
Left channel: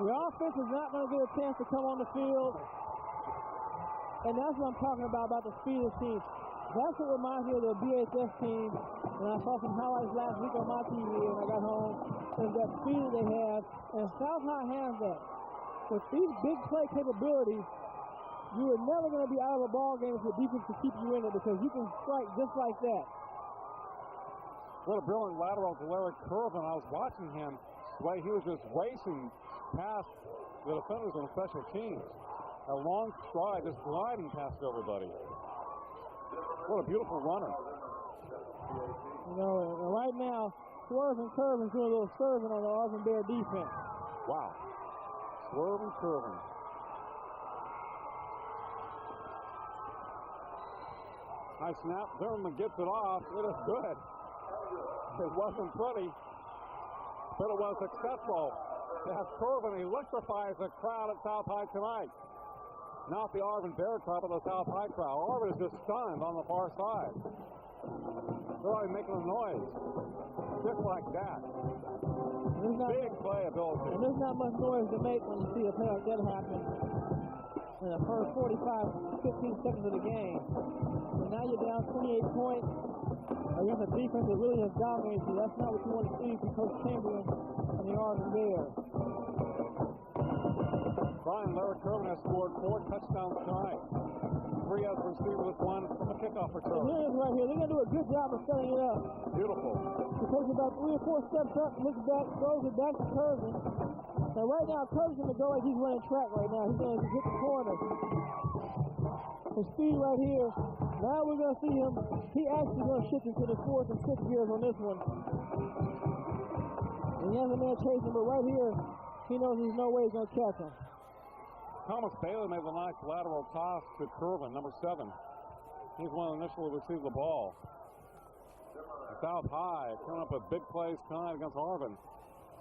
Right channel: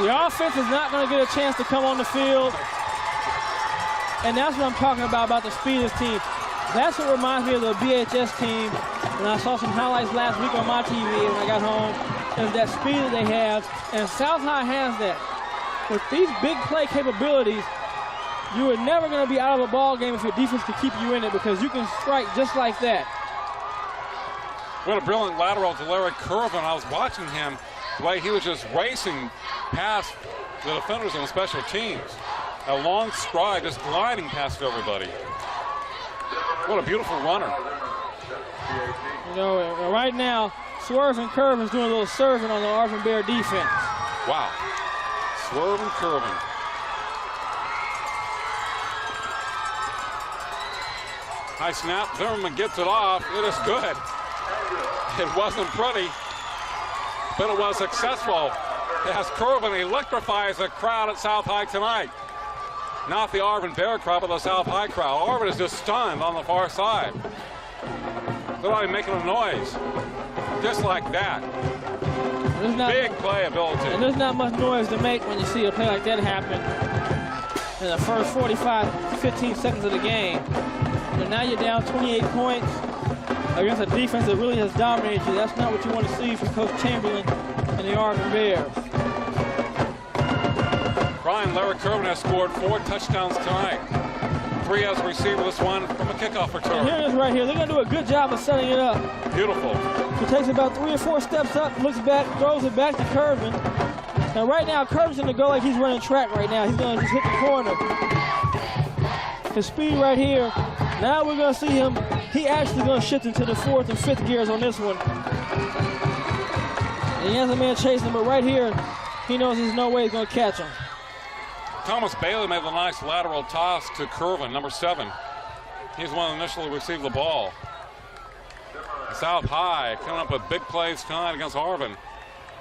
The offense is not going to get a chance to come on the field. And that's what I'm talking about the speed of this team. That's what reminds me of the BHS team. And I saw some highlights last week on my TV when I got home. And that speed that they have. And South High has that. With these big play capabilities, you are never going to be out of a ball game if your defense can keep you in it, because you can strike just like that. What a brilliant lateral to Larry Curvin. I was watching him, the way he was just racing past the defenders on the special teams. A long stride, just gliding past everybody. What a beautiful runner. You know, right now, Swerve and Curvin is doing a little serving on the Arvin Bear defense. Wow. Swerve and Curvin. High snap. Zimmerman gets it off. It is good. It wasn't pretty, but it was successful. As Curvin electrifies the crowd at South High tonight. Not the Arvin Bear crowd, but the South High crowd. Arvin is just stunned on the far side. They're not even making a noise. Just like that. Big playability. And there's not much noise to make when you see a play like that happen in the first 15 seconds of the game. And now you're down 28 points against a defense that really has dominated you. That's not what you want to see from Coach Chamberlain and the Arvin Bears. Brian Larry Curvin has scored 4 touchdowns tonight. 3 as a receiver, this one from a kickoff return. And here it is right here. They're going to do a good job of setting it up. Beautiful. He takes about 3 or 4 steps up, looks back, throws it back to Curvin. Now right now, Curvin's going to go like he's running track right now. He's going to just hit the corner. His speed right here. Now we're going to see him. He actually going to shift into the 4th and 5th gears on this one. And he has a man chasing him, but right here, he knows there's no way he's going to catch him. Thomas Bailey made a nice lateral toss to Curvin, number 7. He's the one that initially received the ball. South High coming up with big plays tonight against Arvin.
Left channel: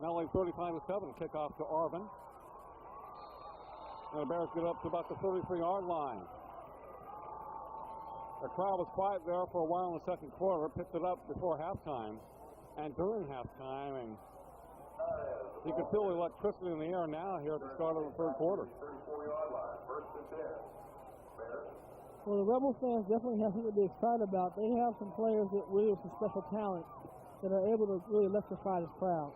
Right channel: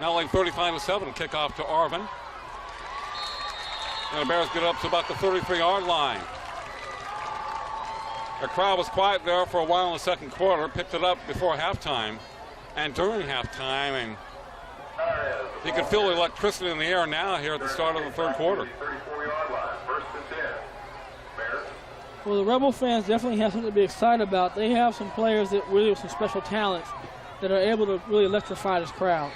Now leading 35-7, kickoff to Arvin. And the Bears get up to about the 33-yard line. The crowd was quiet there for a while in the second quarter, picked it up before halftime and during halftime, and you can feel the electricity in the air now here at the start of the third quarter. Well, the Rebel fans definitely have something to be excited about. They have some players that really have some special talents that are able to really electrify this crowd.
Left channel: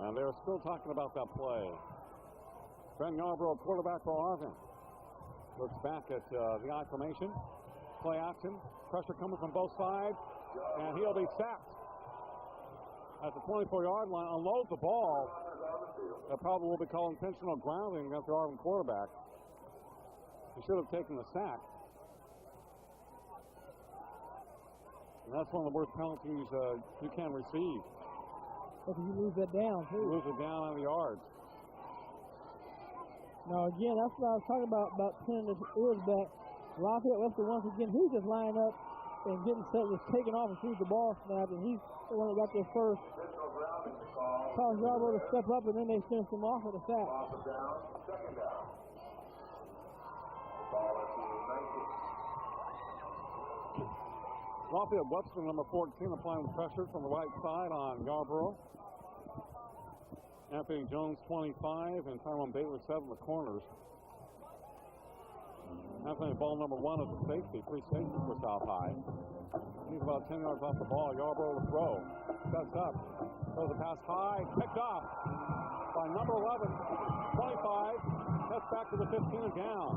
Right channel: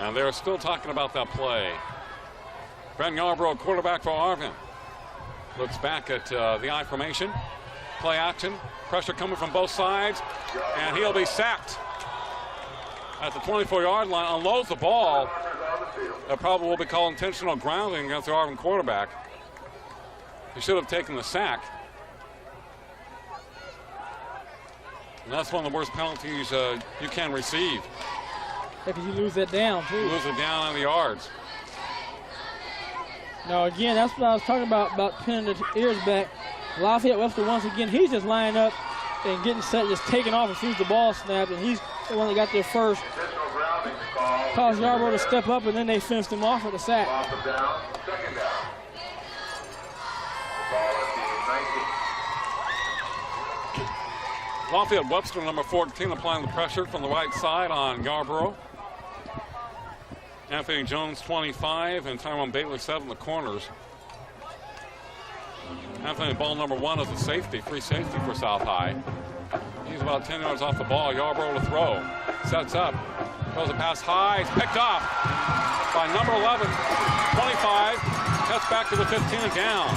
And they're still talking about that play. Brent Yarbrough, quarterback for Arvin. Looks back at the I formation. Play action. Pressure coming from both sides. And he'll be sacked at the 24-yard line. Unloads the ball. That probably will be called intentional grounding against the Arvin quarterback. He should have taken the sack. And that's one of the worst penalties you can receive. If you lose that down, too. Lose it down on the yards. Now, again, that's what I was talking about pinning the ears back. Lafayette Webster, once again, he's just lining up and getting set, just taking off as soon as the ball snapped, and he's the one that got there first. Caused Yarbrough to step up, and then they finished him off with a sack. Lafayette Webster, number 14, applying the pressure from the right side on Yarbrough. Anthony Jones, 25, and Tyrone Bailey, 7 in the corners. Anthony, ball number 1 is a safety, free safety for South High. He's about 10 yards off the ball. Yarbrough to throw. Sets up. Throws a pass high. It's picked off by number 11, 25. Cuts back to the 15 and down.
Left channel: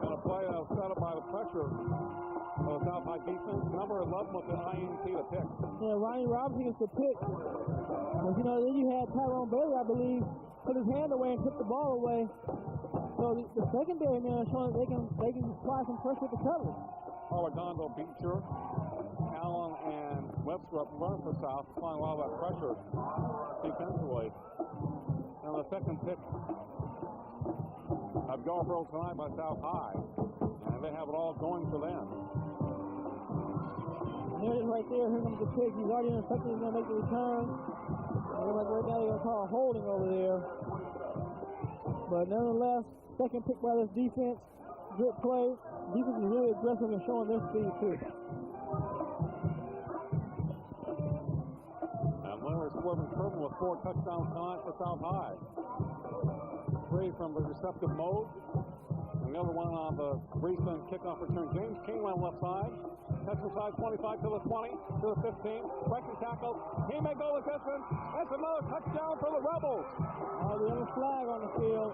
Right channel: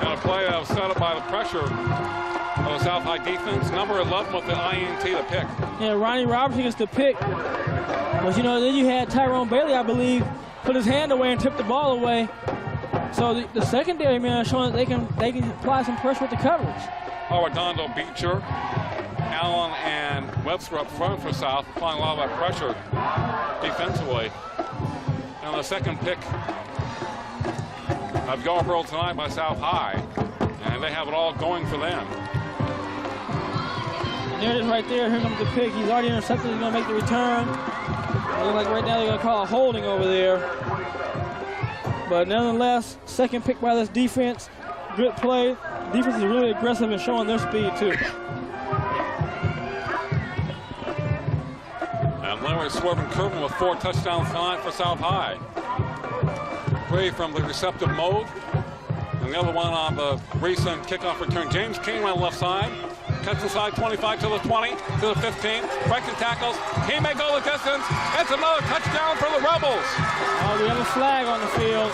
And a play set up by the pressure of the South High defense. Number 11 with the INT to pick. Yeah, Ronnie Robertson gets the pick. But, you know, then you had Tyrone Bailey, I believe, put his hand away and tipped the ball away. So the secondary man is showing that they can apply some pressure with the coverage. Redondo, Beecher, Allen, and Webster up front for South, applying a lot of that pressure defensively. And the second pick of Yarbrough tonight by South High. And they have it all going for them. There it is right there. Here comes the pick. He's already intercepted. He's going to make the return. It looks like right now they're going to call a holding over there. But nonetheless, second pick by this defense. Good play. Defense is really aggressive and showing their speed, too. And Larry Swerve Curvin with 4 touchdowns tonight for South High. 3 from the receptive mode. And the other one on the recent kickoff return. James King on the left side. Cuts inside 25 to the 20, to the 15. Breaking tackles. He may go the distance. It's another touchdown for the Rebels. Oh, we have a flag on the field.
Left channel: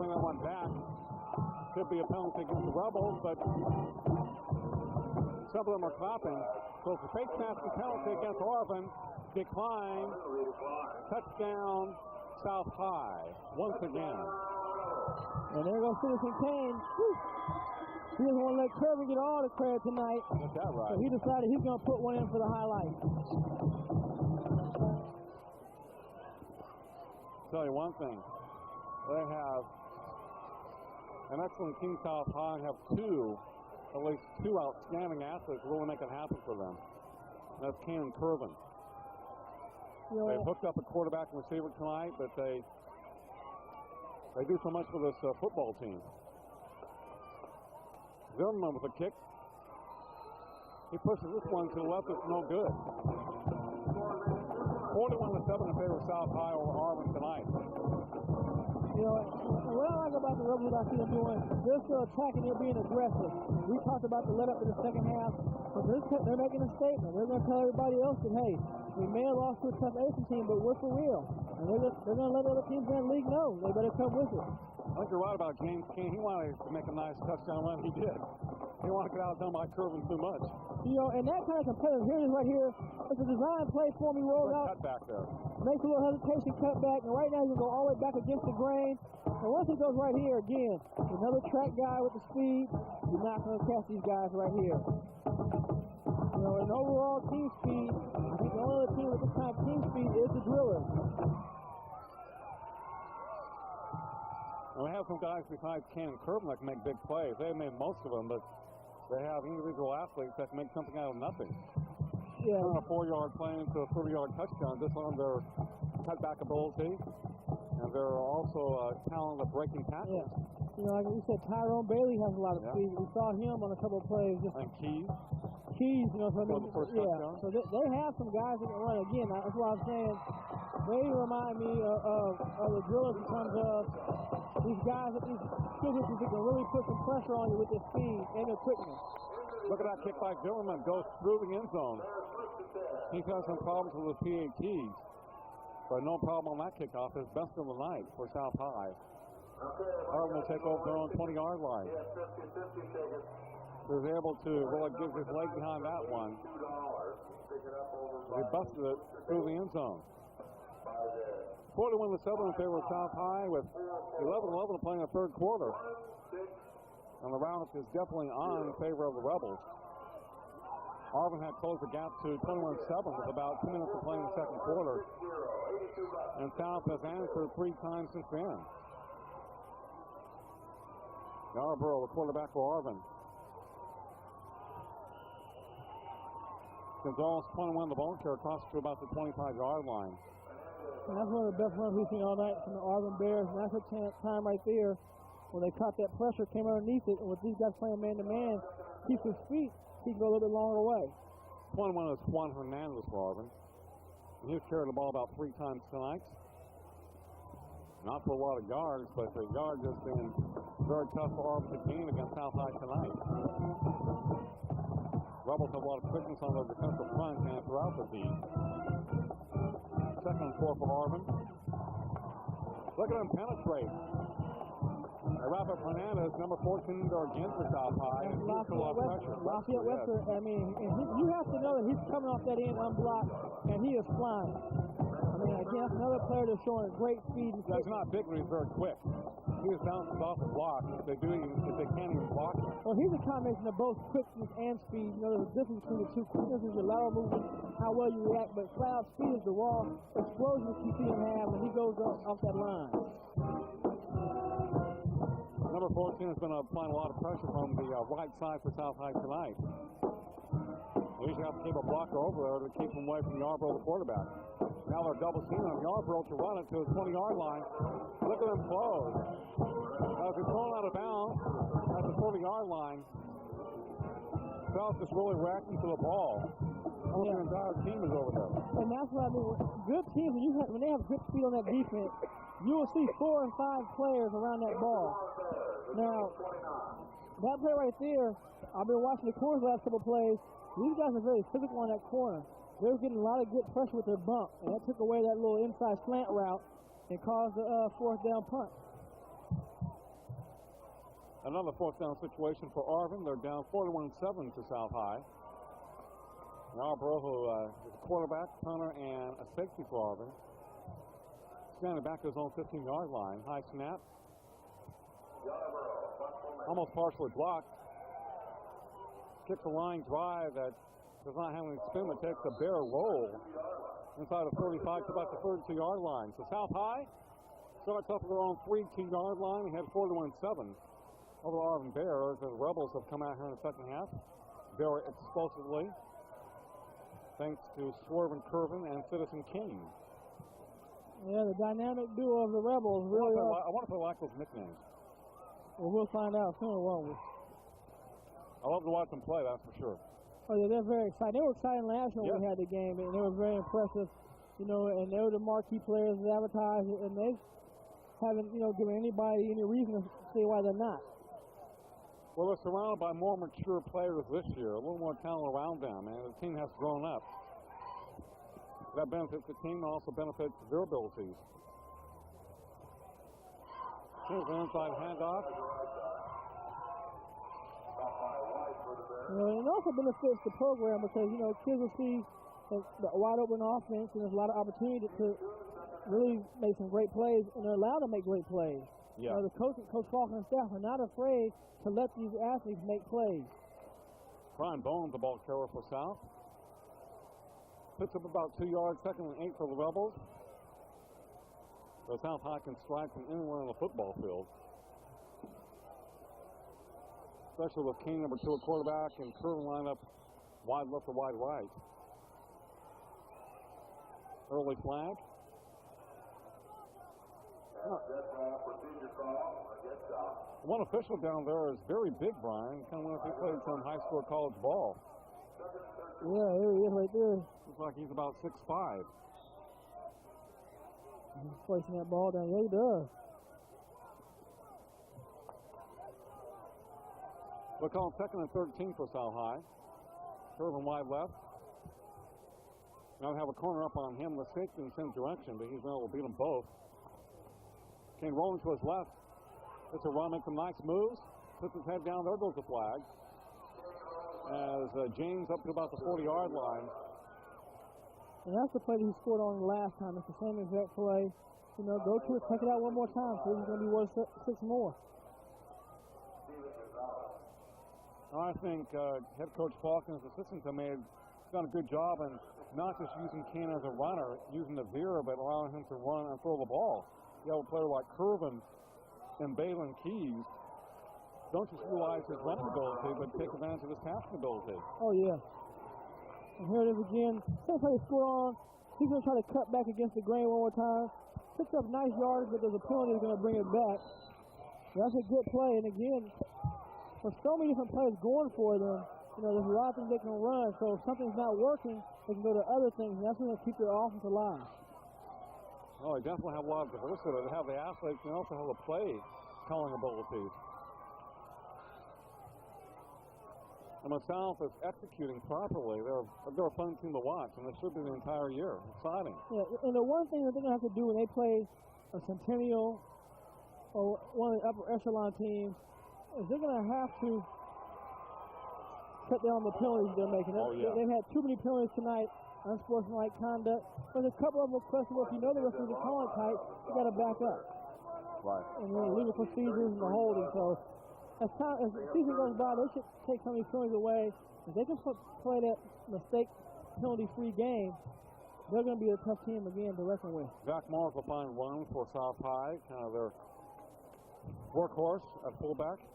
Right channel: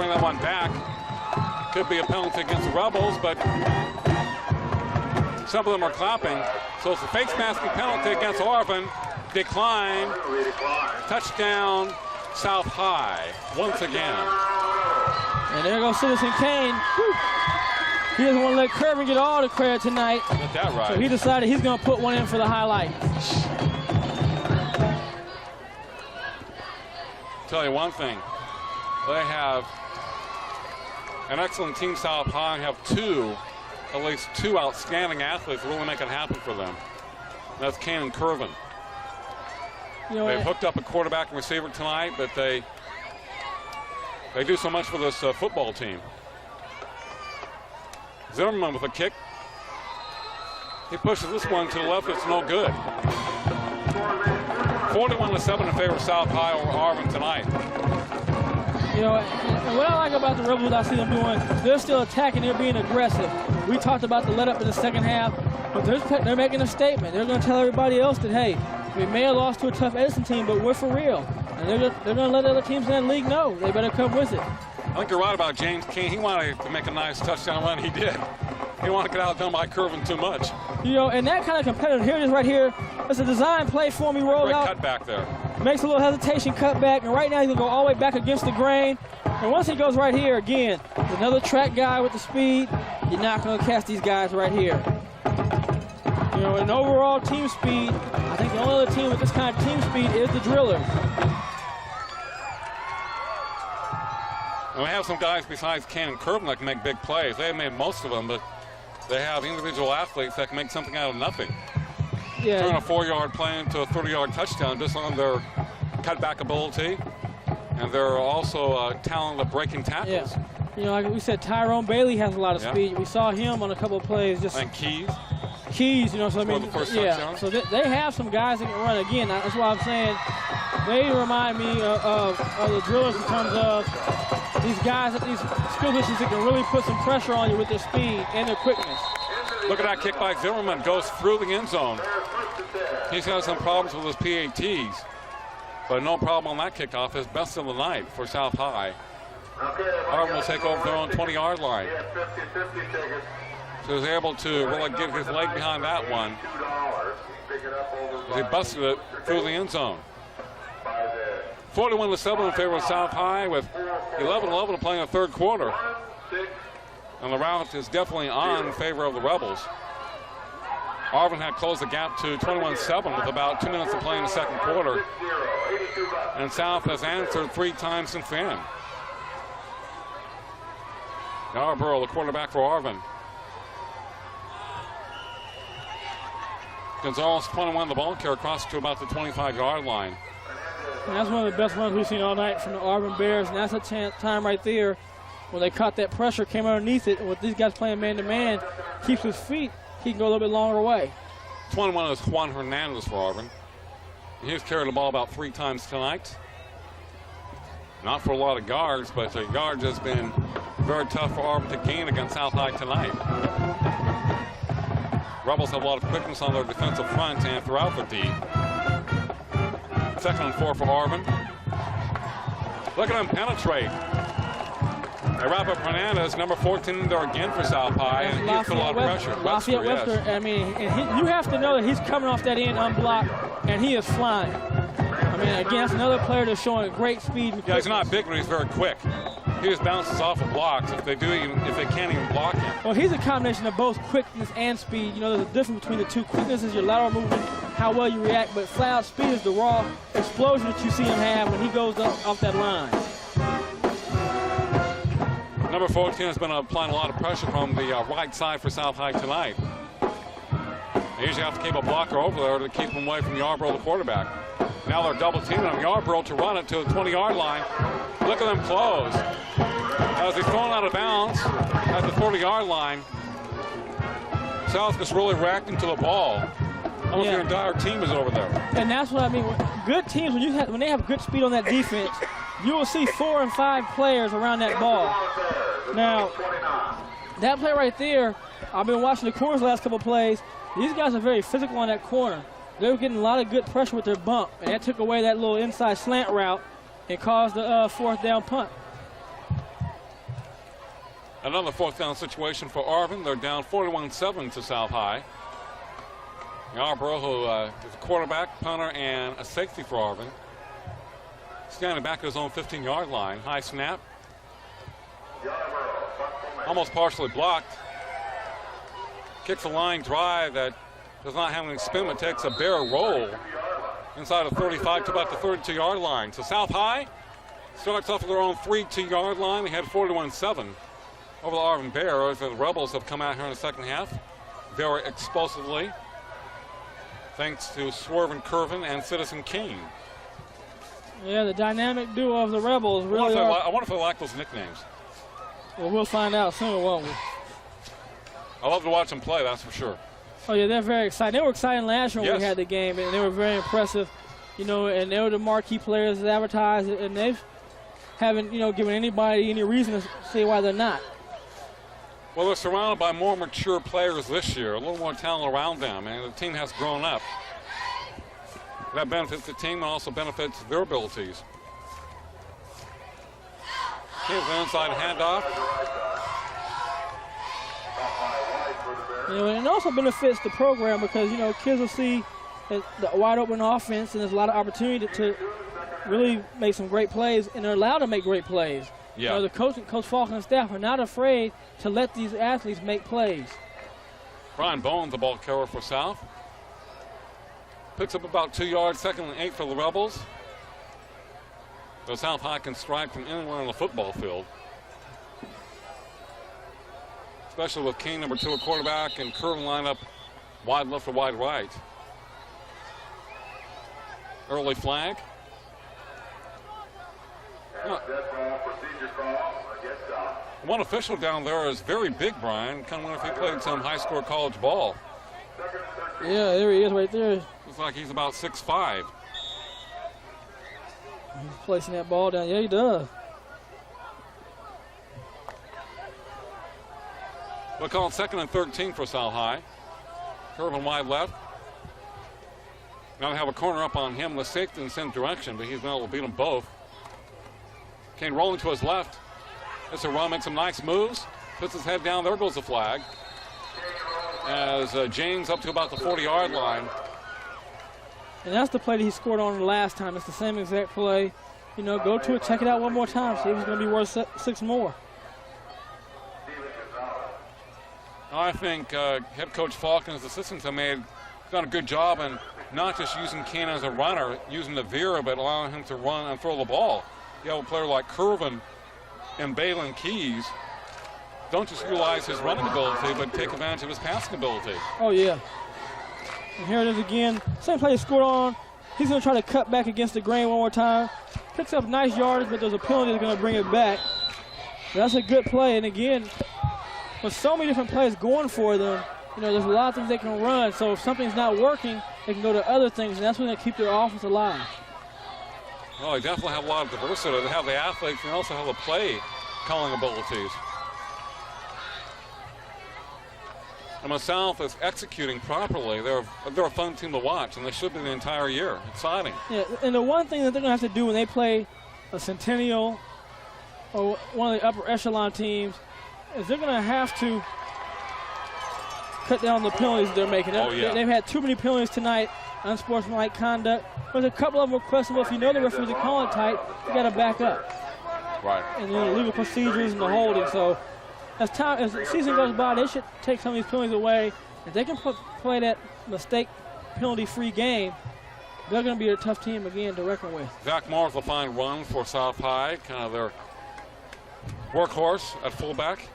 bring that one back. Could be a penalty against the Rebels, but some of them are clapping. So it's a face masking penalty against Arvin. Decline. Touchdown, South High, once again. And there goes Citizen Kane. Whew. He doesn't want to let Kirby get all the credit tonight. Get that right. So he decided he's going to put one in for the highlight. Tell you one thing, they have an excellent team. South High have at least two outstanding athletes really make it happen for them. That's Kane and Curvin. You know, They've hooked up a quarterback and receiver tonight, but they do so much for this football team. Zimmerman with a kick. He pushes this one to the left. It's no good. 41-7 in favor of South High over Arvin tonight. You know, and what I like about the Rebels, I see them doing, they're still attacking, they're being aggressive. We talked about the let-up in the second half, but they're making a statement. They're going to tell everybody else that, hey, we may have lost to a tough Edison team, but we're for real. And they're going to let other teams in that league know they better come with it. I think you're right about James King. He wanted to make a nice touchdown run. He did. He didn't want to get outdone by Curvin too much. You know, and that kind of competitive, here it is right here. It's a design play for him. He rolls out. Cut back there. Makes a little hesitation, cut back, and right now he's going to go all the way back against the grain. And once he goes right here, again, another track guy with the speed. You're not going to catch these guys right here. You know, in overall team speed, I think the only other team with this kind of team speed is the Drillers. And we have some guys besides Ken and Curvin that can make big plays. They have made most of them, but they have individual athletes that can make something out of nothing. Yeah. Turn a 4-yard play into a 30-yard touchdown just on their cutback ability. And they're also talented at breaking tackles. Yeah. You know, like we said, Tyrone Bailey has a lot of speed. We saw him on a couple of plays. And Keys, you know, so I mean, touchdown. So they have some guys that can run. Again, that's why I'm saying they remind me of the Drillers in terms of these guys at these skill positions that can really put some pressure on you with their speed and their quickness. Look at that kick by Zimmerman, goes through the end zone. He's had some problems with his PATs, but no problem on that kickoff. His best of the night for South High. Arvin will take over their own 20-yard line. So he's able to really get his leg behind that one. He busted it through the end zone. 41-7 in favor of South High with 11-11 to play in the third quarter. And the route is definitely on in favor of the Rebels. Arvin had closed the gap to 21-7 with about 2 minutes to play in the second quarter. And South has answered 3 times since then. Yarborough, the quarterback for Arvin. Gonzalez 21, the ball carrier across to about the 25-yard line. And that's one of the best runs we've seen all night from the Arvin Bears, and that's a time right there when they caught that pressure, came underneath it, and with these guys playing man-to-man, keeps his feet, he can go a little bit longer away. 21 is Juan Hernandez for Arvin. He's carried the ball about 3 times tonight. Not for a lot of yards, but the yards has been very tough for Arvin to gain against South High tonight. Rebels have a lot of quickness on their defensive front and throughout the D. 2nd and 4 for Arvin. Look at him penetrate. They wrap up Hernandez, number 14 there again for South High, and he's put a lot of pressure. Lafayette Webster, I mean, you have to know that he's coming off that end unblocked, and he is flying. I mean, again, that's another player that's showing great speed. Yeah, he's not big, but he's very quick. He just bounces off of blocks if they can't even block him. Well, he's a combination of both quickness and speed. You know, there's a difference between the two. Quickness is your lateral movement, how well you react, but flat-out speed is the raw explosion that you see him have when he goes up off that line. Number 14 has been applying a lot of pressure from the right side for South High tonight. They usually have to keep a blocker over there to keep him away from Yarborough, the quarterback. Now they're double teaming on Yarborough to run it to the 20-yard line. Look at them close. As he's thrown out of bounds at the 40-yard line, South is really reacting to the ball. Almost their entire team is over there. And that's what I mean. Good teams, when they have good speed on that defense, you will see 4 and 5 players around that ball. Now, that play right there, I've been watching the corners the last couple of plays. These guys are very physical on that corner. They were getting a lot of good pressure with their bump, and that took away that little inside slant route and caused the 4th down punt. Another fourth down situation for Arvin. They're down 41-7 to South High. Yarborough, who is a quarterback, punter, and a safety for Arvin. Standing back at his own 15-yard line. High snap. Almost partially blocked. Kicks a line drive that does not have any spin, but takes a bare roll inside of 35 to about the 32-yard line. So South High starts off with their own 32-yard line. They had 41-7 over the Arvin Bears. The Rebels have come out here in the second half very explosively, thanks to Swervin Curvin and Citizen Kane. Yeah, the dynamic duo of the Rebels really are. I wonder if they like those nicknames. Well, we'll find out soon, won't we? I love to watch them play, that's for sure. Oh, yeah, they're very excited. They were excited last year when Yes. we had the game, and they were very impressive, and they were the marquee players that advertised, and they haven't, given anybody any reason to say why they're not. Well, they're surrounded by more mature players this year, a little more talent around them, and the team has grown up. That benefits the team and also benefits their abilities. Here's an inside handoff. And it also benefits the program because, kids will see the wide open offense, and there's a lot of opportunity to really make some great plays, and they're allowed to make great plays. Yeah. The Coach Falk and staff are not afraid to let these athletes make plays. Brian Bowen, the ball carrier for South. Picks up about 2 yards, 2nd and 8 for the Rebels. So South High can strike from anywhere on the football field. Especially with King, number 2, a quarterback, and Curtin line up wide left or wide right. Early flag. One official down there is very big, Brian. Kind of wonder if he played some high-score college ball. Yeah, there he is right there. Looks like he's about 6'5". He's placing that ball down. Yeah, he does. We'll call it 2nd and 13 for South High. Curvin wide left. Now they have a corner up on him, the safety in the same direction, but he's been able to beat them both. Kane rolling to his left. This is Ron makes some nice moves. Puts his head down. There goes the flag. As James up to about the 40-yard line. And that's the play that he scored on the last time. It's the same exact play. Go to it, check it out one more time. See if it's going to be worth 6 more. I think head coach Falk and his assistants have done a good job in not just using Kane as a runner, using the veer, but allowing him to run and throw the ball. You have a player like Curvin and Balin Keys. Don't just utilize his running ability, but take advantage of his passing ability. Oh, yeah. And here it is again. Same play he scored on. He's going to try to cut back against the grain one more time. Picks up nice yardage, but there's a penalty that's going to bring it back. But that's a good play. And again, with so many different plays going for them, there's a lot of things they can run. So if something's not working, they can go to other things, and that's when they keep their offense alive. Well, they definitely have a lot of diversity. They have the athletes and also have the play calling abilities. And when South is executing properly, they're a fun team to watch, and they should be the entire year. Exciting. Yeah, and the one thing that they're going to have to do when they play a Centennial or one of the upper echelon teams is they're going to have to cut down the penalties they're making. Oh, yeah. They've had too many penalties tonight, unsportsmanlike conduct. There's a couple of them questionable. If you know the referees are calling tight, you got to back up. Right. And the legal procedures and the holding. So as the season goes by, they should take some of these penalties away. If they can play that mistake penalty-free game, they're going to be a tough team again to reckon with. Zach Morris will find run for South High, kind of their workhorse at fullback.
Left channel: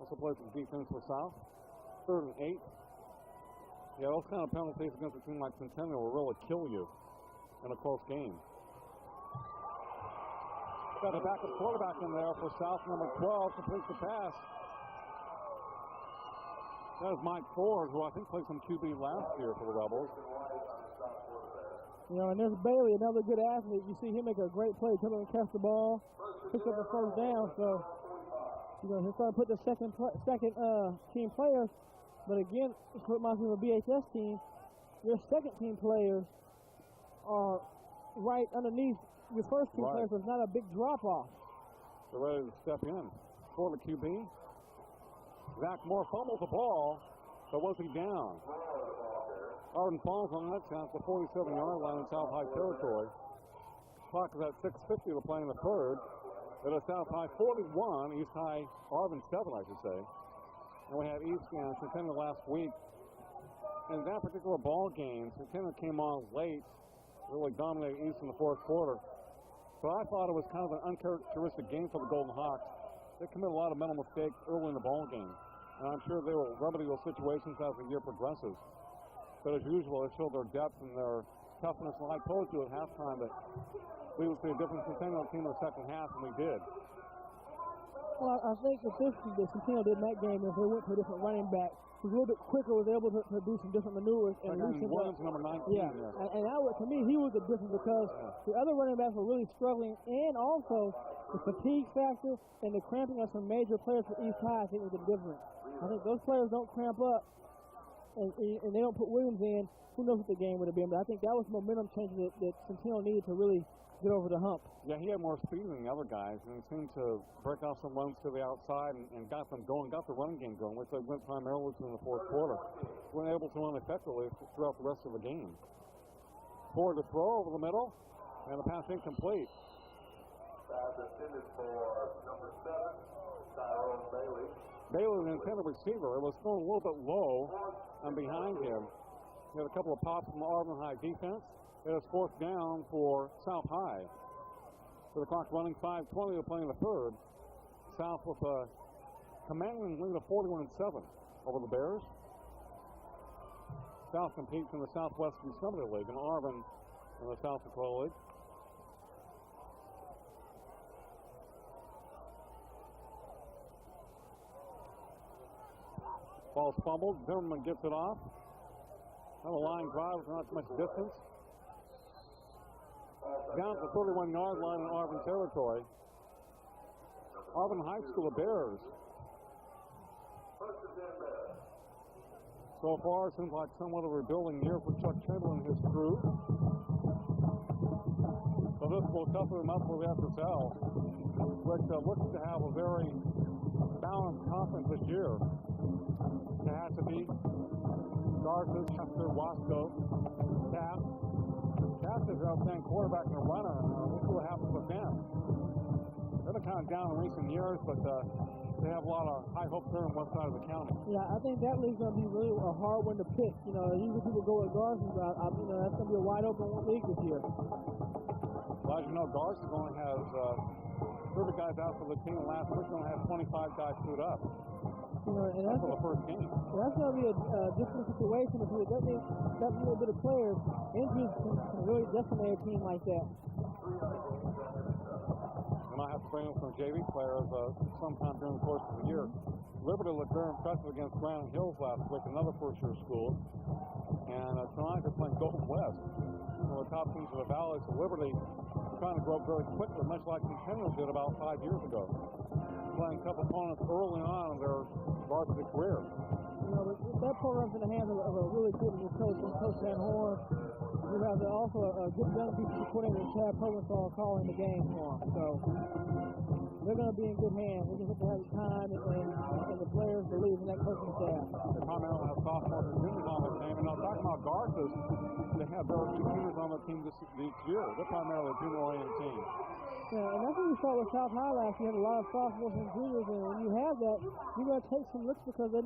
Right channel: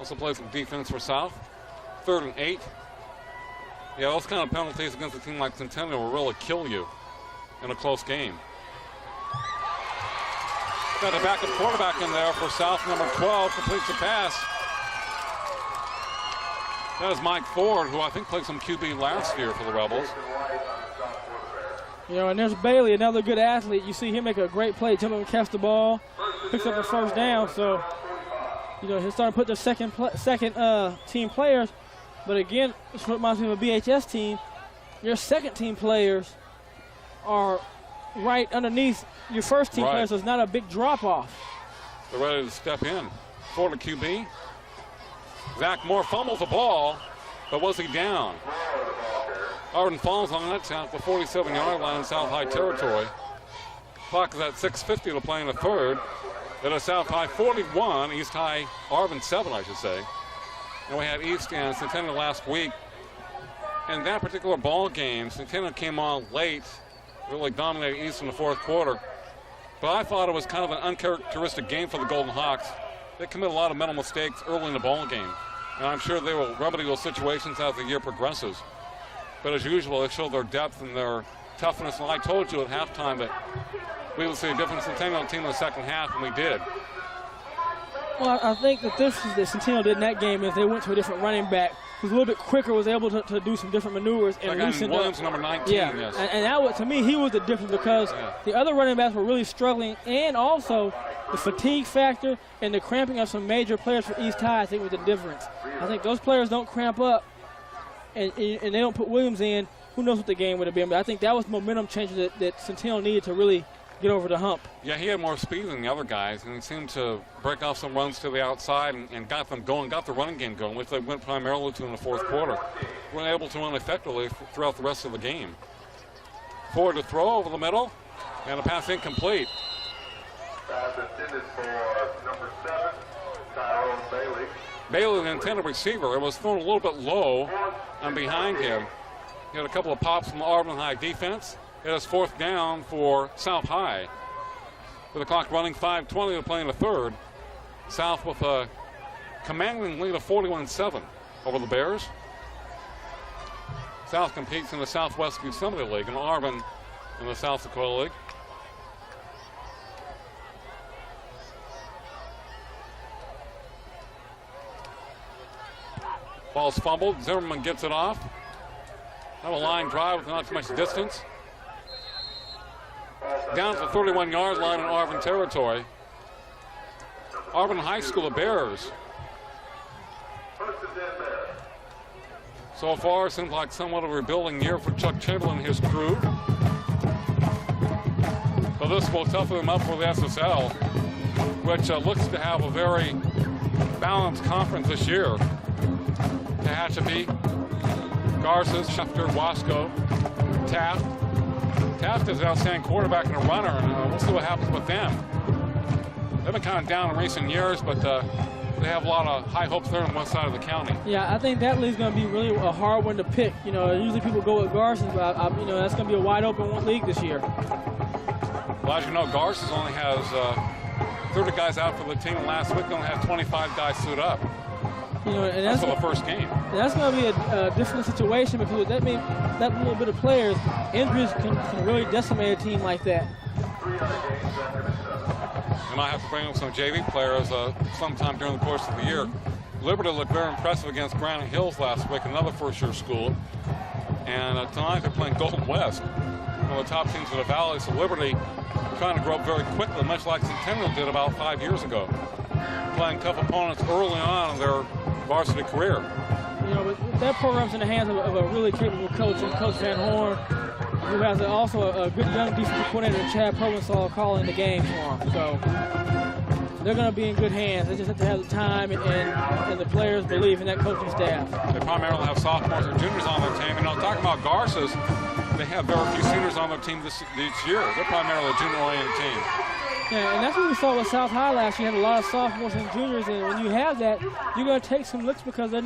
Also plays some defense for South. 3rd and 8. Yeah, those kind of penalties against a team like Centennial will really kill you in a close game. Got a backup quarterback in there for South, number 12, completes the pass. That is Mike Ford, who I think played some QB last year for the Rebels. And there's Bailey, another good athlete. You see him make a great play, jump up and catch the ball, picks up the first down. So, he'll start to put the second team players. But again, this reminds me of a BHS team. Your second team players are right underneath your first team players, so it's not a big drop off. They're ready to step in. Florida QB. Zach Moore fumbles the ball, but was he down? Arvin falls on that at the 47-yard line in South High territory. Clock is at 6:50 to play in the third. It is South High 41, East High, Arvin 7, I should say. And we had East and Centennial last week. In that particular ball game, Centennial came on late, really dominated East in the fourth quarter. But I thought it was kind of an uncharacteristic game for the Golden Hawks. They commit a lot of mental mistakes early in the ball game. And I'm sure they will remedy those situations as the year progresses. But as usual, they show their depth and their toughness. And I told you at halftime that we would see a different Centennial team in the second half, and we did. Well, I think the difference that Centennial did in that game is they went to a different running back who's a little bit quicker, was able to do some different maneuvers and loosen up. Williams, number 19, yeah. Yes. And that was, to me, he was the difference because the other running backs were really struggling, and also the fatigue factor and the cramping of some major players for East High, I think, was the difference. I think those players don't cramp up and they don't put Williams in. Who knows what the game would have been? But I think that was momentum changer that Centennial needed to really get over the hump. Yeah, he had more speed than the other guys, and he seemed to break off some runs to the outside and got them going, got the running game going, which they went primarily to in the fourth quarter. Were able to run effectively throughout the rest of the game. Forward to throw over the middle, and a pass incomplete. Pass intended for number 7, Tyrone Bailey. Bailey, the intended receiver, it was thrown a little bit low and behind him. He had a couple of pops from the Arvin High defense. It is fourth down for South High. With the clock running, 5:20 to play in the third. South with a commanding lead of 41-7 over the Bears. South competes in the Southwest Yosemite League and Arvin in the South Dakota League. Ball's fumbled. Zimmerman gets it off. Have a line drive with not too much distance. Down to the 31-yard line in Arvin territory. Arvin High School, the Bears. So far, seems like somewhat of a rebuilding year for Chuck Chamberlain and his crew. But this will toughen them up for the SSL, which looks to have a very balanced conference this year. Tehachapi, Garces, Schefter, Wasco, Taft. Taft is an outstanding quarterback and a runner, and we'll see what happens with them. They've been kind of down in recent years, but they have a lot of high hopes there on the west side of the county. Yeah, I think that league's going to be really a hard one to pick. You know, usually people go with Garces, but you know, that's going to be a wide open league this year. Well, as you know, Garces only has 30 guys out for the team. Last week they only had 25 guys suit up. You know, and that's for the first game. That's going to be a different situation because that little bit of players, injuries can really decimate a team like that. You might have to bring up some JV players sometime during the course of the year. Liberty looked very impressive against Granite Hills last week, another first-year school. And tonight they're playing Golden West, one of the top teams in the Valley. So Liberty trying to grow up very quickly, much like Centennial did about 5 years ago. Playing tough opponents early on in their varsity career. You know, but that program's in the hands of a really capable coach, and Coach Van Horn, who has also a good young defensive coordinator, Chad Provençal, calling the game for him. So they're going to be in good hands. They just have to have the time and the players believe in that coaching staff. They primarily have sophomores and juniors on their team. You know, talking about Garces, they have very few seniors on their team this year. They're primarily a junior-oriented team. Yeah, and that's what we saw with South High last year. Had a lot of sophomores and juniors, and when you have that, you're going to take some looks because they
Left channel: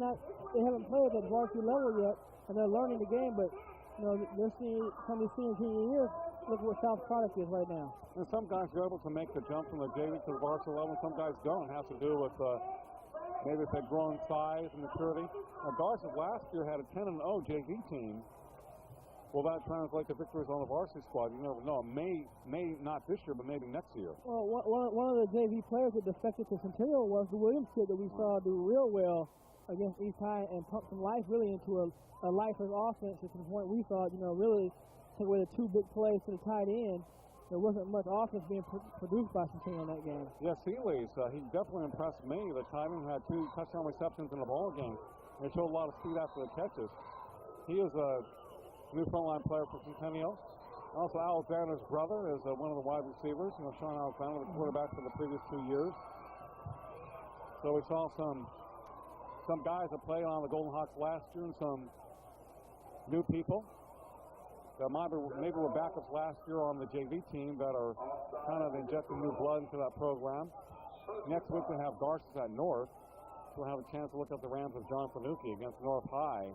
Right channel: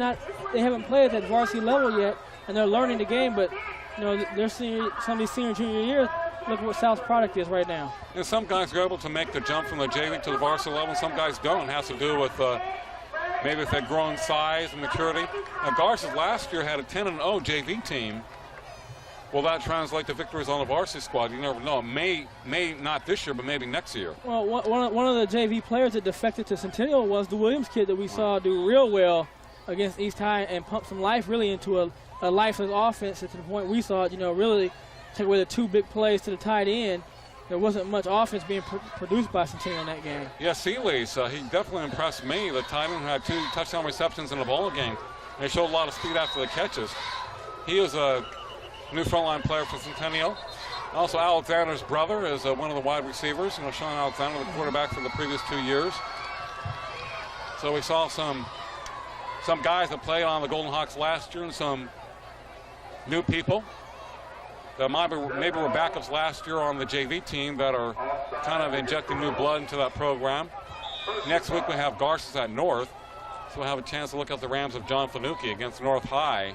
haven't played at that varsity level yet, and they're learning the game. But you know, they're some of these senior junior years. Look at what South's product is right now. And some guys are able to make the jump from the JV to the varsity level. Some guys don't. It has to do with maybe if they're growing size and maturity. Now, Garces last year had a 10-0 JV team. Will that translate to victories on the varsity squad? You never know. May not this year, but maybe next year. Well, one of the JV players that defected to Centennial was the Williams kid that we saw do real well against East High and pump some life really into a lifeless offense to the point we saw it, you know, really take away the two big plays to the tight end. There wasn't much offense being produced by Centennial in that game. Yeah, Seeley's, he definitely impressed me. The tight end had 2 touchdown receptions in the ball game. They showed a lot of speed after the catches. He was a new frontline player for Centennial. Also, Alexander's brother is one of the wide receivers. You know, Sean Alexander, the quarterback for the previous 2 years. So we saw some guys that played on the Golden Hawks last year and some new people that maybe were backups last year on the JV team that are kind of injecting new blood into that program. Next week we have Garces at North, so we'll have a chance to look at the Rams of John Fanucchi against North High,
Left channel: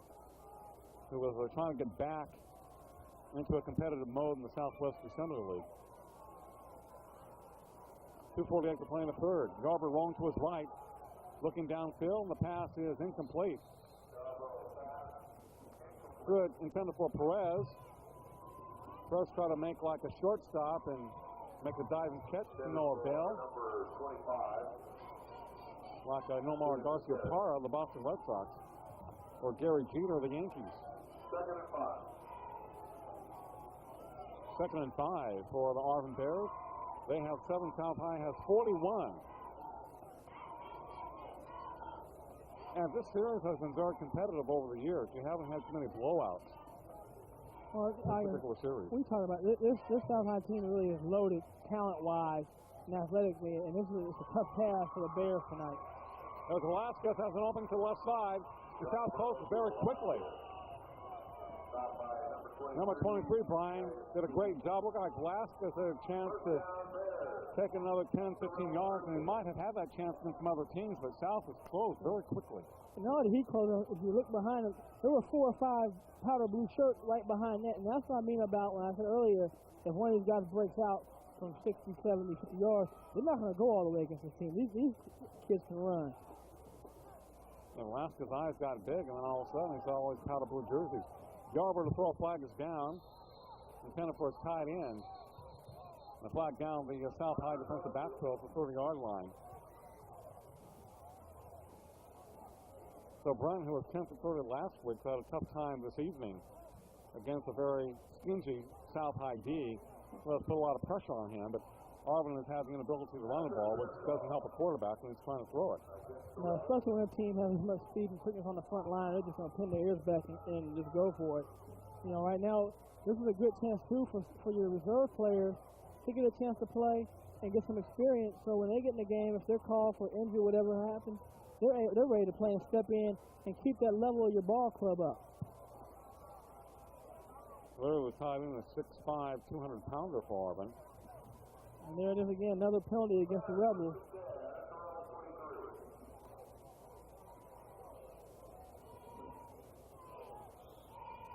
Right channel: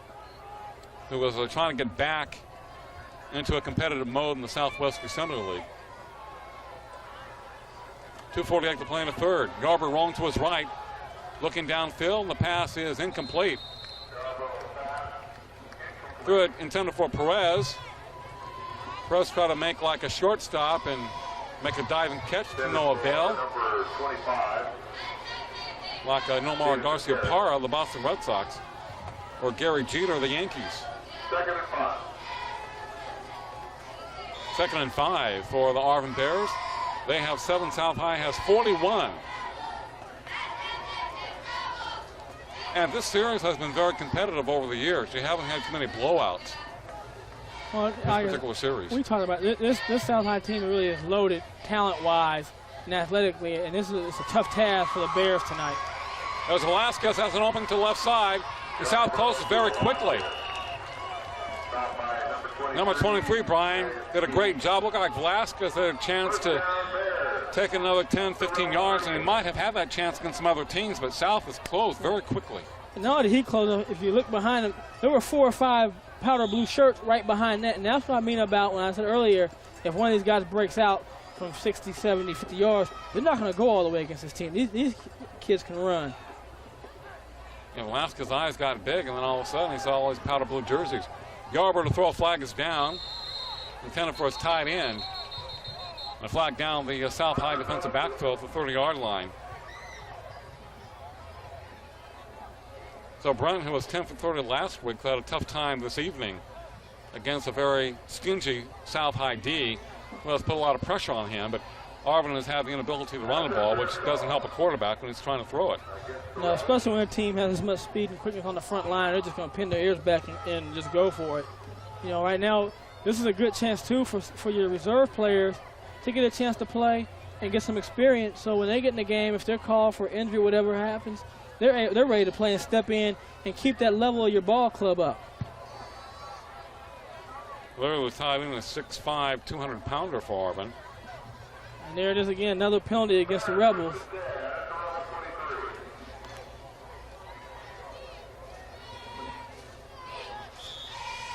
who was trying to get back into a competitive mode in the Southwest Assembly League. 2:48 to play in the third. Garber rolling to his right, looking downfield, and the pass is incomplete. Threw it intended for Perez. Perez tried to make like a shortstop and make a diving catch to no avail. Like Nomar Garcia-Parra, the Boston Red Sox, or Gary Jeter, the Yankees. 2nd and 5 for the Arvin Bears. They have 7. South High has 41. And this series has been very competitive over the years. You haven't had too many blowouts. Well, this particular series. We talked about this South High team really is loaded talent-wise and athletically, and it's a tough task for the Bears tonight. As Velasquez has an opening to the left side, the South closes very quickly. Number 23, Brian, did a great job. Looked like Velasquez had a chance to take another 10, 15 yards, and he might have had that chance against some other teams, but South has closed very quickly. And not only did he close, if you look behind him, there were 4 or 5 powder blue shirts right behind that, and that's what I mean about when I said earlier, if one of these guys breaks out from 60, 70, 50 yards, they're not going to go all the way against this team. These kids can run. And Velasquez's eyes got big, and then all of a sudden he saw all these powder blue jerseys. Garber to throw a flag is down, intended for his tight end. A flag down the South High defensive backfield at the 30-yard line. So Brent, who was 10 for 30 last week, had a tough time this evening against a very stingy South High D, who has put a lot of pressure on him, but Arvin has had the inability to run the ball, which doesn't help a quarterback when he's trying to throw it. No, especially when a team has as much speed and quickness on the front line, they're just going to pin their ears back and just go for it. You know, right now, this is a good chance, too, for your reserve players to get a chance to play and get some experience. So when they get in the game, if they're called for injury, whatever happens, they're ready to play and step in and keep that level of your ball club up. Literally was tied in a 6'5", 200-pounder for Arvin. And there it is again, another penalty against the Rebels.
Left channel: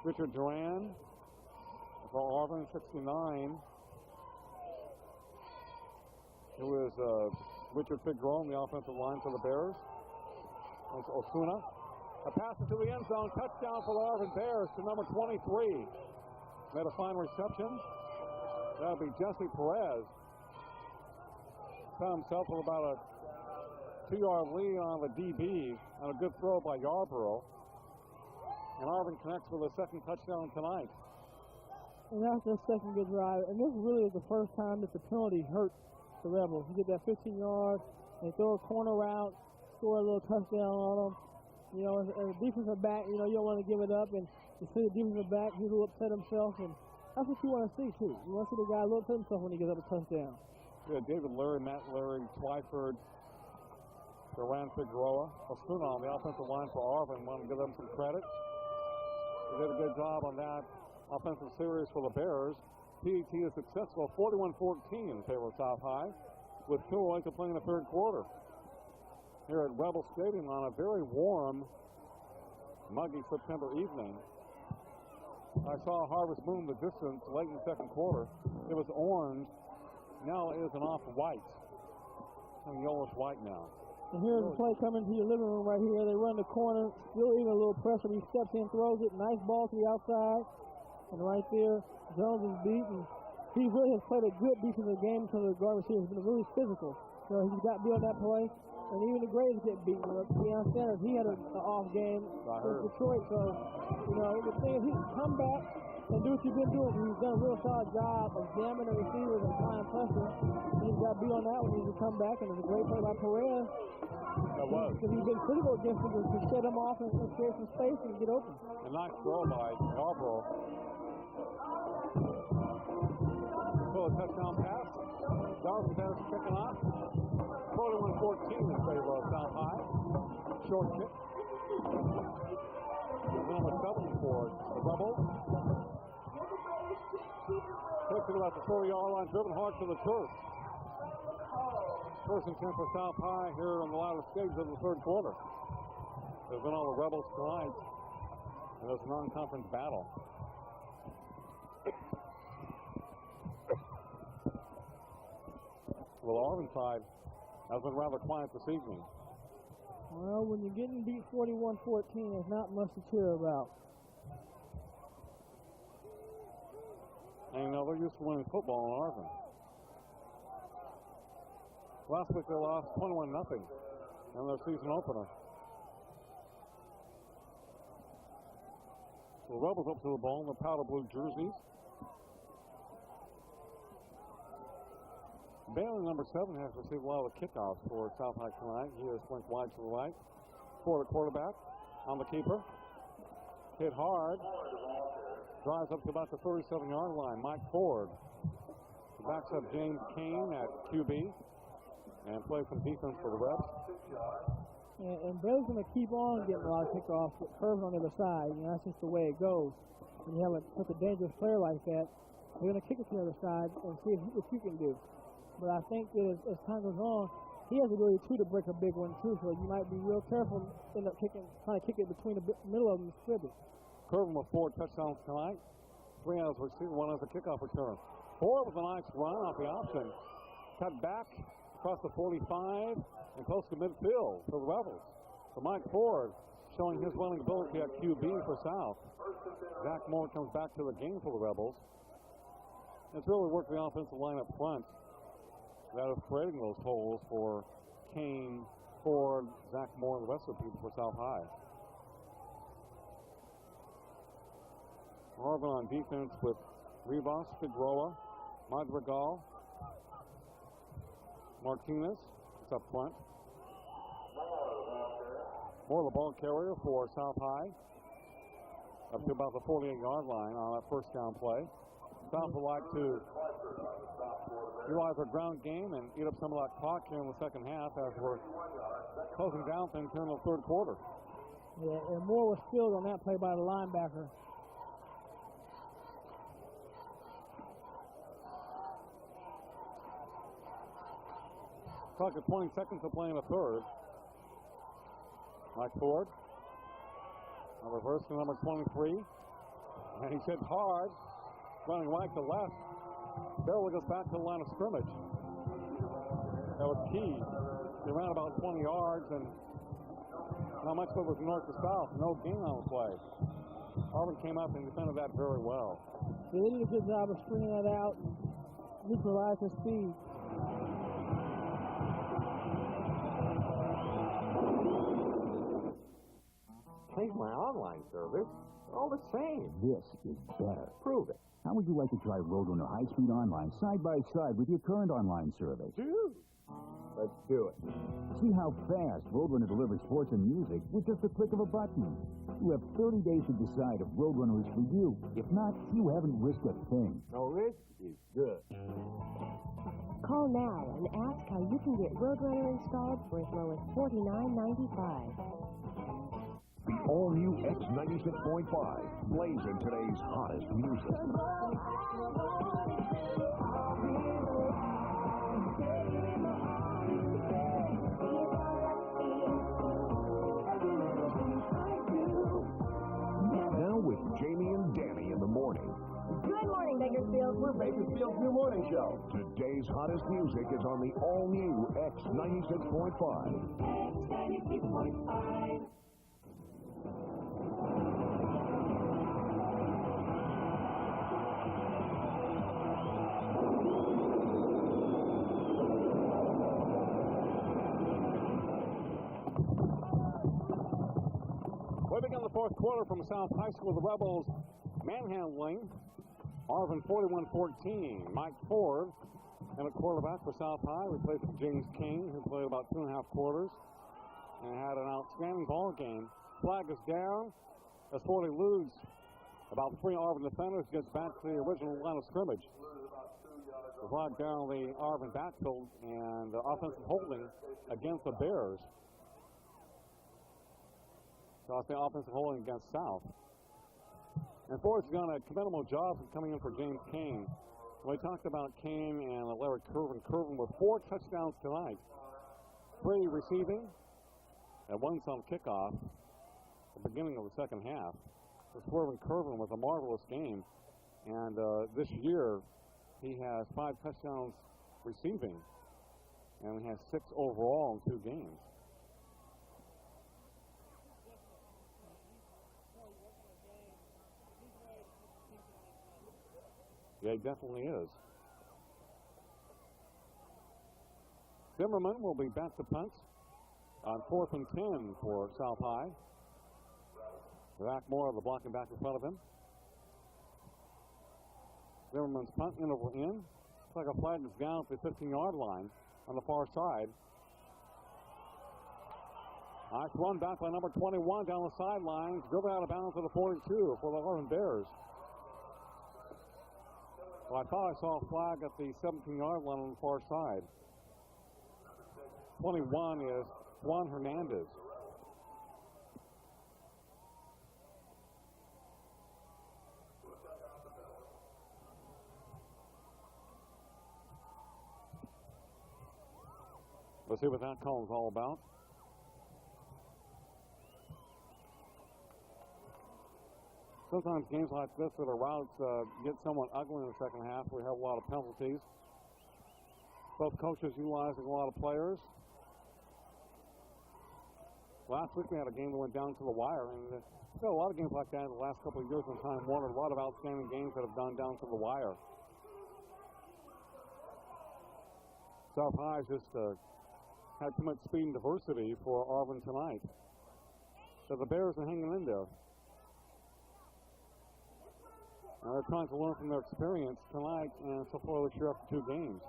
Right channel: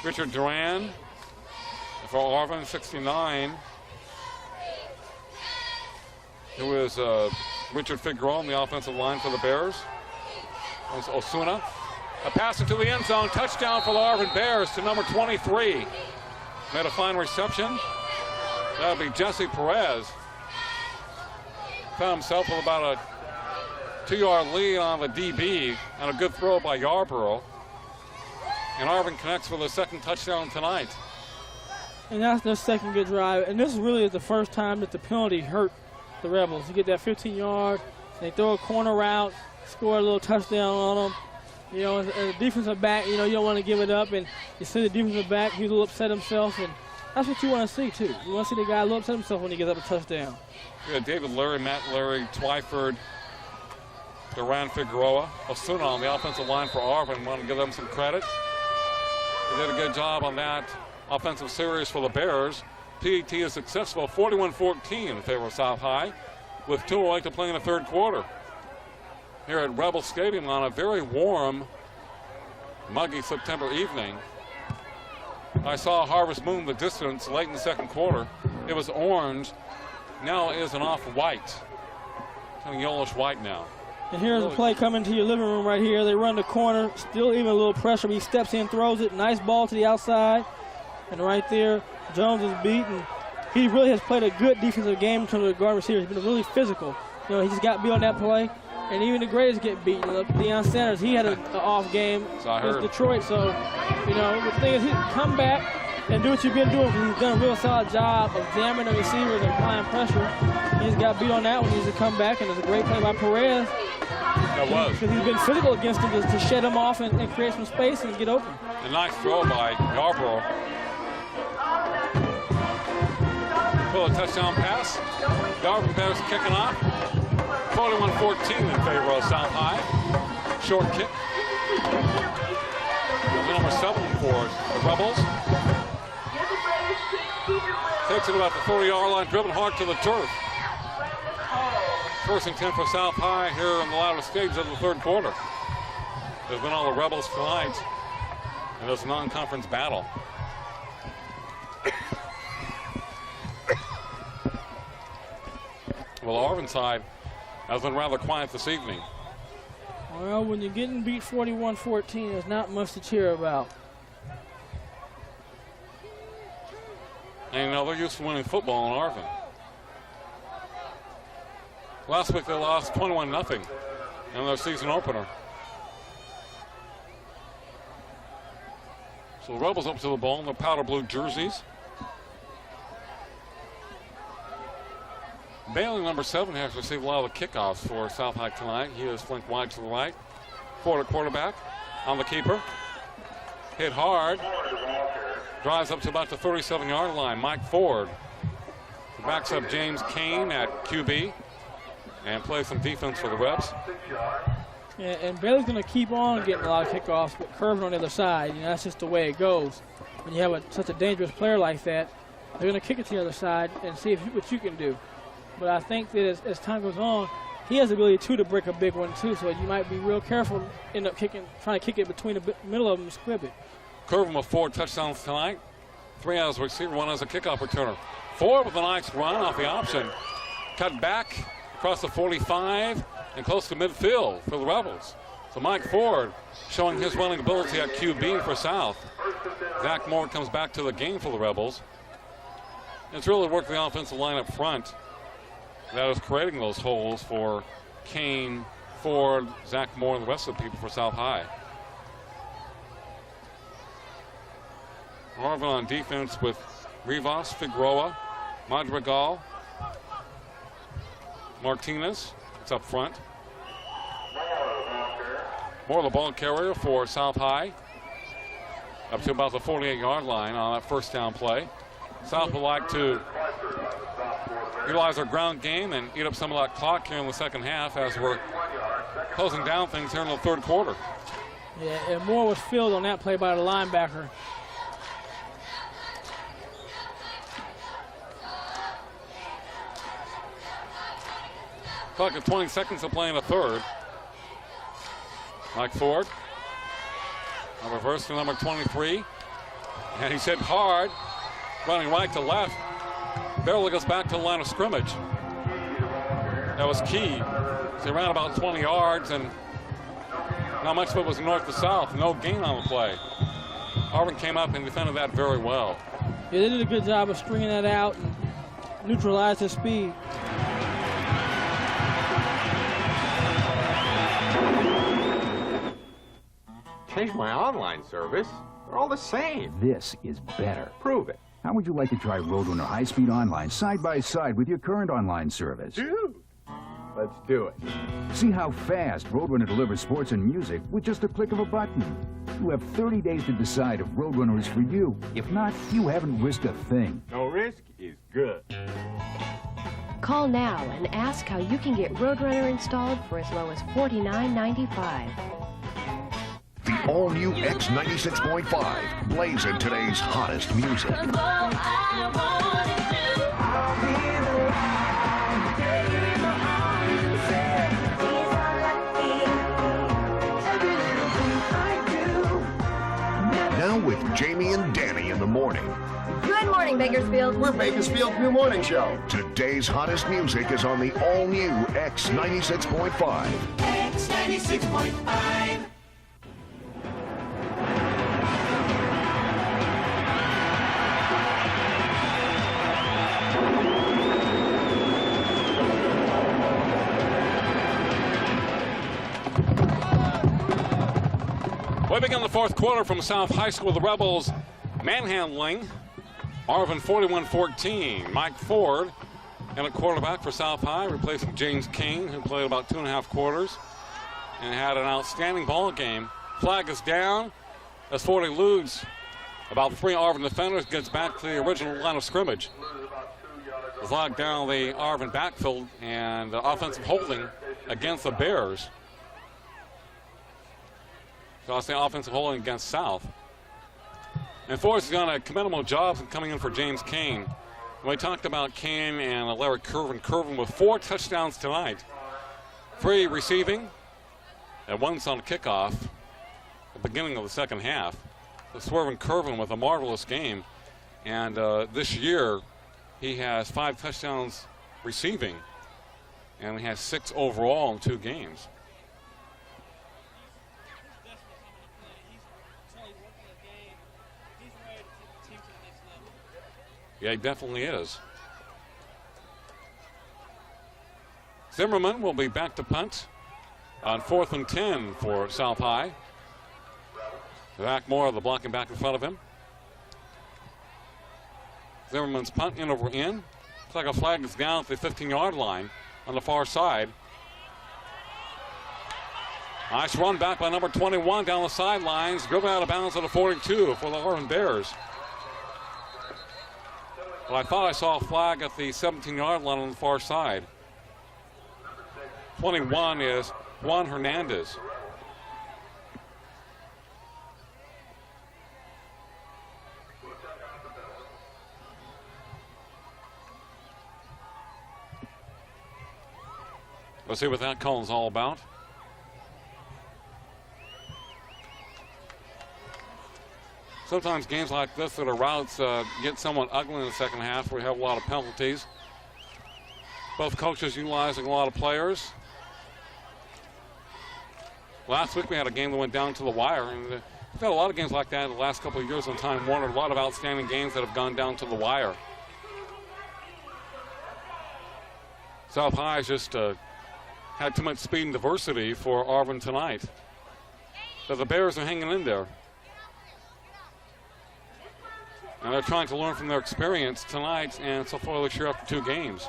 Richard Duran for Arvin, 69. Who is Richard Figueroa on the offensive line for the Bears. Osuna. A pass into the end zone. Touchdown for the Arvin Bears to number 23. Made a fine reception. That would be Jesse Perez. Found himself with about a 2-yard lead on the DB and a good throw by Yarborough. And Arvin connects for the second touchdown tonight. And that's their second good drive. And this really is the first time that the penalty hurt the Rebels. You get that 15-yard, they throw a corner route, score a little touchdown on them. You know, as a defensive back, you know, you don't want to give it up. And you see the defensive back, he's a little upset himself. And that's what you want to see, too. You want to see the guy a little upset himself when he gets up a touchdown. Yeah, David Leary, Matt Leary, Twyford, Duran Figueroa, Osuna on the offensive line for Arvin. Want to give them some credit. They did a good job on that offensive series for the Bears. PET is successful, 41-14 in favor of South High, with 2:08 to play in the third quarter. Here at Rebel Stadium on a very warm, muggy September evening. I saw Harvest Moon in the distance late in the second quarter. It was orange. Now it is an off-white. Kind of yellowish white now. And here's a play coming to your living room right here. They run the corner, still even a little pressure. He steps in, throws it. Nice ball to the outside. And right there, Jones is beaten. He really has played a good defensive game in terms of the guard receiver. He's been really physical. You know, he just got beat on that play. And even the greatest get beat. Deion Sanders, he had an off game against Detroit. So, you know, the thing is, he can come back and do what you've been doing, because he's done a real solid job of jamming the receivers and applying pressure. He just got beat on that one. He's to come back, and it's a great play by Perez. That was. Because he's been physical against him to shed him off and create some space and get open. A nice throw by Yarborough. Pull a touchdown pass. Yarborough Bears kicking off. 41-14 in favor of South High. Short kick. Number 7 for the Rebels. Takes it about the 40-yard line, driven hard to the turf. First and 10 for South High here in the latter stages of the third quarter. There's been all the Rebels tonight in this non-conference battle. Well, Arvin side has been rather quiet this evening. Well, when you're getting beat 41-14, there's not much to cheer about. And they're used to winning football in Arvin. Last week they lost 21-0 in their season opener. So the Rebels up to the ball in their powder blue jerseys. Bailey, number 7, has received a lot of the kickoffs for South High tonight. He is flanked wide to the right. Ford, a quarterback, on the keeper. Hit hard. Drives up to about the 37-yard line. Mike Ford backs up James Kane at QB and plays some defense for the Rebs. Yeah, and Bailey's going to keep on getting a lot of kickoffs, but curving on the other side. You know, that's just the way it goes. When you have such a dangerous player like that, they're going to kick it to the other side and see what you can do. But I think that as time goes on, he has the ability, too, to break a big one, too. So you might be real careful, end up trying to kick it between the middle of them and squib it. Curve with 4 touchdowns tonight. 3 as a receiver, 1 as a kickoff returner. Ford with a nice run off the option. Cut back across the 45 and close to midfield for the Rebels. So Mike Ford showing his running ability at QB for South. Zach Moore comes back to the game for the Rebels. It's really worked the offensive line up front that is creating those holes for Kane, Ford, Zach Moore, and the rest of the people for South High. Arvin on defense with Rivas, Figueroa, Madrigal, Martinez. It's up front. Moore, the ball carrier for South High. Up to about the 48-yard line on that first down play. South would like to utilize their ground game and eat up some of that clock here in the second half as we're closing down things here in the third quarter. Yeah, and Moore was filled on that play by the linebacker. Clock at 20 seconds to play in the third. Mike Ford. A reverse to number 23. And he's hit hard, running right to left. Barely goes back to the line of scrimmage. That was key. He ran about 20 yards, and not much of it was north to south. No gain on the play. Arvin came up and defended that very well. Yeah, they did a good job of stringing that out and neutralized his speed. Change my online service. They're all the same. This is better. Prove it. How would you like to try Roadrunner High-Speed Online side by side with your current online service? Dude, let's do it. See how fast Roadrunner delivers sports and music with just a click of a button. You have 30 days to decide if Roadrunner is for you. If not, you haven't risked a thing. No risk is good. Call now and ask how you can get Roadrunner installed for as low as $49.95. The all-new X96.5 plays in today's hottest music. Now with Jamie and Danny in the morning. Good morning, Bakersfield. We're Bakersfield's new morning show. Today's hottest music is on the all-new X96.5. X96.5. We begin the fourth quarter from South High School. The Rebels manhandling Arvin 41-14. Mike Ford and a quarterback for South High, replacing James King, who played about 2.5 quarters and had an outstanding ball game. Flag is down as Ford eludes about 3 Arvin defenders, gets back to the original line of scrimmage. The flag down the Arvin backfield, and offensive holding against the Bears. So I'll say offensive holding against South. And Forrest has done a commendable job in coming in for James Kane. We talked about Kane and Larry Curvin. Curvin with 4 touchdowns tonight. 3 receiving, and 1 on kickoff at the beginning of the second half. So Swervin Curvin with a marvelous game. And this year, he has 5 touchdowns receiving, and he has 6 overall in 2 games. Yeah, he definitely is. Zimmerman will be back to punt on 4th and 10 for South High. Zach Moore, the blocking back in front of him. Zimmerman's punt in over in. Looks like a flag is down at the 15-yard line on the far side. Nice run back by number 21 down the sidelines. Driven out of bounds at the 42 for the Arvin Bears. But I thought I saw a flag at the 17-yard line on the far side. 21 is Juan Hernandez. Let's see what that call is all about. Sometimes games like this that are routes get somewhat ugly in the second half. We have a lot of penalties. Both coaches utilizing a lot of players. Last week we had a game that went down to the wire. And we've had a lot of games like that in the last couple of years on Time Warner. A lot of outstanding games that have gone down to the wire. South High has just had too much speed and diversity for Arvin tonight. But the Bears are hanging in there. And they're trying to learn from their experience tonight and so far this year after 2 games.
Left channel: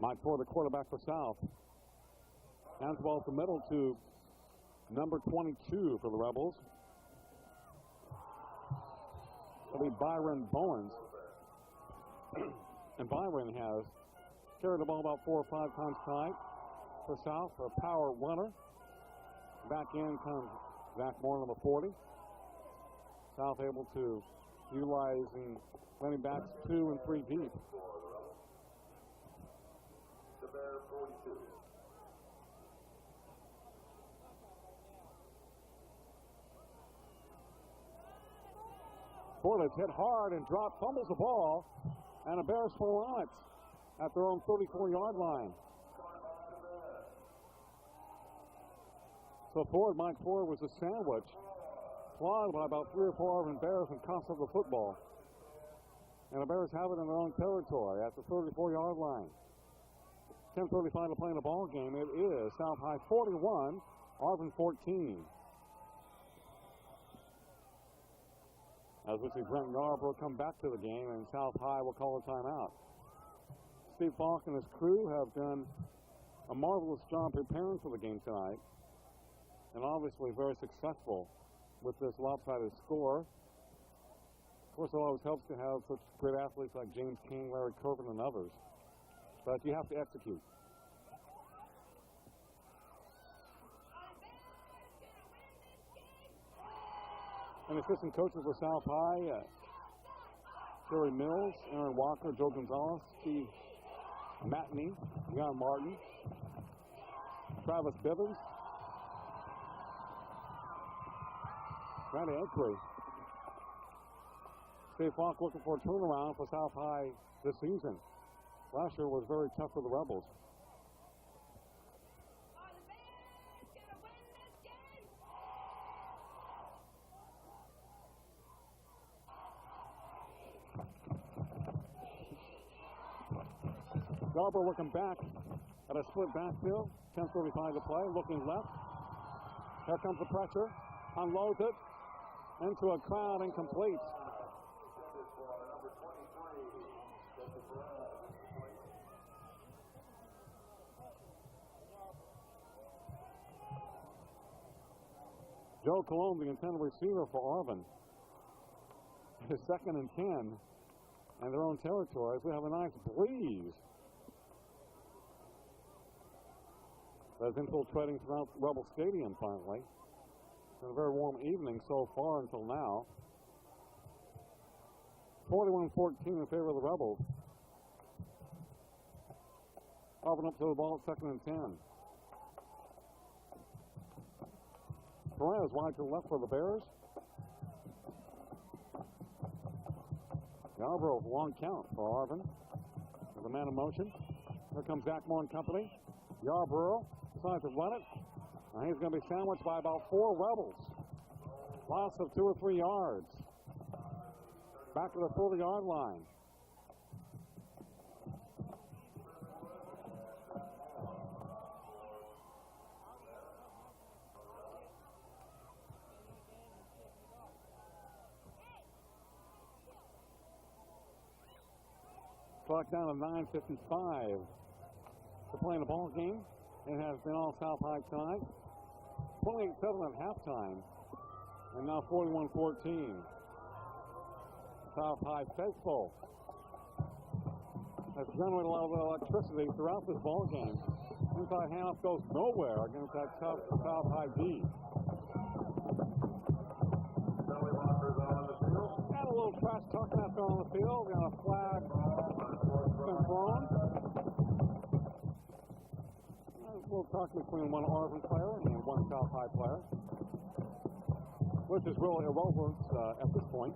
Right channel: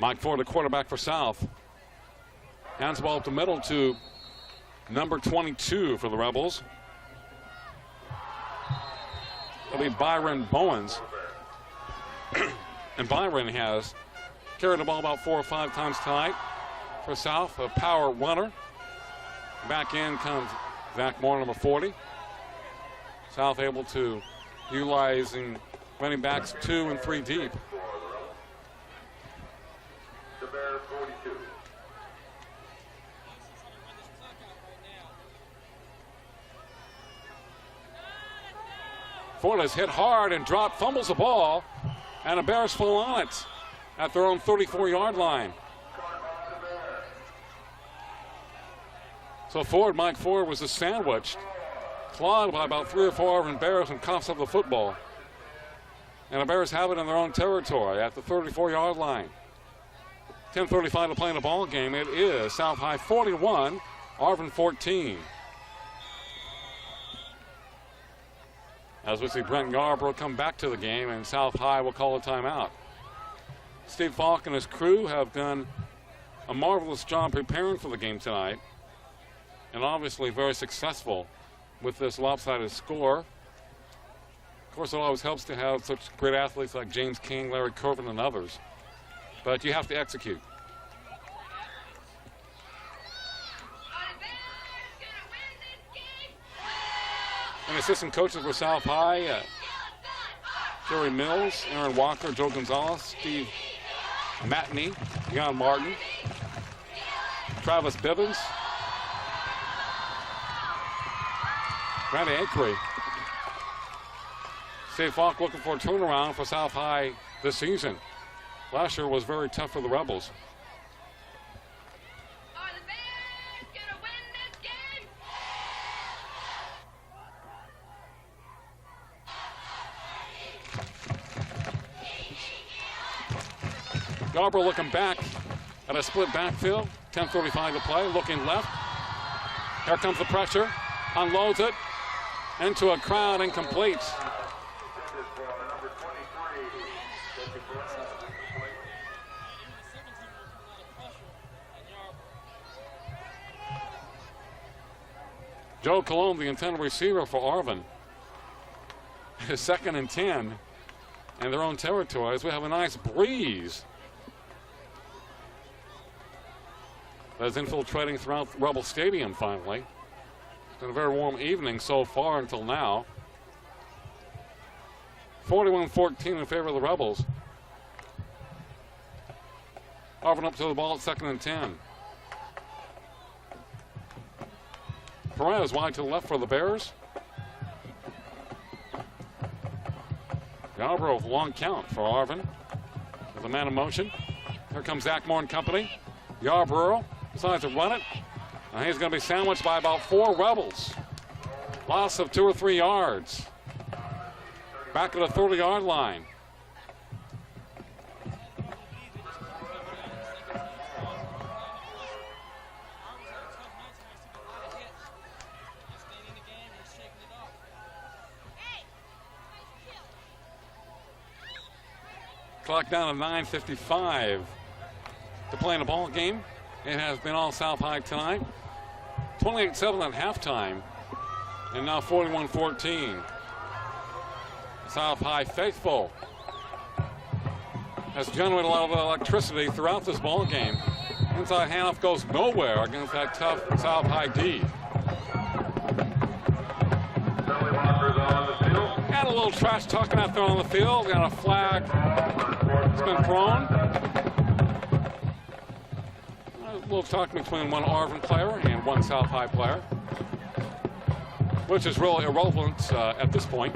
Mike Ford, the quarterback for South. Hands the ball up the middle to number 22 for the Rebels. It'll be Byron Bowens. And Byron has carried the ball about 4 or 5 times tonight for South, a power runner. Back in comes Zach Moore, number 40. South able to utilizing running backs 2 and 3 deep. Ford has hit hard and dropped, fumbles the ball, and the Bears fall on it at their own 34-yard line. So Ford, Mike Ford, was sandwiched, clawed by about 3 or 4 Arvin Bears and coughs up the football. And the Bears have it in their own territory at the 34-yard line. 10:35 to play in the ball game. It is South High 41, Arvin 14. As we see Brent Yarbrough come back to the game, and South High will call a timeout. Steve Falk and his crew have done a marvelous job preparing for the game tonight, and obviously very successful with this lopsided score. Of course, it always helps to have such great athletes like James King, Larry Curvin, and others, but you have to execute. Assistant coaches were South High, Jerry Mills, Aaron Walker, Joe Gonzalez, Steve Matney, John Martin, Travis Bivens, Randy Akery. Steve Falk looking for a turnaround for South High this season. Last year was very tough for the Rebels. Yarbrough looking back at a split backfield. 10:35 to play. Looking left. Here comes the pressure. Unloads it into a crowd, incomplete. Joe Colon, the intended receiver for Arvin. Is 2nd and 10 in their own territory as we have a nice breeze that is infiltrating throughout Rebel Stadium finally. It's been a very warm evening so far until now. 41-14 in favor of the Rebels. Arvin up to the ball at 2nd and 10. Perez wide to the left for the Bears. Yarbrough with a long count for Arvin. With a man in motion. Here comes Zach Moore and company. Yarbrough decides to run it. And he's going to be sandwiched by about 4 Rebels. Loss of 2 or 3 yards. Back at the 30-yard line. Clock down to 9:55 to play in a ball game. It has been all South High tonight. 28-7 at halftime, and now 41-14. South High faithful has generated a lot of electricity throughout this ball game. Inside handoff goes nowhere against that tough South High D. Had a little trash talking out there on the field. Got a flag. It's been thrown. A little talk between one Arvin player and one South High player, which is really irrelevant at this point.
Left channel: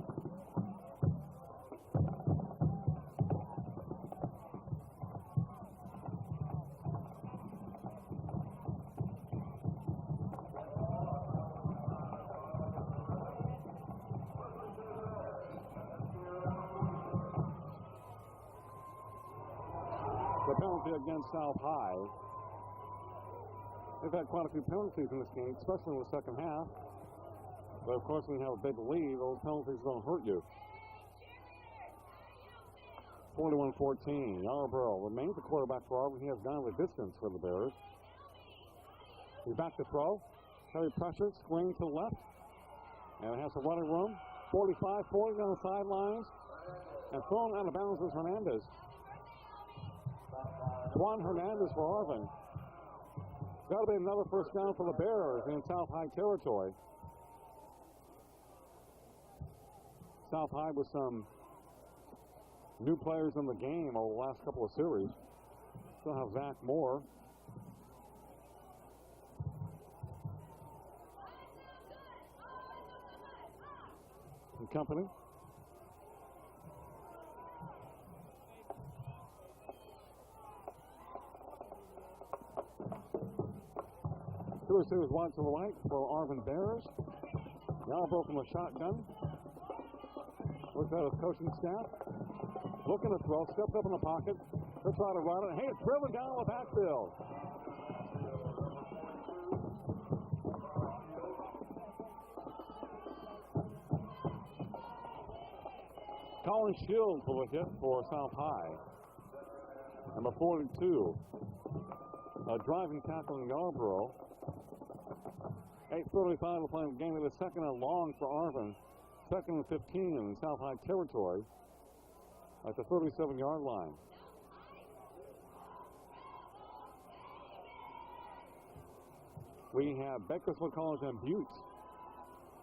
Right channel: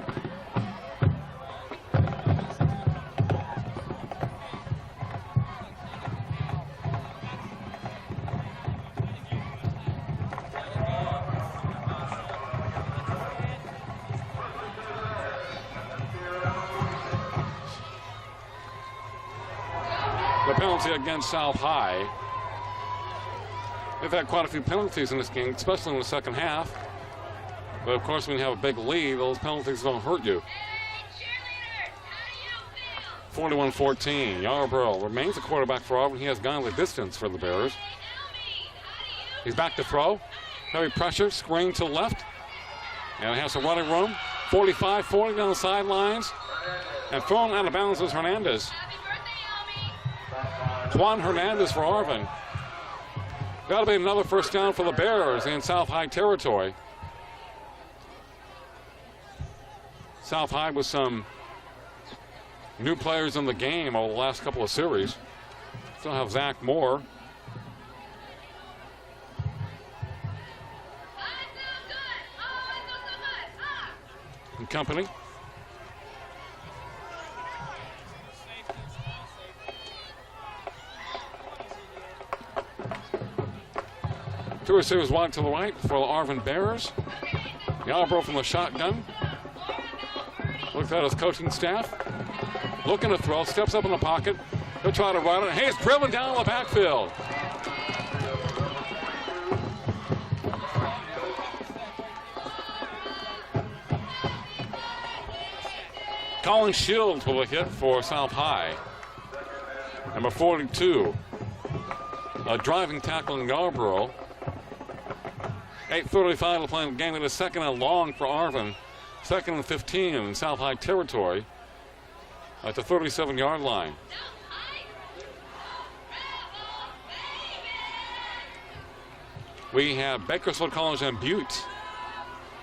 The penalty against South High. They've had quite a few penalties in this game, especially in the second half. But of course, when you have a big lead, those penalties don't hurt you. 41-14. Yarbrough remains a quarterback for Arvin. He has gone the distance for the Bears. He's back to throw. Heavy pressure, screen to the left. And he has some running room. 45-40 down the sidelines. And thrown out of bounds is Hernandez. Juan Hernandez for Arvin. That'll be another first down for the Bears in South High territory. South High with some new players in the game over the last couple of series. Still have Zach Moore. And company. Two receivers wide to the right for the Arvin Bears. Yarbrough from the shotgun. Looks at his coaching staff. Looking to throw, steps up in the pocket. He'll try to run it. He's driven down the backfield. Colin Shields with a hit for South High. Number 42. A driving tackle in Yarbrough. 8:35 to play in the game. It is 2nd and long for Arvin. 2nd and 15 in South High territory at the 37-yard line. We have Bakersfield College and Butte.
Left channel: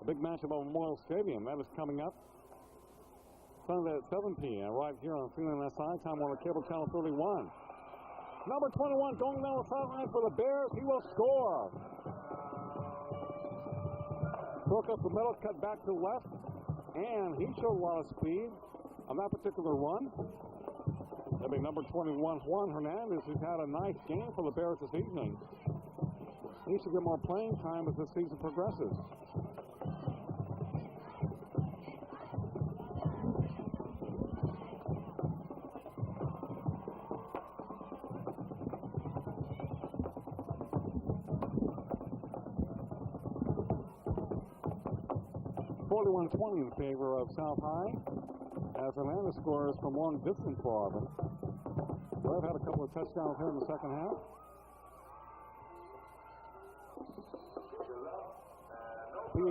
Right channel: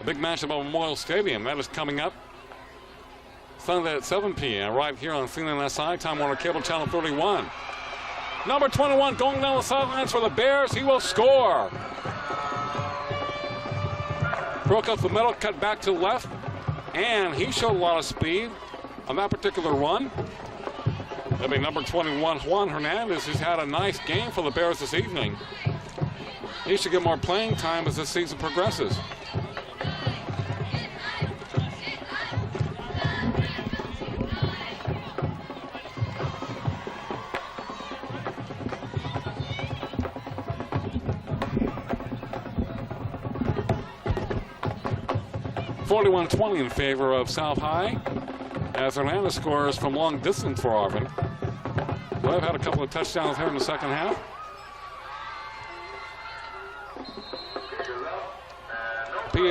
A big matchup at Memorial Stadium. That is coming up Sunday at 7 p.m. right here on CNNSI, Time Warner Cable Channel 31. Number 21 going down the sidelines for the Bears. He will score. Broke up the middle, cut back to the left, and he showed a lot of speed on that particular run. That'll be number 21, Juan Hernandez, who's had a nice game for the Bears this evening. He should get more playing time as this season progresses. (41-20) in favor of South High, as Hernandez scores from long distance for Arvin. They've had a couple of touchdowns here in the second half.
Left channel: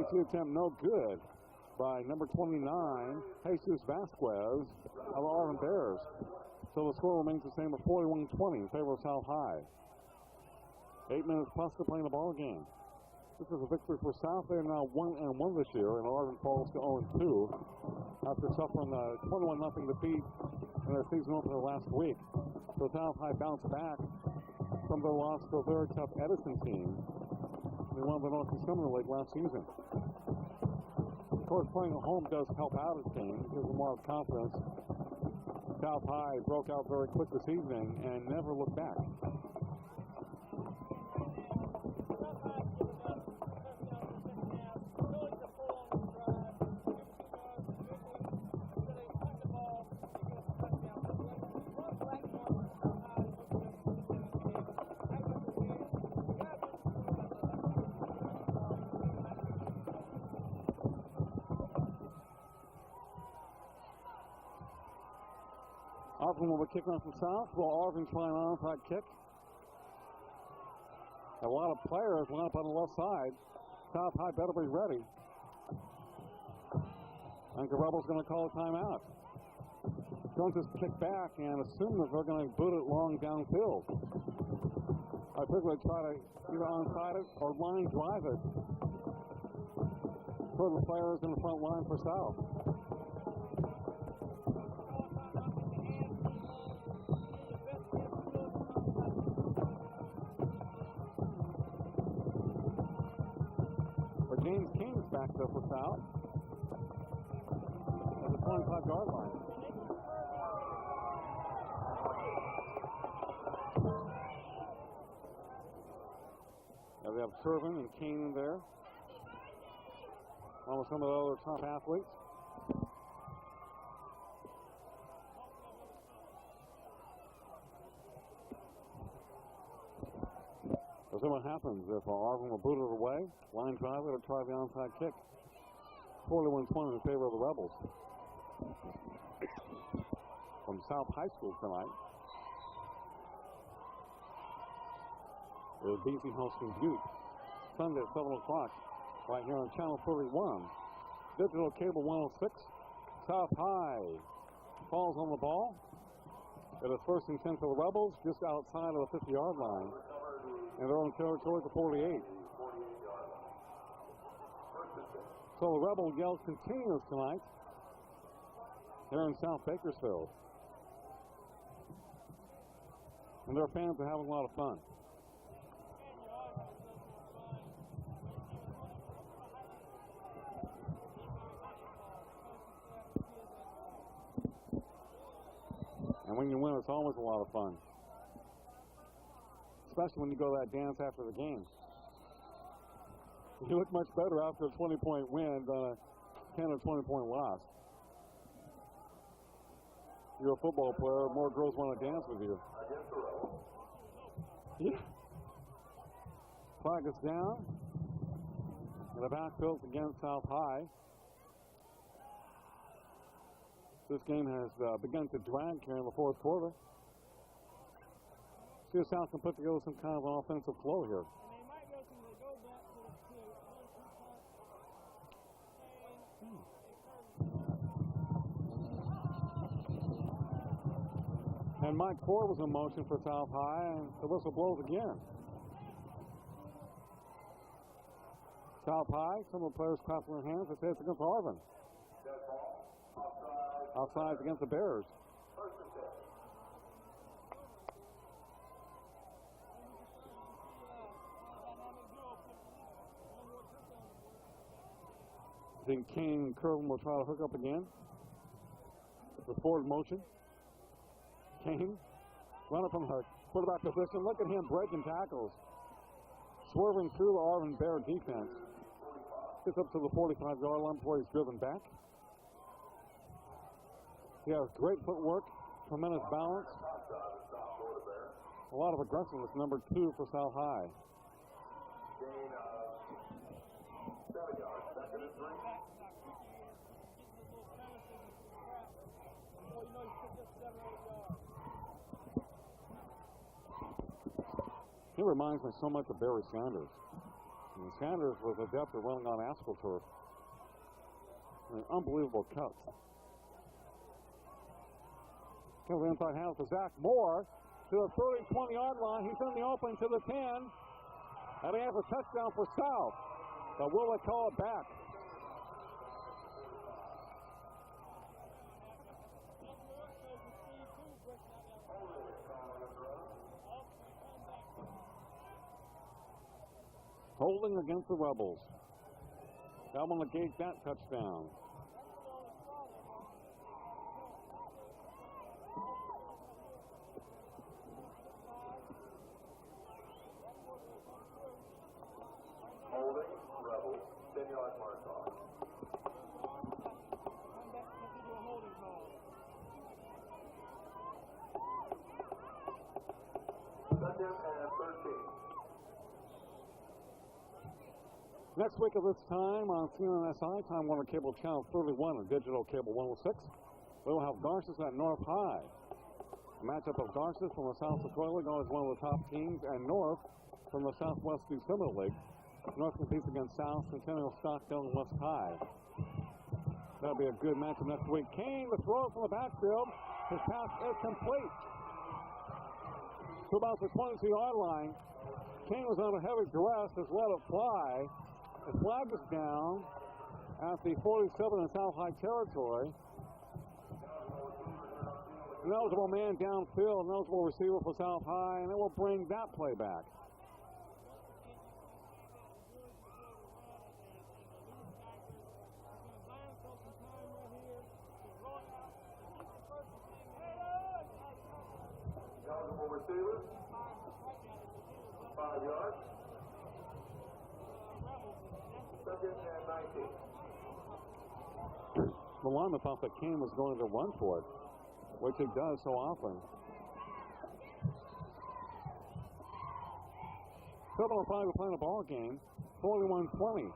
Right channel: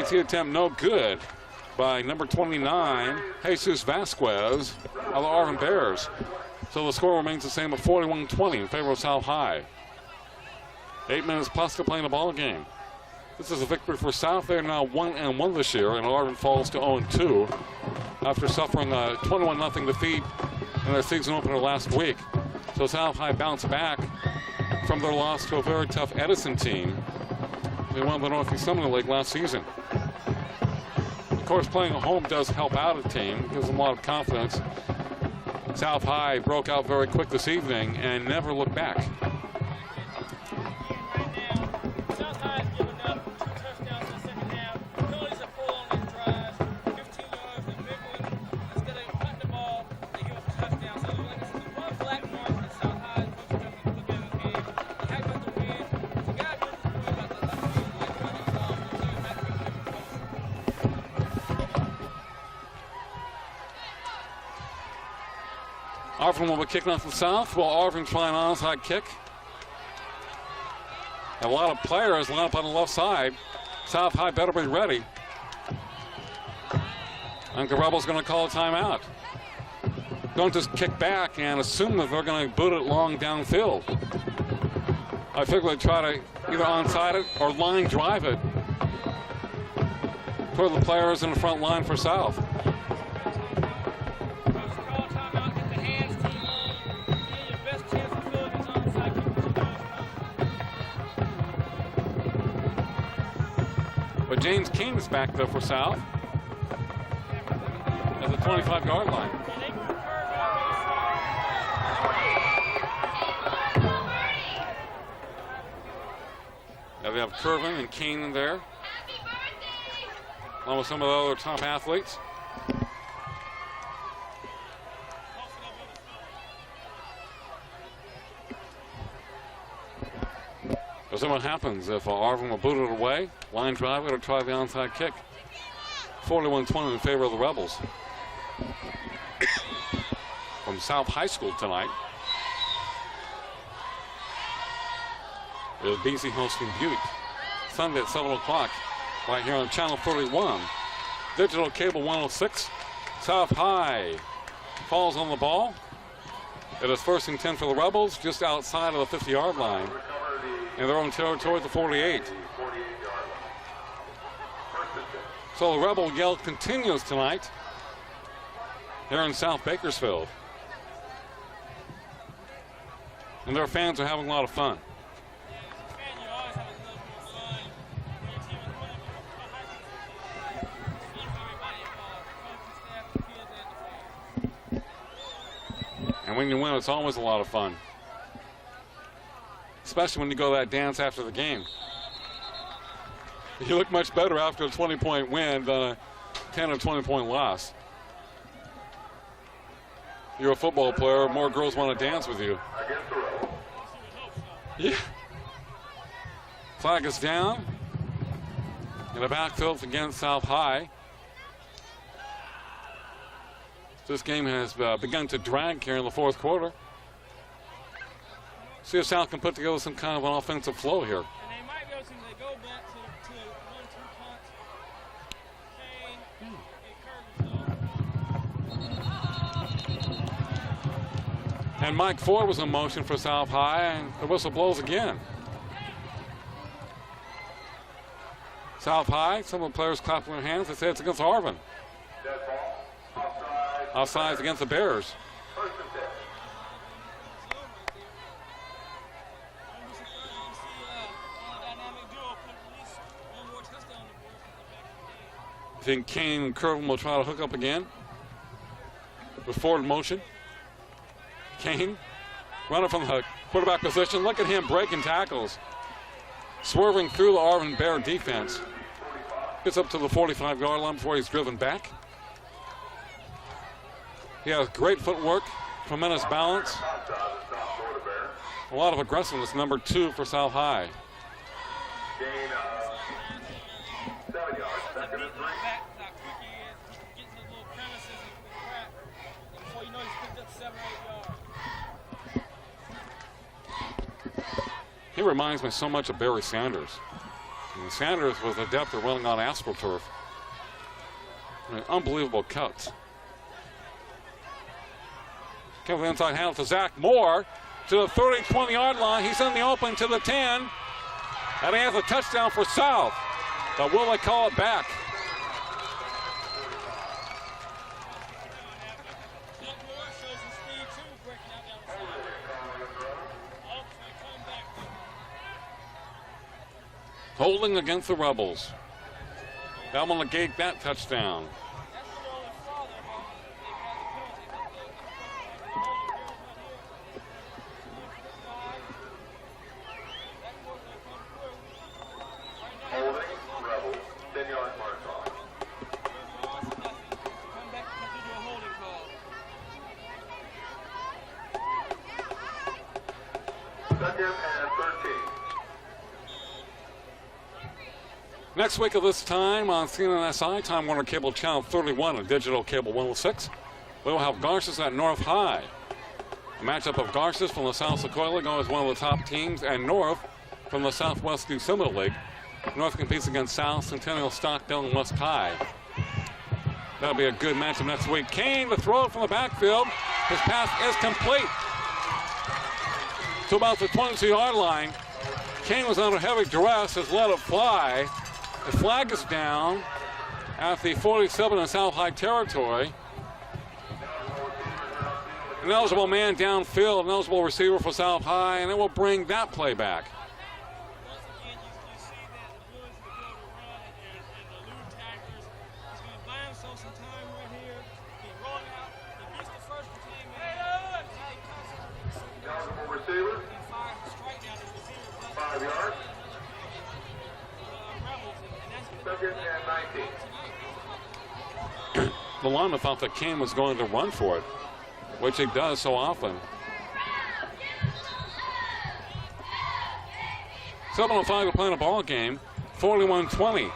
PAT attempt no good by number 29, Jesus Vasquez of the Arvin Bears. So the score remains the same at 41-20 in favor of South High. 8 minutes plus to play in the ball game. This is a victory for South. They're now 1-1 this year, and Arvin falls to 0-2 after suffering a 21-0 defeat in their season opener last week. So South High bounced back from their loss to a very tough Edison team. They won the Northeast Summer League last season. Of course, playing at home does help out a team, gives them a lot of confidence. South High broke out very quick this evening and never looked back. Arvin will be kicking off the South while Arvin trying an onside kick. A lot of players line up on the left side. South High better be ready. I think the Rebels going to call a timeout. Don't just kick back and assume that they're going to boot it long downfield. I figure they try to either onside it or line drive it toward the players in the front line for South. But James King is back there for South at the 25-yard line. Now we have Kervin and King there, along with some of the other top athletes. We'll see what happens if Arvin will boot it away, line drive it, or try the onside kick. 41-20 in favor of the Rebels. From South High School tonight is BC hosting Butte. Sunday at 7 o'clock right here on Channel 31. Digital Cable 106. South High falls on the ball. It is 1st and 10 for the Rebels, just outside of the 50-yard line. In their own territory at the 48. So the Rebel yell continues tonight here in South Bakersfield. And their fans are having a lot of fun. And when you win, it's always a lot of fun. Especially when you go that dance after the game. You look much better after a 20-point win than a 10 or 20-point loss. You're a football player, more girls want to dance with you. Yeah. Flag is down. In the backfield against South High. This game has begun to drag here in the fourth quarter. See if South can put together some kind of an offensive flow here. And they might be able to go back to 1-2 punts. And Mike Ford was in motion for South High, and the whistle blows again. South High, some of the players clapping their hands. They say it's against Arvin. Offsides against the Bears. I think Kane and Kervin will try to hook up again. With Ford in motion. Kane running from the quarterback position. Look at him breaking tackles. Swerving through the Arvin Bear defense. Gets up to the 45-yard line before he's driven back. He has great footwork, tremendous balance. A lot of aggressiveness, number 2 for South High. He reminds me so much of Barry Sanders. And Sanders was adept at running on AstroTurf. An unbelievable cut. Kevin inside handle to Zach Moore to the 30, 20-yard line. He's in the open to the 10. And he has a touchdown for South. But will they call it back? Holding against the Rebels. That will negate that touchdown. Next week at this time on CNNSI, Time Warner Cable Channel 31 and Digital Cable 106, we will have Garces at North High. A matchup of Garces from the South Sequoia League as one of the top teams, and North from the Southwest Yosemite League. North competes against South, Centennial, Stockdale, and West High. That'll be a good matchup next week. Kane to throw it from the backfield. His pass is complete to about the 22-yard line. Kane was under heavy duress, has let it fly. The flag is down at the 47 in South High territory. An eligible man downfield, an eligible receiver for South High, and it will bring that play back. Receiver, 5 yards. Second and 19. The lineman thought that Kane was going to run for it, which he does so often. 7:05 to play in a ball game. 41-20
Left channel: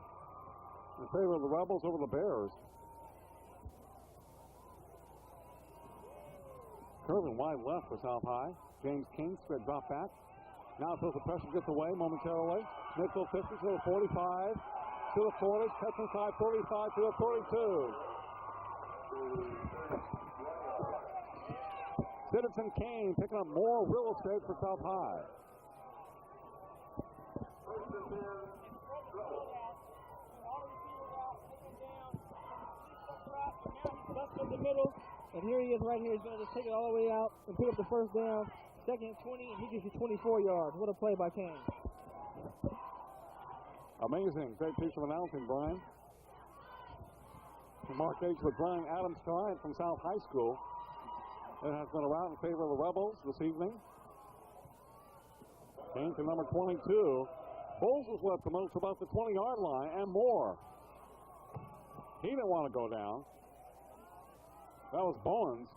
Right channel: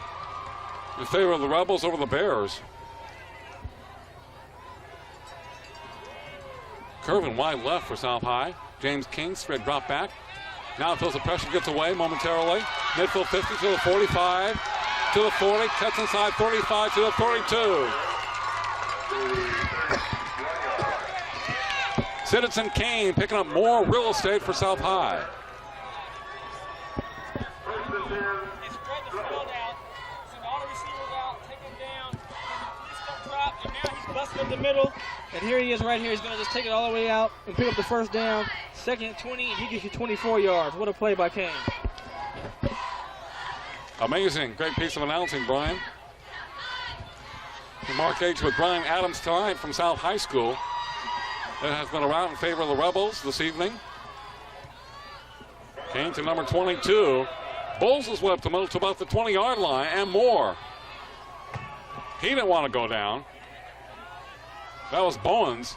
in favor of the Rebels over the Bears. Curvin wide left for South High. James King straight drop back. Now feels the pressure, gets away momentarily. Midfield 50 to the 45, to the 40, cuts inside 35 to the 32. Citizen Kane picking up more real estate for South High. Up the middle, and here he is right here. He's going to just take it all the way out and pick up the first down. Second and 20, and he gets you 24 yards. What a play by Kane. Amazing. Great piece of announcing, Brian. And Mark H. with Brian Adams tonight from South High School. That has been around in favor of the Rebels this evening. Kane to number 22. Bowles is whipped the middle to about the 20-yard line and more. He didn't want to go down. That was Bowens.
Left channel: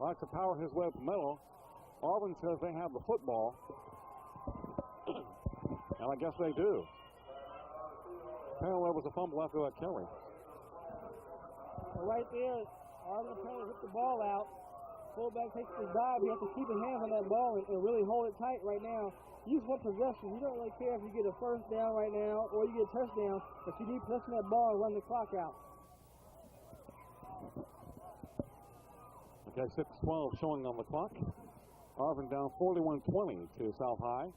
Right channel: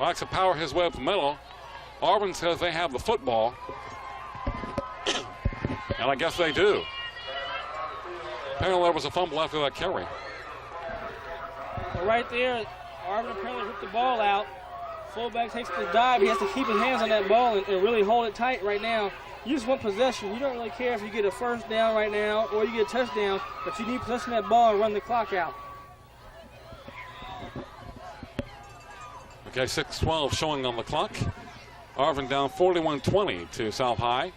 Likes to power his way up the middle. Arvin says they have the football. And I guess they do. Apparently there was a fumble after that carry. Well, right there, Arvin apparently ripped the ball out. Fullback takes the dive. He has to keep his hands on that ball and really hold it tight right now. You just want possession. You don't really care if you get a first down right now or you get a touchdown, but you need possession of that ball and run the clock out. Okay, 6:12 showing on the clock. Arvin down 41-20 to South High.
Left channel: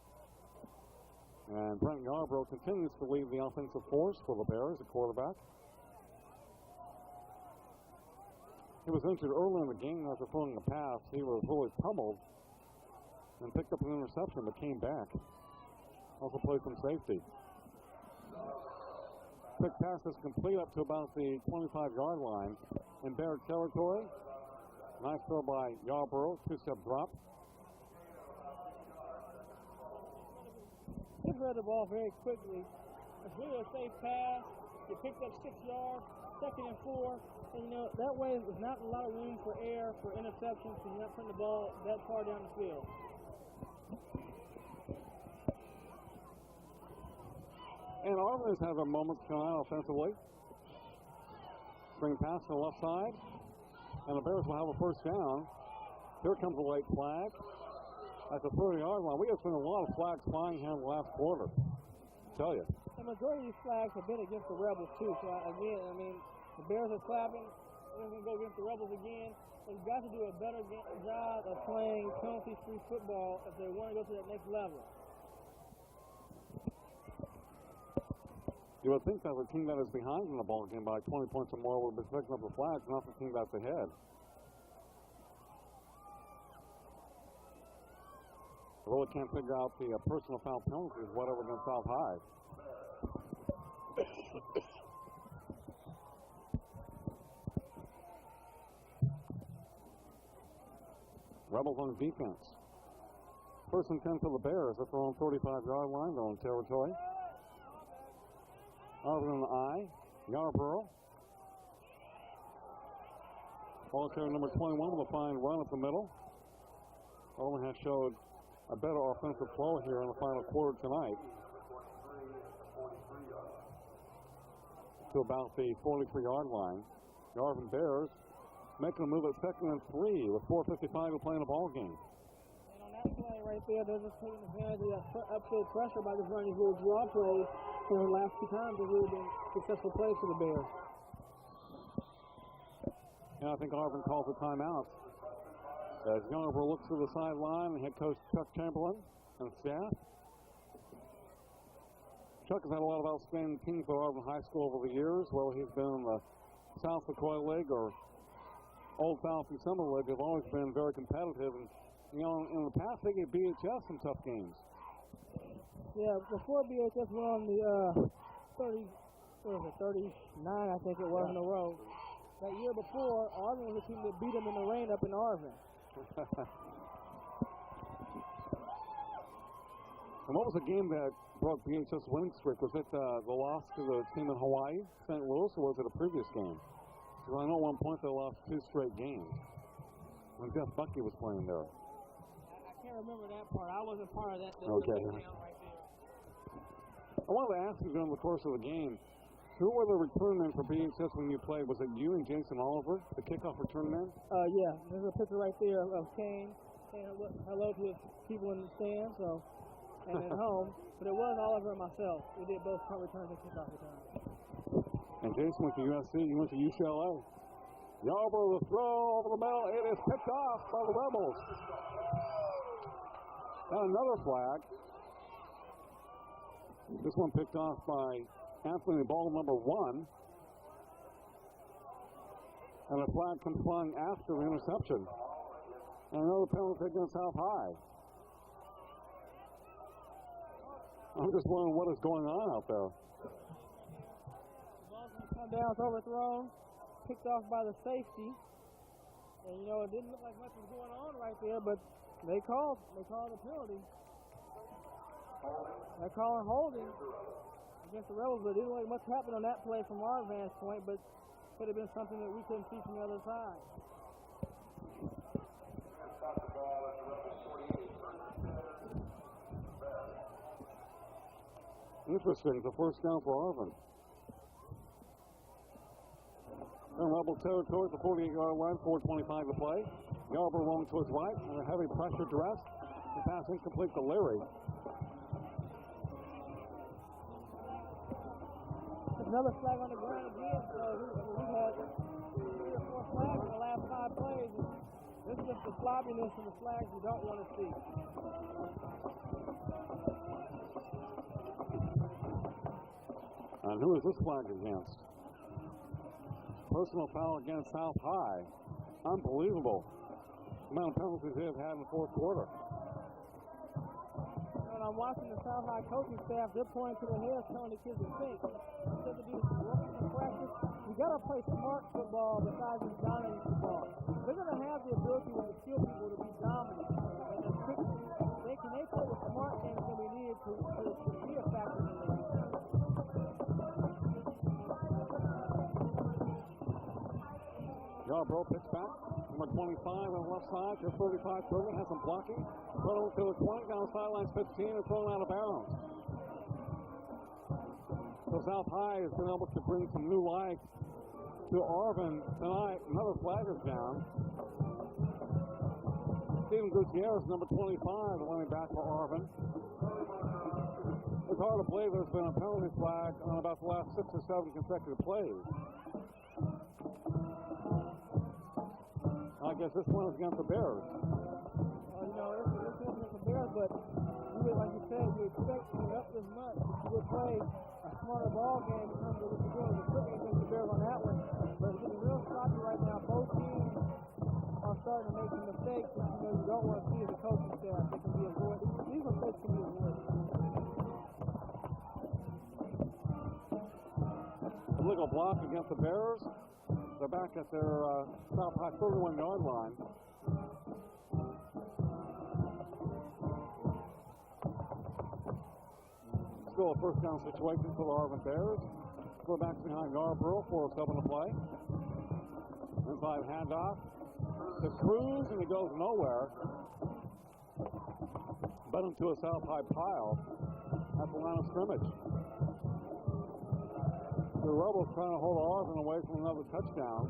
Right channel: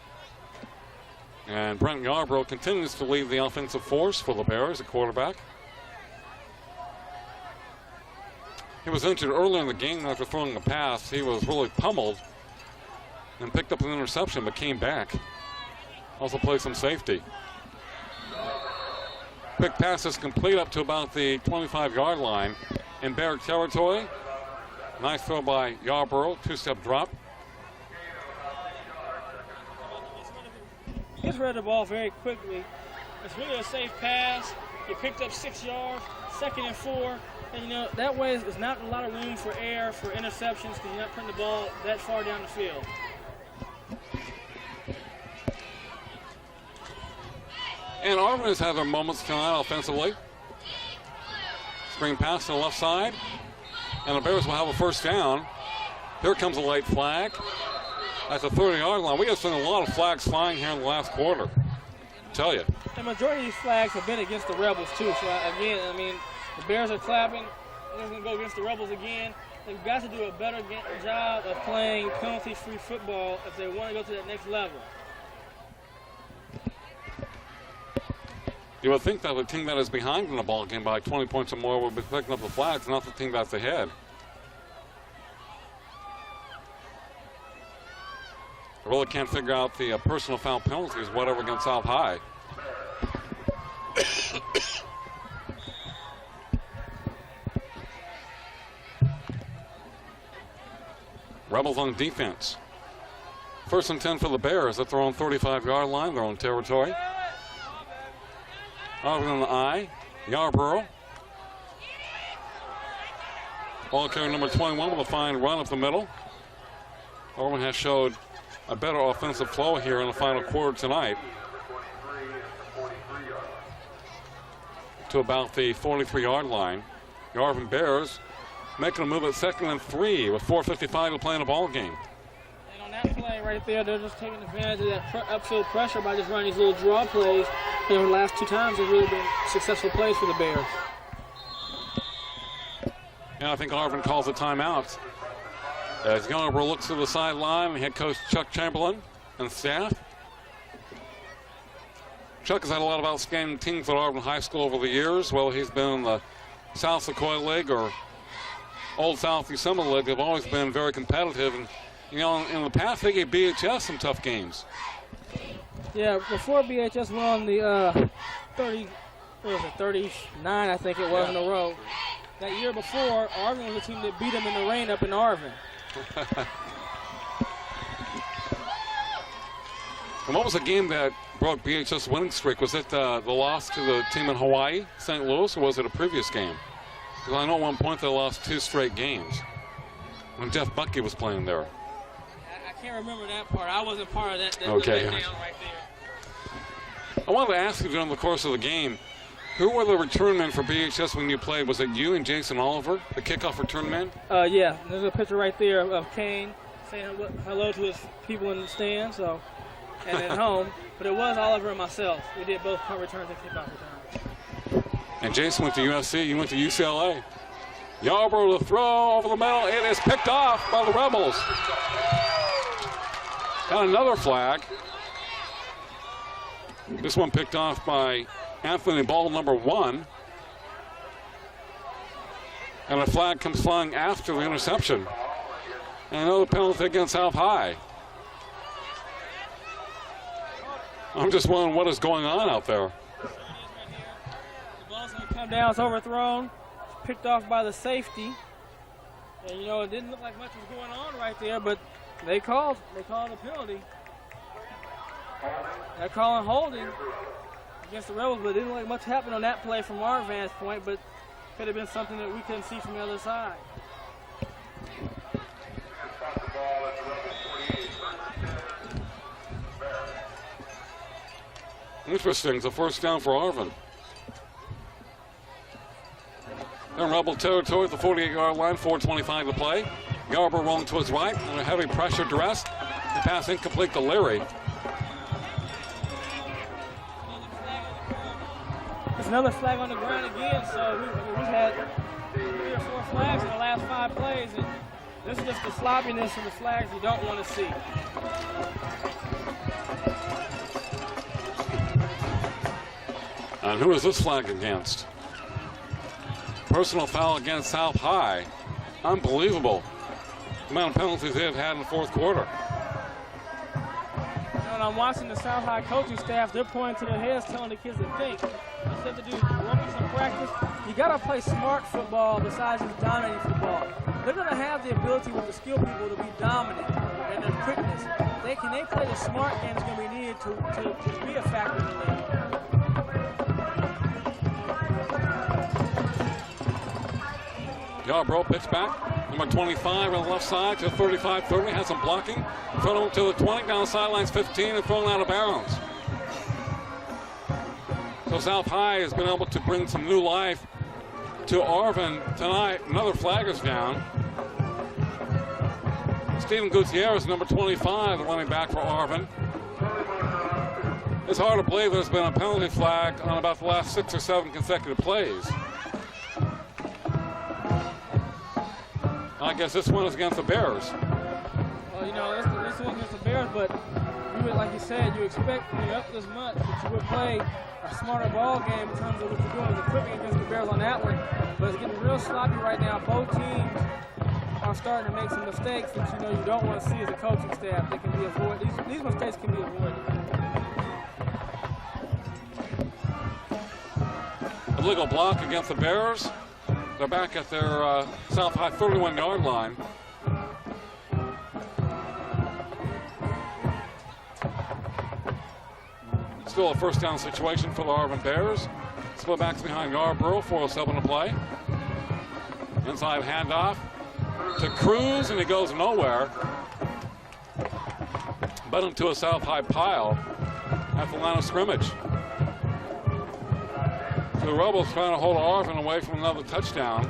And Brent Yarbrough continues to lead the offensive force for the Bears at quarterback. He was injured earlier in the game after throwing a pass. He was really pummeled and picked up an interception but came back. Also played some safety. Quick pass is complete up to about the 25-yard line in Bear territory. Nice throw by Yarborough, two-step drop. He's read the ball very quickly. It's really a safe pass. He picked up 6 yards, 2nd and 4. And, you know, that way there's not a lot of room for error, for interceptions, because you're not putting the ball that far down the field. And Arvin has had their moments tonight offensively. Screen pass to the left side. And the Bears will have a first down. Here comes a late flag at the 30-yard line. We have seen a lot of flags flying here in the last quarter. tell you. The majority of these flags have been against the Rebels, too. So, again, I mean, the Bears are clapping. They're going to go against the Rebels again. They've got to do a better job of playing penalty-free football if they want to go to that next level. You would think that the team that is behind in the ball game by 20 points or more would be picking up the flags, not the team that's ahead. I really can't figure out the personal foul penalties, whatever against South High. Rebels on defense. 1st and 10 for the Bears at their own 35-yard line, their own territory. Arvin on the I, Yarborough. Ball carrier number 21 with a fine run up the middle. Arvin has showed a better offensive flow here in the final quarter tonight. To about the 43-yard line. The Arvin Bears making a move at 2nd and 3 with 4:55 to play in the ball game. And on that play right there, they're just taking advantage of that upfield pressure by just running these little draw plays. The last 2 times have really been successful plays for the Bears. And I think Arvin calls a timeout. As Yarborough looks to the sideline, head coach Chuck Chamberlain and staff. Chuck has had a lot of outstanding teams at Arvin High School over the years. Whether he's been in the South Sequoia League or Old South December League, they've always been very competitive. And, you know, in the past, they gave BHS some tough games. Yeah, before BHS won the 39, I think it was, in a row. That year before, Arvin was the team that beat them in the rain up in Arvin. And what was the game that broke BHS winning streak? Was it the loss to the team in Hawaii, St. Louis, or was it a previous game? Because I know at one point they lost 2 straight games when Jeff Bucky was playing there. I can't remember that part. I wasn't part of that. Okay. Down right there. I wanted to ask you during the course of the game, who were the return men for BHS when you played? Was it you and Jason Oliver, the kickoff return man? Yeah, there's a picture right there of Kane saying hello to his people in the stands, and at home. But it was Oliver and myself. We did both punt returns and kickoff returns. And Jason went to USC, you went to UCLA. Yarborough to throw over the middle. It is picked off by the Rebels. And another flag. This one picked off by Anthony Ball, number 1. And a flag comes flying after the interception. And another penalty against South High. I'm just wondering what is going on out there. The ball's going to come down, it's overthrown, picked off by the safety. And, you know, it didn't look like much was going on right there, but they called the penalty. They're calling holding against the Rebels, but it didn't look like much happened on that play from our vantage point, but could have been something that we couldn't see from the other side. Interesting, it's a first down for Arvin. They're in Rebel territory at the 48-yard line, 4:25 to play. Yarborough rolling to his right under heavy pressure duress. The pass incomplete to Leary. There's another flag on the ground again, so we've had 3 or 4 flags in the last 5 plays, and this is just the sloppiness of the flags you don't want to see. And who is this flag against? Personal foul against South High. Unbelievable. The amount of penalties they've had in the 4th quarter. When I'm watching the South High coaching staff, they're pointing to their heads, telling the kids to think. What you have to do is work in some practice. You got to play smart football besides just dominating football. They're going to have the ability with the skill people to be dominant and their quickness. They play the smart game that's going to be needed to be a factor in the league. Yarborough pitch back. Number 25 on the left side to 35-30. Has some blocking. Thrown over to the 20. Down the sidelines 15 and thrown out of bounds. So South High has been able to bring some new life to Arvin tonight. Another flag is down. Stephen Gutierrez, number 25, running back for Arvin. It's hard to believe there's been a penalty flag on about the last 6 or 7 consecutive plays. I guess this one is against the Bears. Well, you know, this one against the Bears, but you would, like you said, you expect up this much that you would play a smarter ball game in terms of what you're doing. The equipment against the Bears on that one, but it's getting real sloppy right now. Both teams are starting to make some mistakes that you don't want to see as a coaching staff. They can be avoided. These mistakes can be avoided. Illegal block against the Bears. They're back at their South High 31-yard line. Still a first down situation for the Arvin Bears. Split backs behind Yarborough, 4:07 to play. Inside handoff to Cruz, and he goes nowhere. But into a South High pile at the line of scrimmage. The Rebels trying to hold Arvin away from another touchdown.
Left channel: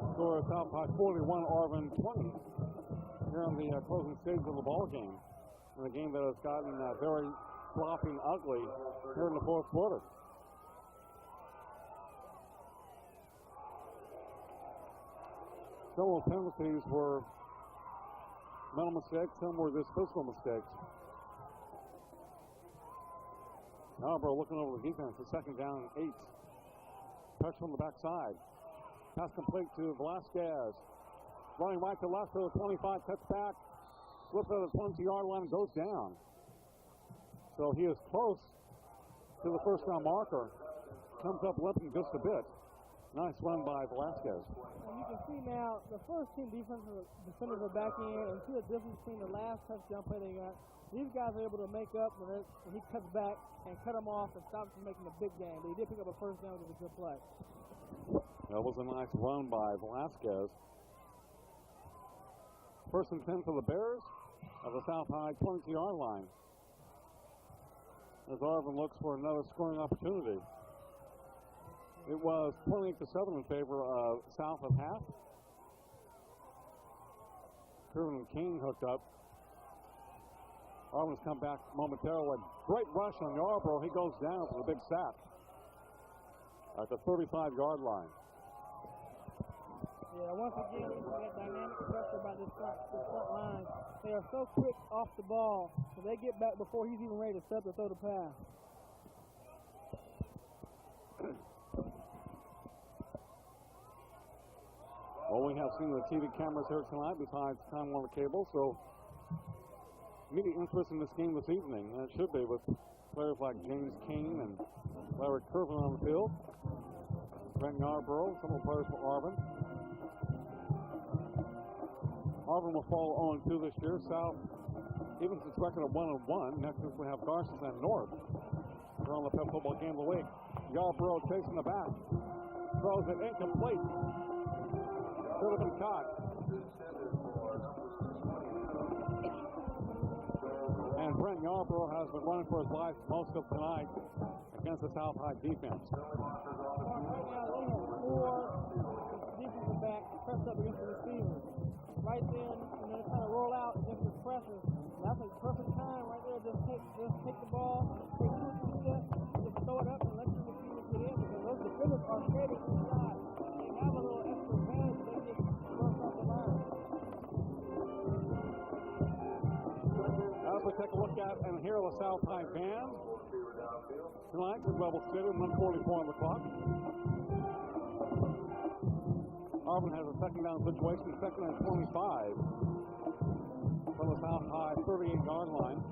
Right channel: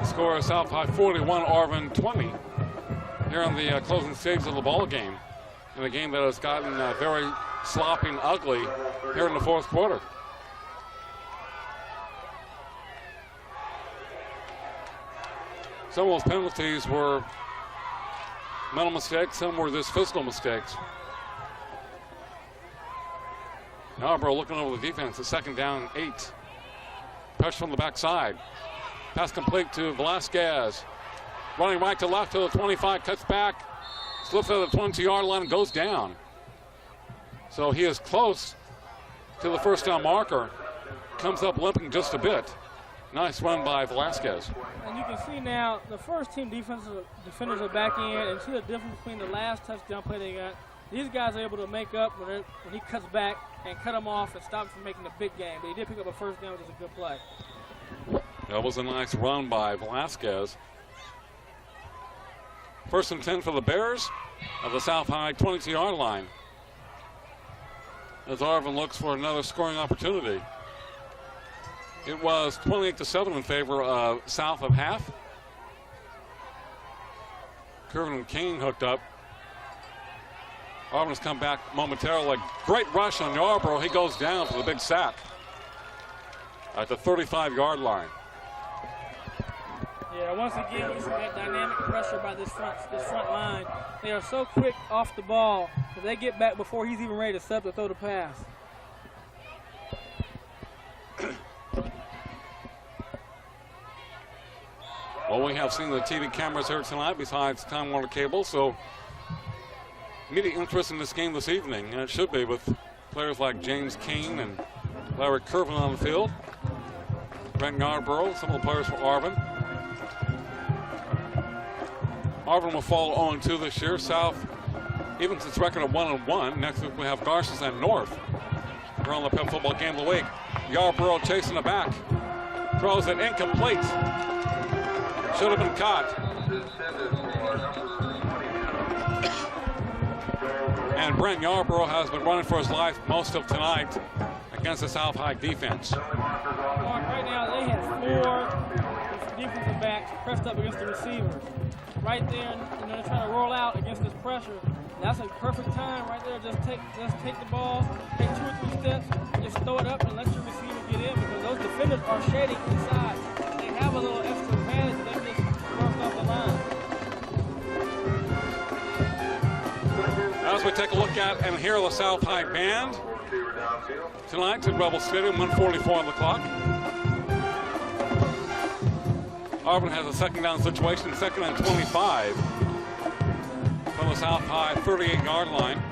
The score is South High 41, Arvin 20. Here in the closing stages of the ball game, in a game that has gotten very sloppy and ugly here in the fourth quarter. Some of those penalties were mental mistakes, some were just physical mistakes. Yarborough looking over the defense, it's 2nd down 8. Pressure from the backside. Pass complete to Velasquez. Running right to left to the 25, cuts back, slips out of the 20-yard line and goes down. So he is close to the first down marker. Comes up limping just a bit. Nice run by Velasquez. And you can see now the first team defenders are back in, and see the difference between the last touchdown play they got. These guys are able to make up when he cuts back and cut them off and stop him from making a big game. But he did pick up a first down, which is a good play. That was a nice run by Velasquez. 1st and 10 for the Bears of the South High 22-yard line. As Arvin looks for another scoring opportunity. It was 28-7 in favor of South of half. Kervin King hooked up. Arvin's come back momentarily. Great rush on Yarborough. He goes down for the big sack at the 35-yard line. Yeah, once again, you see that dynamic pressure by this front line. They are so quick off the ball that they get back before he's even ready to set up to throw the pass. Well, we have seen the TV cameras here tonight besides Time Warner Cable, so immediate interest in this game this evening, and it should be with players like James Keane and Larry Kervin on the field. Brent Yarborough, some of the players for Arvin. Arvin will fall 0-2 this year. South, even since record of 1-1. Next week we have Garces and North. We're on the Pep Football Game of the Week. Yarborough chasing it back. Throws it incomplete. Should have been caught. And Brent Yarborough has been running for his life most of tonight against the South High defense. Right now they have 4 defensive backs pressed up against the receivers. Right there, they're trying to roll out against this pressure. That's a perfect time right there. Just take the ball, take 2 or 3 steps, just throw it up and let your receiver get in, because those defenders are shading inside. They have a little extra advantage. They just marked off the line. As we take a look at and hear the South High band tonight at Rebel Stadium, 1:44 on the clock. Arvin has a 2nd down situation, 2nd and 25 from the South High 38-yard line.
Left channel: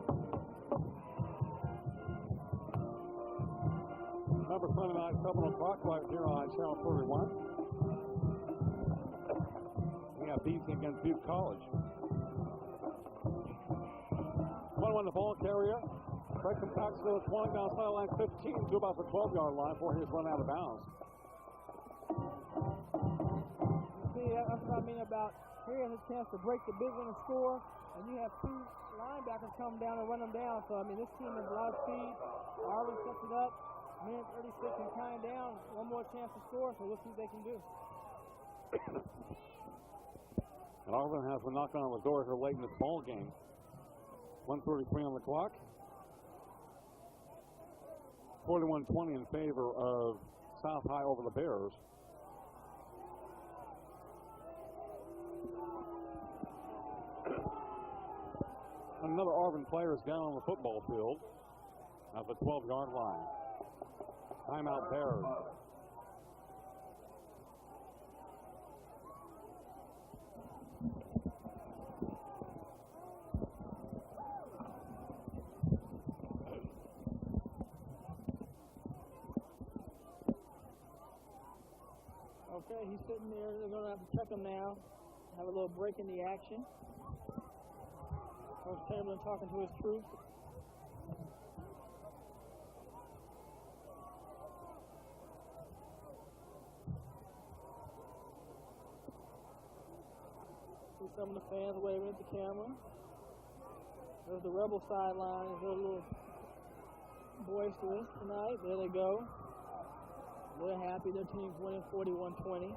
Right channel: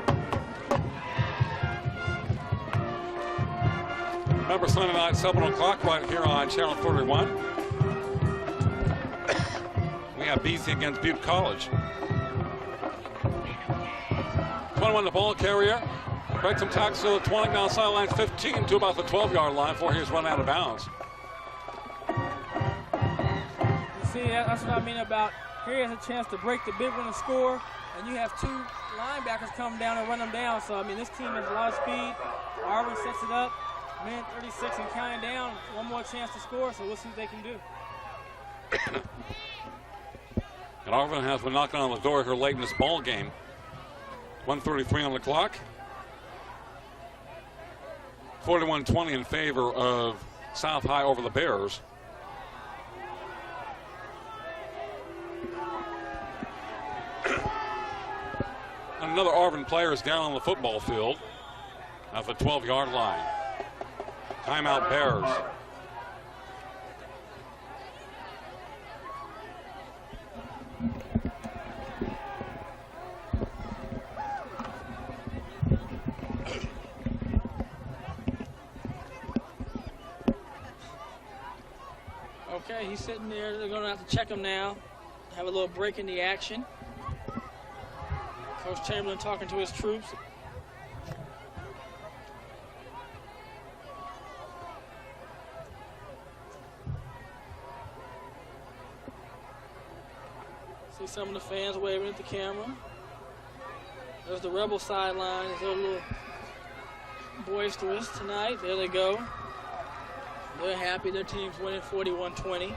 Remember, Sunday night, 7 o'clock, right here on Channel 31. We have BC against Butte College. 21 the ball carrier. Breaks some tackles to the 20, now sideline 15 to about the 12-yard line before he's run out of bounds. See, that's what I mean about here is a chance to break the big one and score, and you have 2 linebackers come down and run them down. So, I mean, this team has a lot of speed. Arvin sets it up, man, 36 and counting down. One more chance to score, so we'll see what they can do. And Arvin has been knocking on the door here late in this ball game. 1:33 on the clock. 41-20 in favor of South High over the Bears. Another Arvin player is down on the football field at the 12-yard line. Timeout Bears. Okay, he's sitting there. They're going to have to check him now. Have a little break in the action. Coach Chamberlain talking to his troops. See some of the fans waving at the camera. There's the Rebel sideline. They're a little boisterous tonight. There they go. They're happy. Their team's winning 41-20.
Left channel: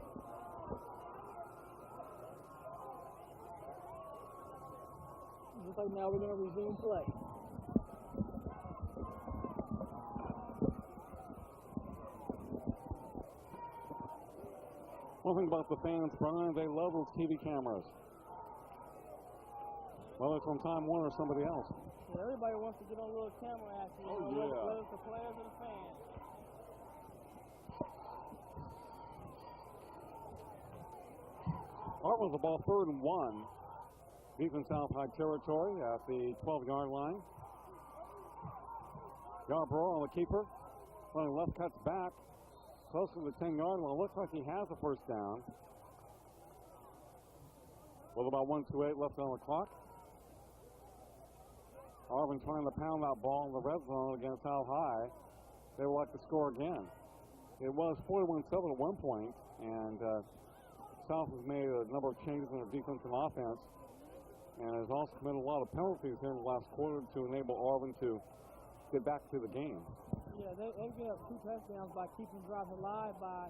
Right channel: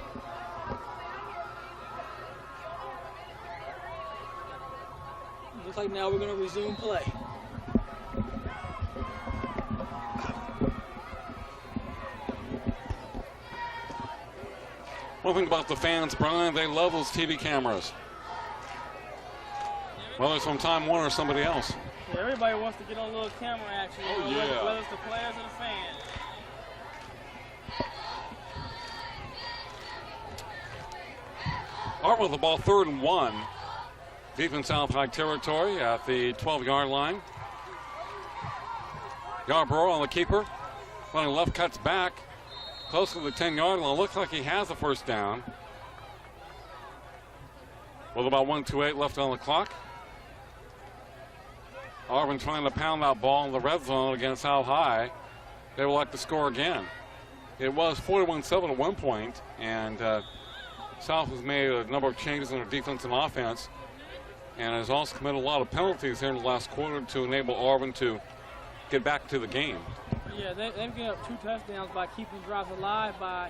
Looks like now we're going to resume play. One thing about the fans, Brian, they love those TV cameras. Whether it's from Time Warner or somebody else. Yeah, everybody wants to get on a little camera action. Oh, yeah. Whether it's the players or the fans. Arvin with the ball, 3rd and 1. Deep in South High territory at the 12-yard line. Yarborough on the keeper. Running left, cuts back. Close to the 10-yard line. Looks like he has the first down. With about 1:28 left on the clock. Arvin trying to pound that ball in the red zone against South High. They would like to score again. It was 41-7 at one point, and South has made a number of changes in their defense and offense, and has also committed a lot of penalties here in the last quarter to enable Arvin to get back to the game. Yeah, they've given up 2 touchdowns by keeping drives alive by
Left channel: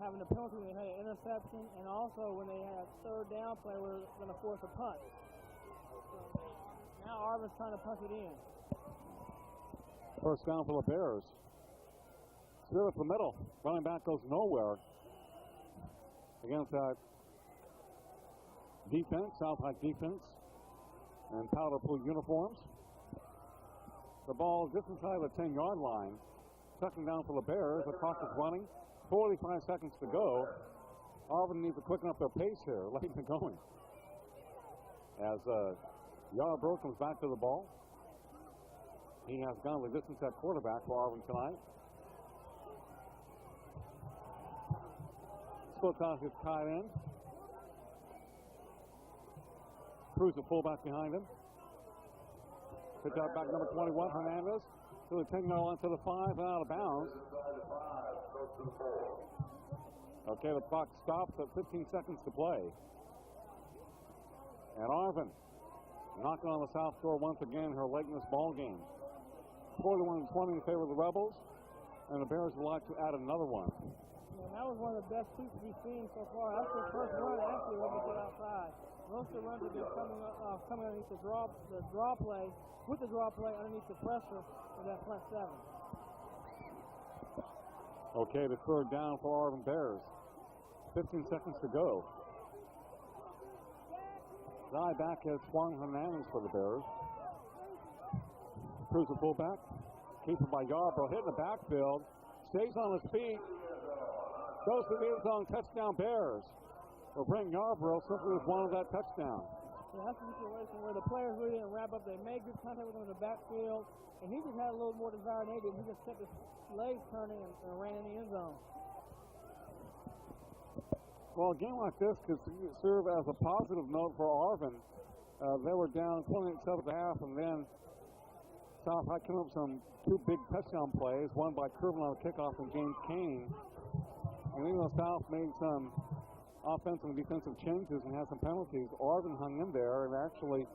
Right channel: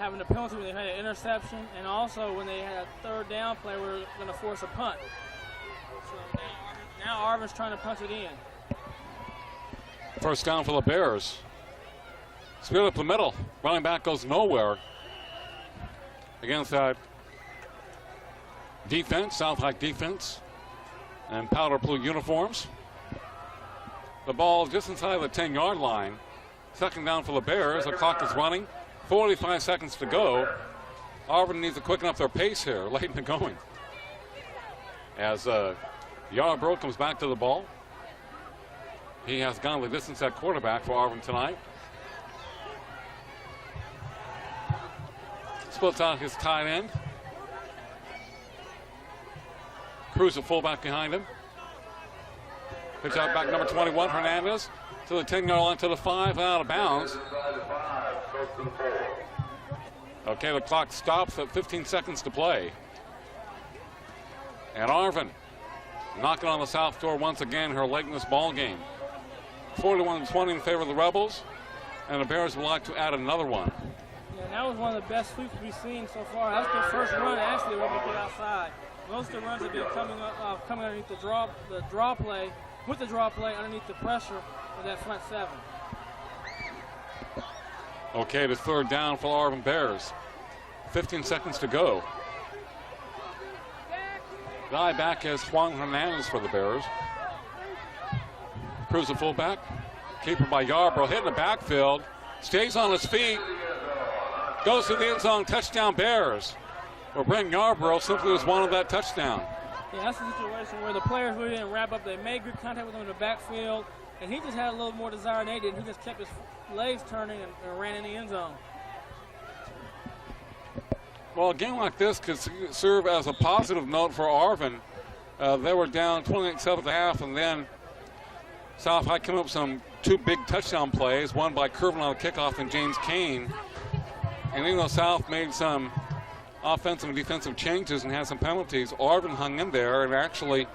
having a penalty when they had an interception, and also when they had a 3rd down play, we were going to force a punt. So now Arvin's trying to punch it in. First down for the Bears. Split up the middle. Running back goes nowhere against that defense, South High defense, and powder blue uniforms. The ball just inside the 10-yard line. 2nd down for the Bears. The clock is running. 45 seconds to go. Arvin needs to quicken up their pace here, late in the going. As Yarborough comes back to the ball. He has gone the distance at quarterback for Arvin tonight. Splits out his tight end. Cruz, the fullback behind him. Pitch out back number 21, Hernandez, to the 10-yard line, to the 5, out of bounds. Okay, the clock stops at 15 seconds to play. And Arvin knocking on the south door once again, her late in this ball game. 41-20 in favor of the Rebels, and the Bears would like to add another one. Yeah, that was one of the best sweeps we've seen so far. That's their first run, actually, when we get outside. Most of the runs have been coming underneath the draw play, with the draw play underneath the pressure of that front 7. Okay, the 3rd down for Arvin Bears. 15 seconds to go. Guy back is Juan Hernandez for the Bears. Cruz, the fullback. Keeper by Yarborough, hitting the backfield. Stays on his feet. Goes to the end zone, touchdown Bears. Well, Brent Yarborough simply was wanted that touchdown. Yeah, that's a situation where the players really didn't wrap up. They made good contact with him in the backfield, and he just had a little more desire than they did. He just kept his legs turning and ran in the end zone. Well, a game like this could serve as a positive note for Arvin. They were down 28-7 at the half, and then South High came up with some 2 big touchdown plays, one by Curvin on the kickoff and James Kane. And even though South made some offensive and defensive changes and had some penalties, Arvin hung in there and actually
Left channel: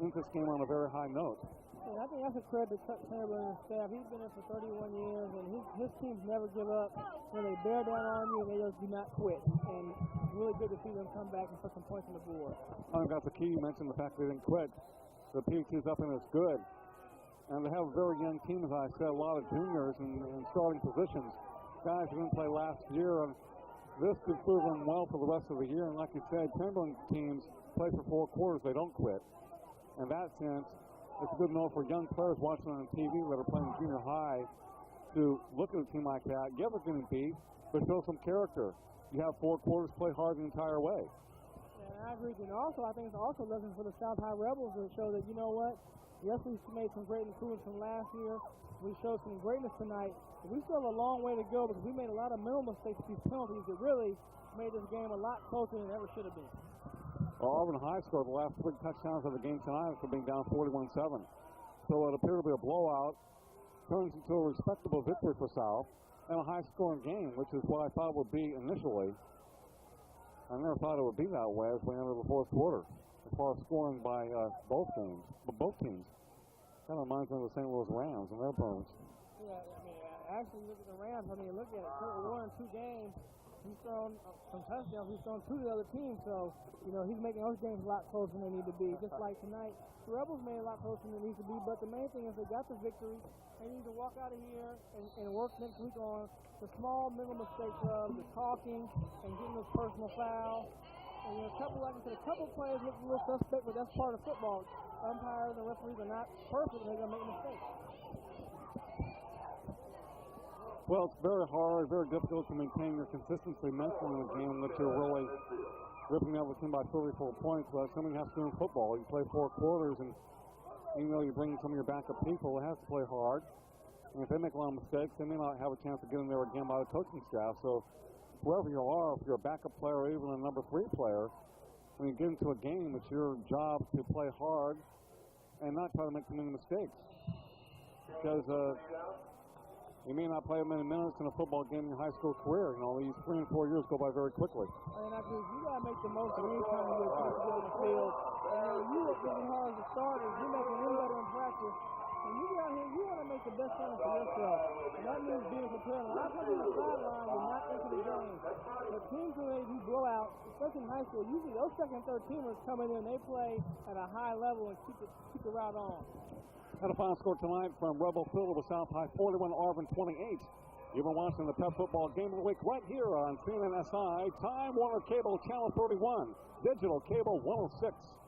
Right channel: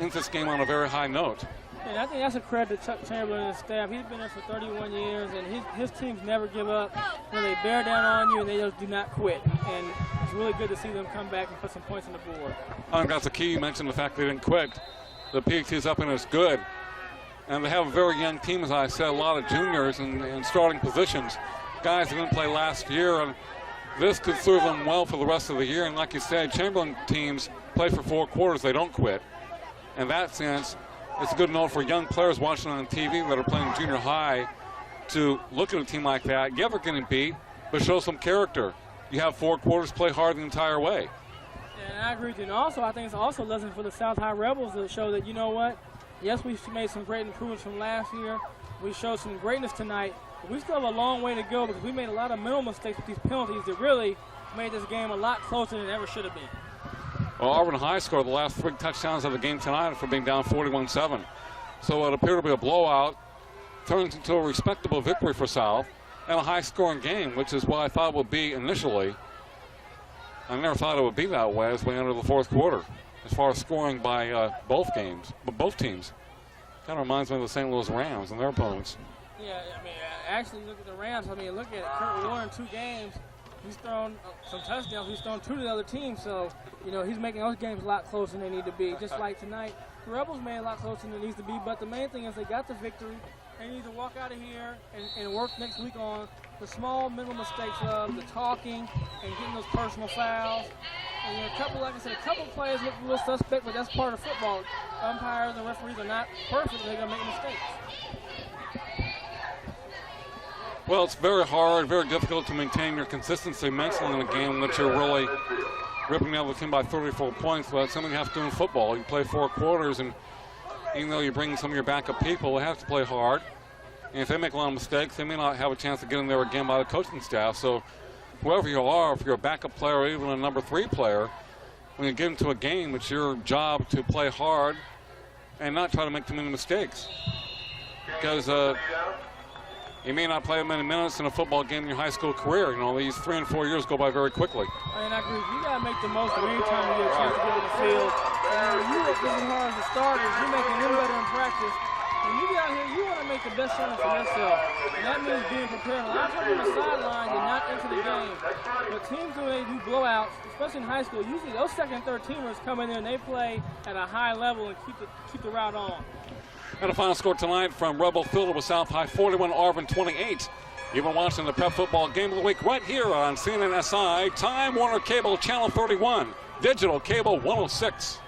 ends this game on a very high note. And I think that's a credit to Chuck Chamberlain and his staff. He's been there for 31 years, and his teams never give up. When they bear down on you, and they just do not quit. And it's really good to see them come back and put some points on the board. I think that's the key. You mentioned the fact they didn't quit. The PAT is up and it's good. And they have a very young team, as I said, a lot of juniors in starting positions, guys who didn't play last year, and this could serve them well for the rest of the year. And like you said, Chamberlain teams play for 4 quarters, they don't quit. In that sense, it's a good note for young players watching on TV that are playing junior high to look at a team like that. You're never getting beat, but show some character. You have 4 quarters, play hard the entire way. And I agree with you. And also, I think it's also a lesson for the South High Rebels to show that, you know what, yes, we made some great improvements from last year. We showed some greatness tonight. But we still have a long way to go because we made a lot of mental mistakes with these penalties that really made this game a lot closer than it ever should have been. Well, Arvin High scored the last 3 touchdowns of the game tonight for being down 41-7. So it appeared to be a blowout. Turns into a respectable victory for South and a high-scoring game, which is what I thought it would be initially. I never thought it would be that way as we enter the 4th quarter, as far as scoring by both teams. Kind of reminds me of the St. Louis Rams and their opponents. Yeah, I mean, actually, look at the Rams. I mean, look at Kurt Warren, 2 games. He's thrown some touchdowns. He's thrown 2 to the other team. So, you know, he's making those games a lot closer than they need to be. Just like tonight, the Rebels made a lot closer than it needs to be. But the main thing is they got the victory. They need to walk out of here and work next week on the small mental mistakes of the talking and getting those personal fouls. And you know, like I said, a couple of players look a little suspect, but that's part of football. Umpires and referees are not perfect. They're going to make mistakes. Well, it's very hard, very difficult to maintain your consistency mentally in a game that you're really ripping out the team by 34 points. But that's something you have to do in football. You play 4 quarters, and even though you bring some of your backup people, they have to play hard. And if they make a lot of mistakes, they may not have a chance to get in there again by the coaching staff. So whoever you are, if you're a backup player or even a number 3 player, when you get into a game, it's your job to play hard and not try to make too many mistakes. Because you may not play many minutes in a football game in your high school career. You know, these 3 and 4 years go by very quickly. I mean, I agree. You got to make the most of any time you get a chance to get in the field. And you look really hard as the starters. You're making them better in practice. When you get out here, you want to make the best shot for yourself. And that means being prepared. A lot of times on the sideline, you're not into the game. But teams, when they do blowouts, especially in high school, usually those 2nd and 3rd teamers come in there and they play at a high level and keep the route on. And the final score tonight from Rebel Field with South High 41, Arvin 28. You've been watching the Prep Football Game of the Week right here on CNNSI, Time Warner Cable Channel 31, Digital Cable 106.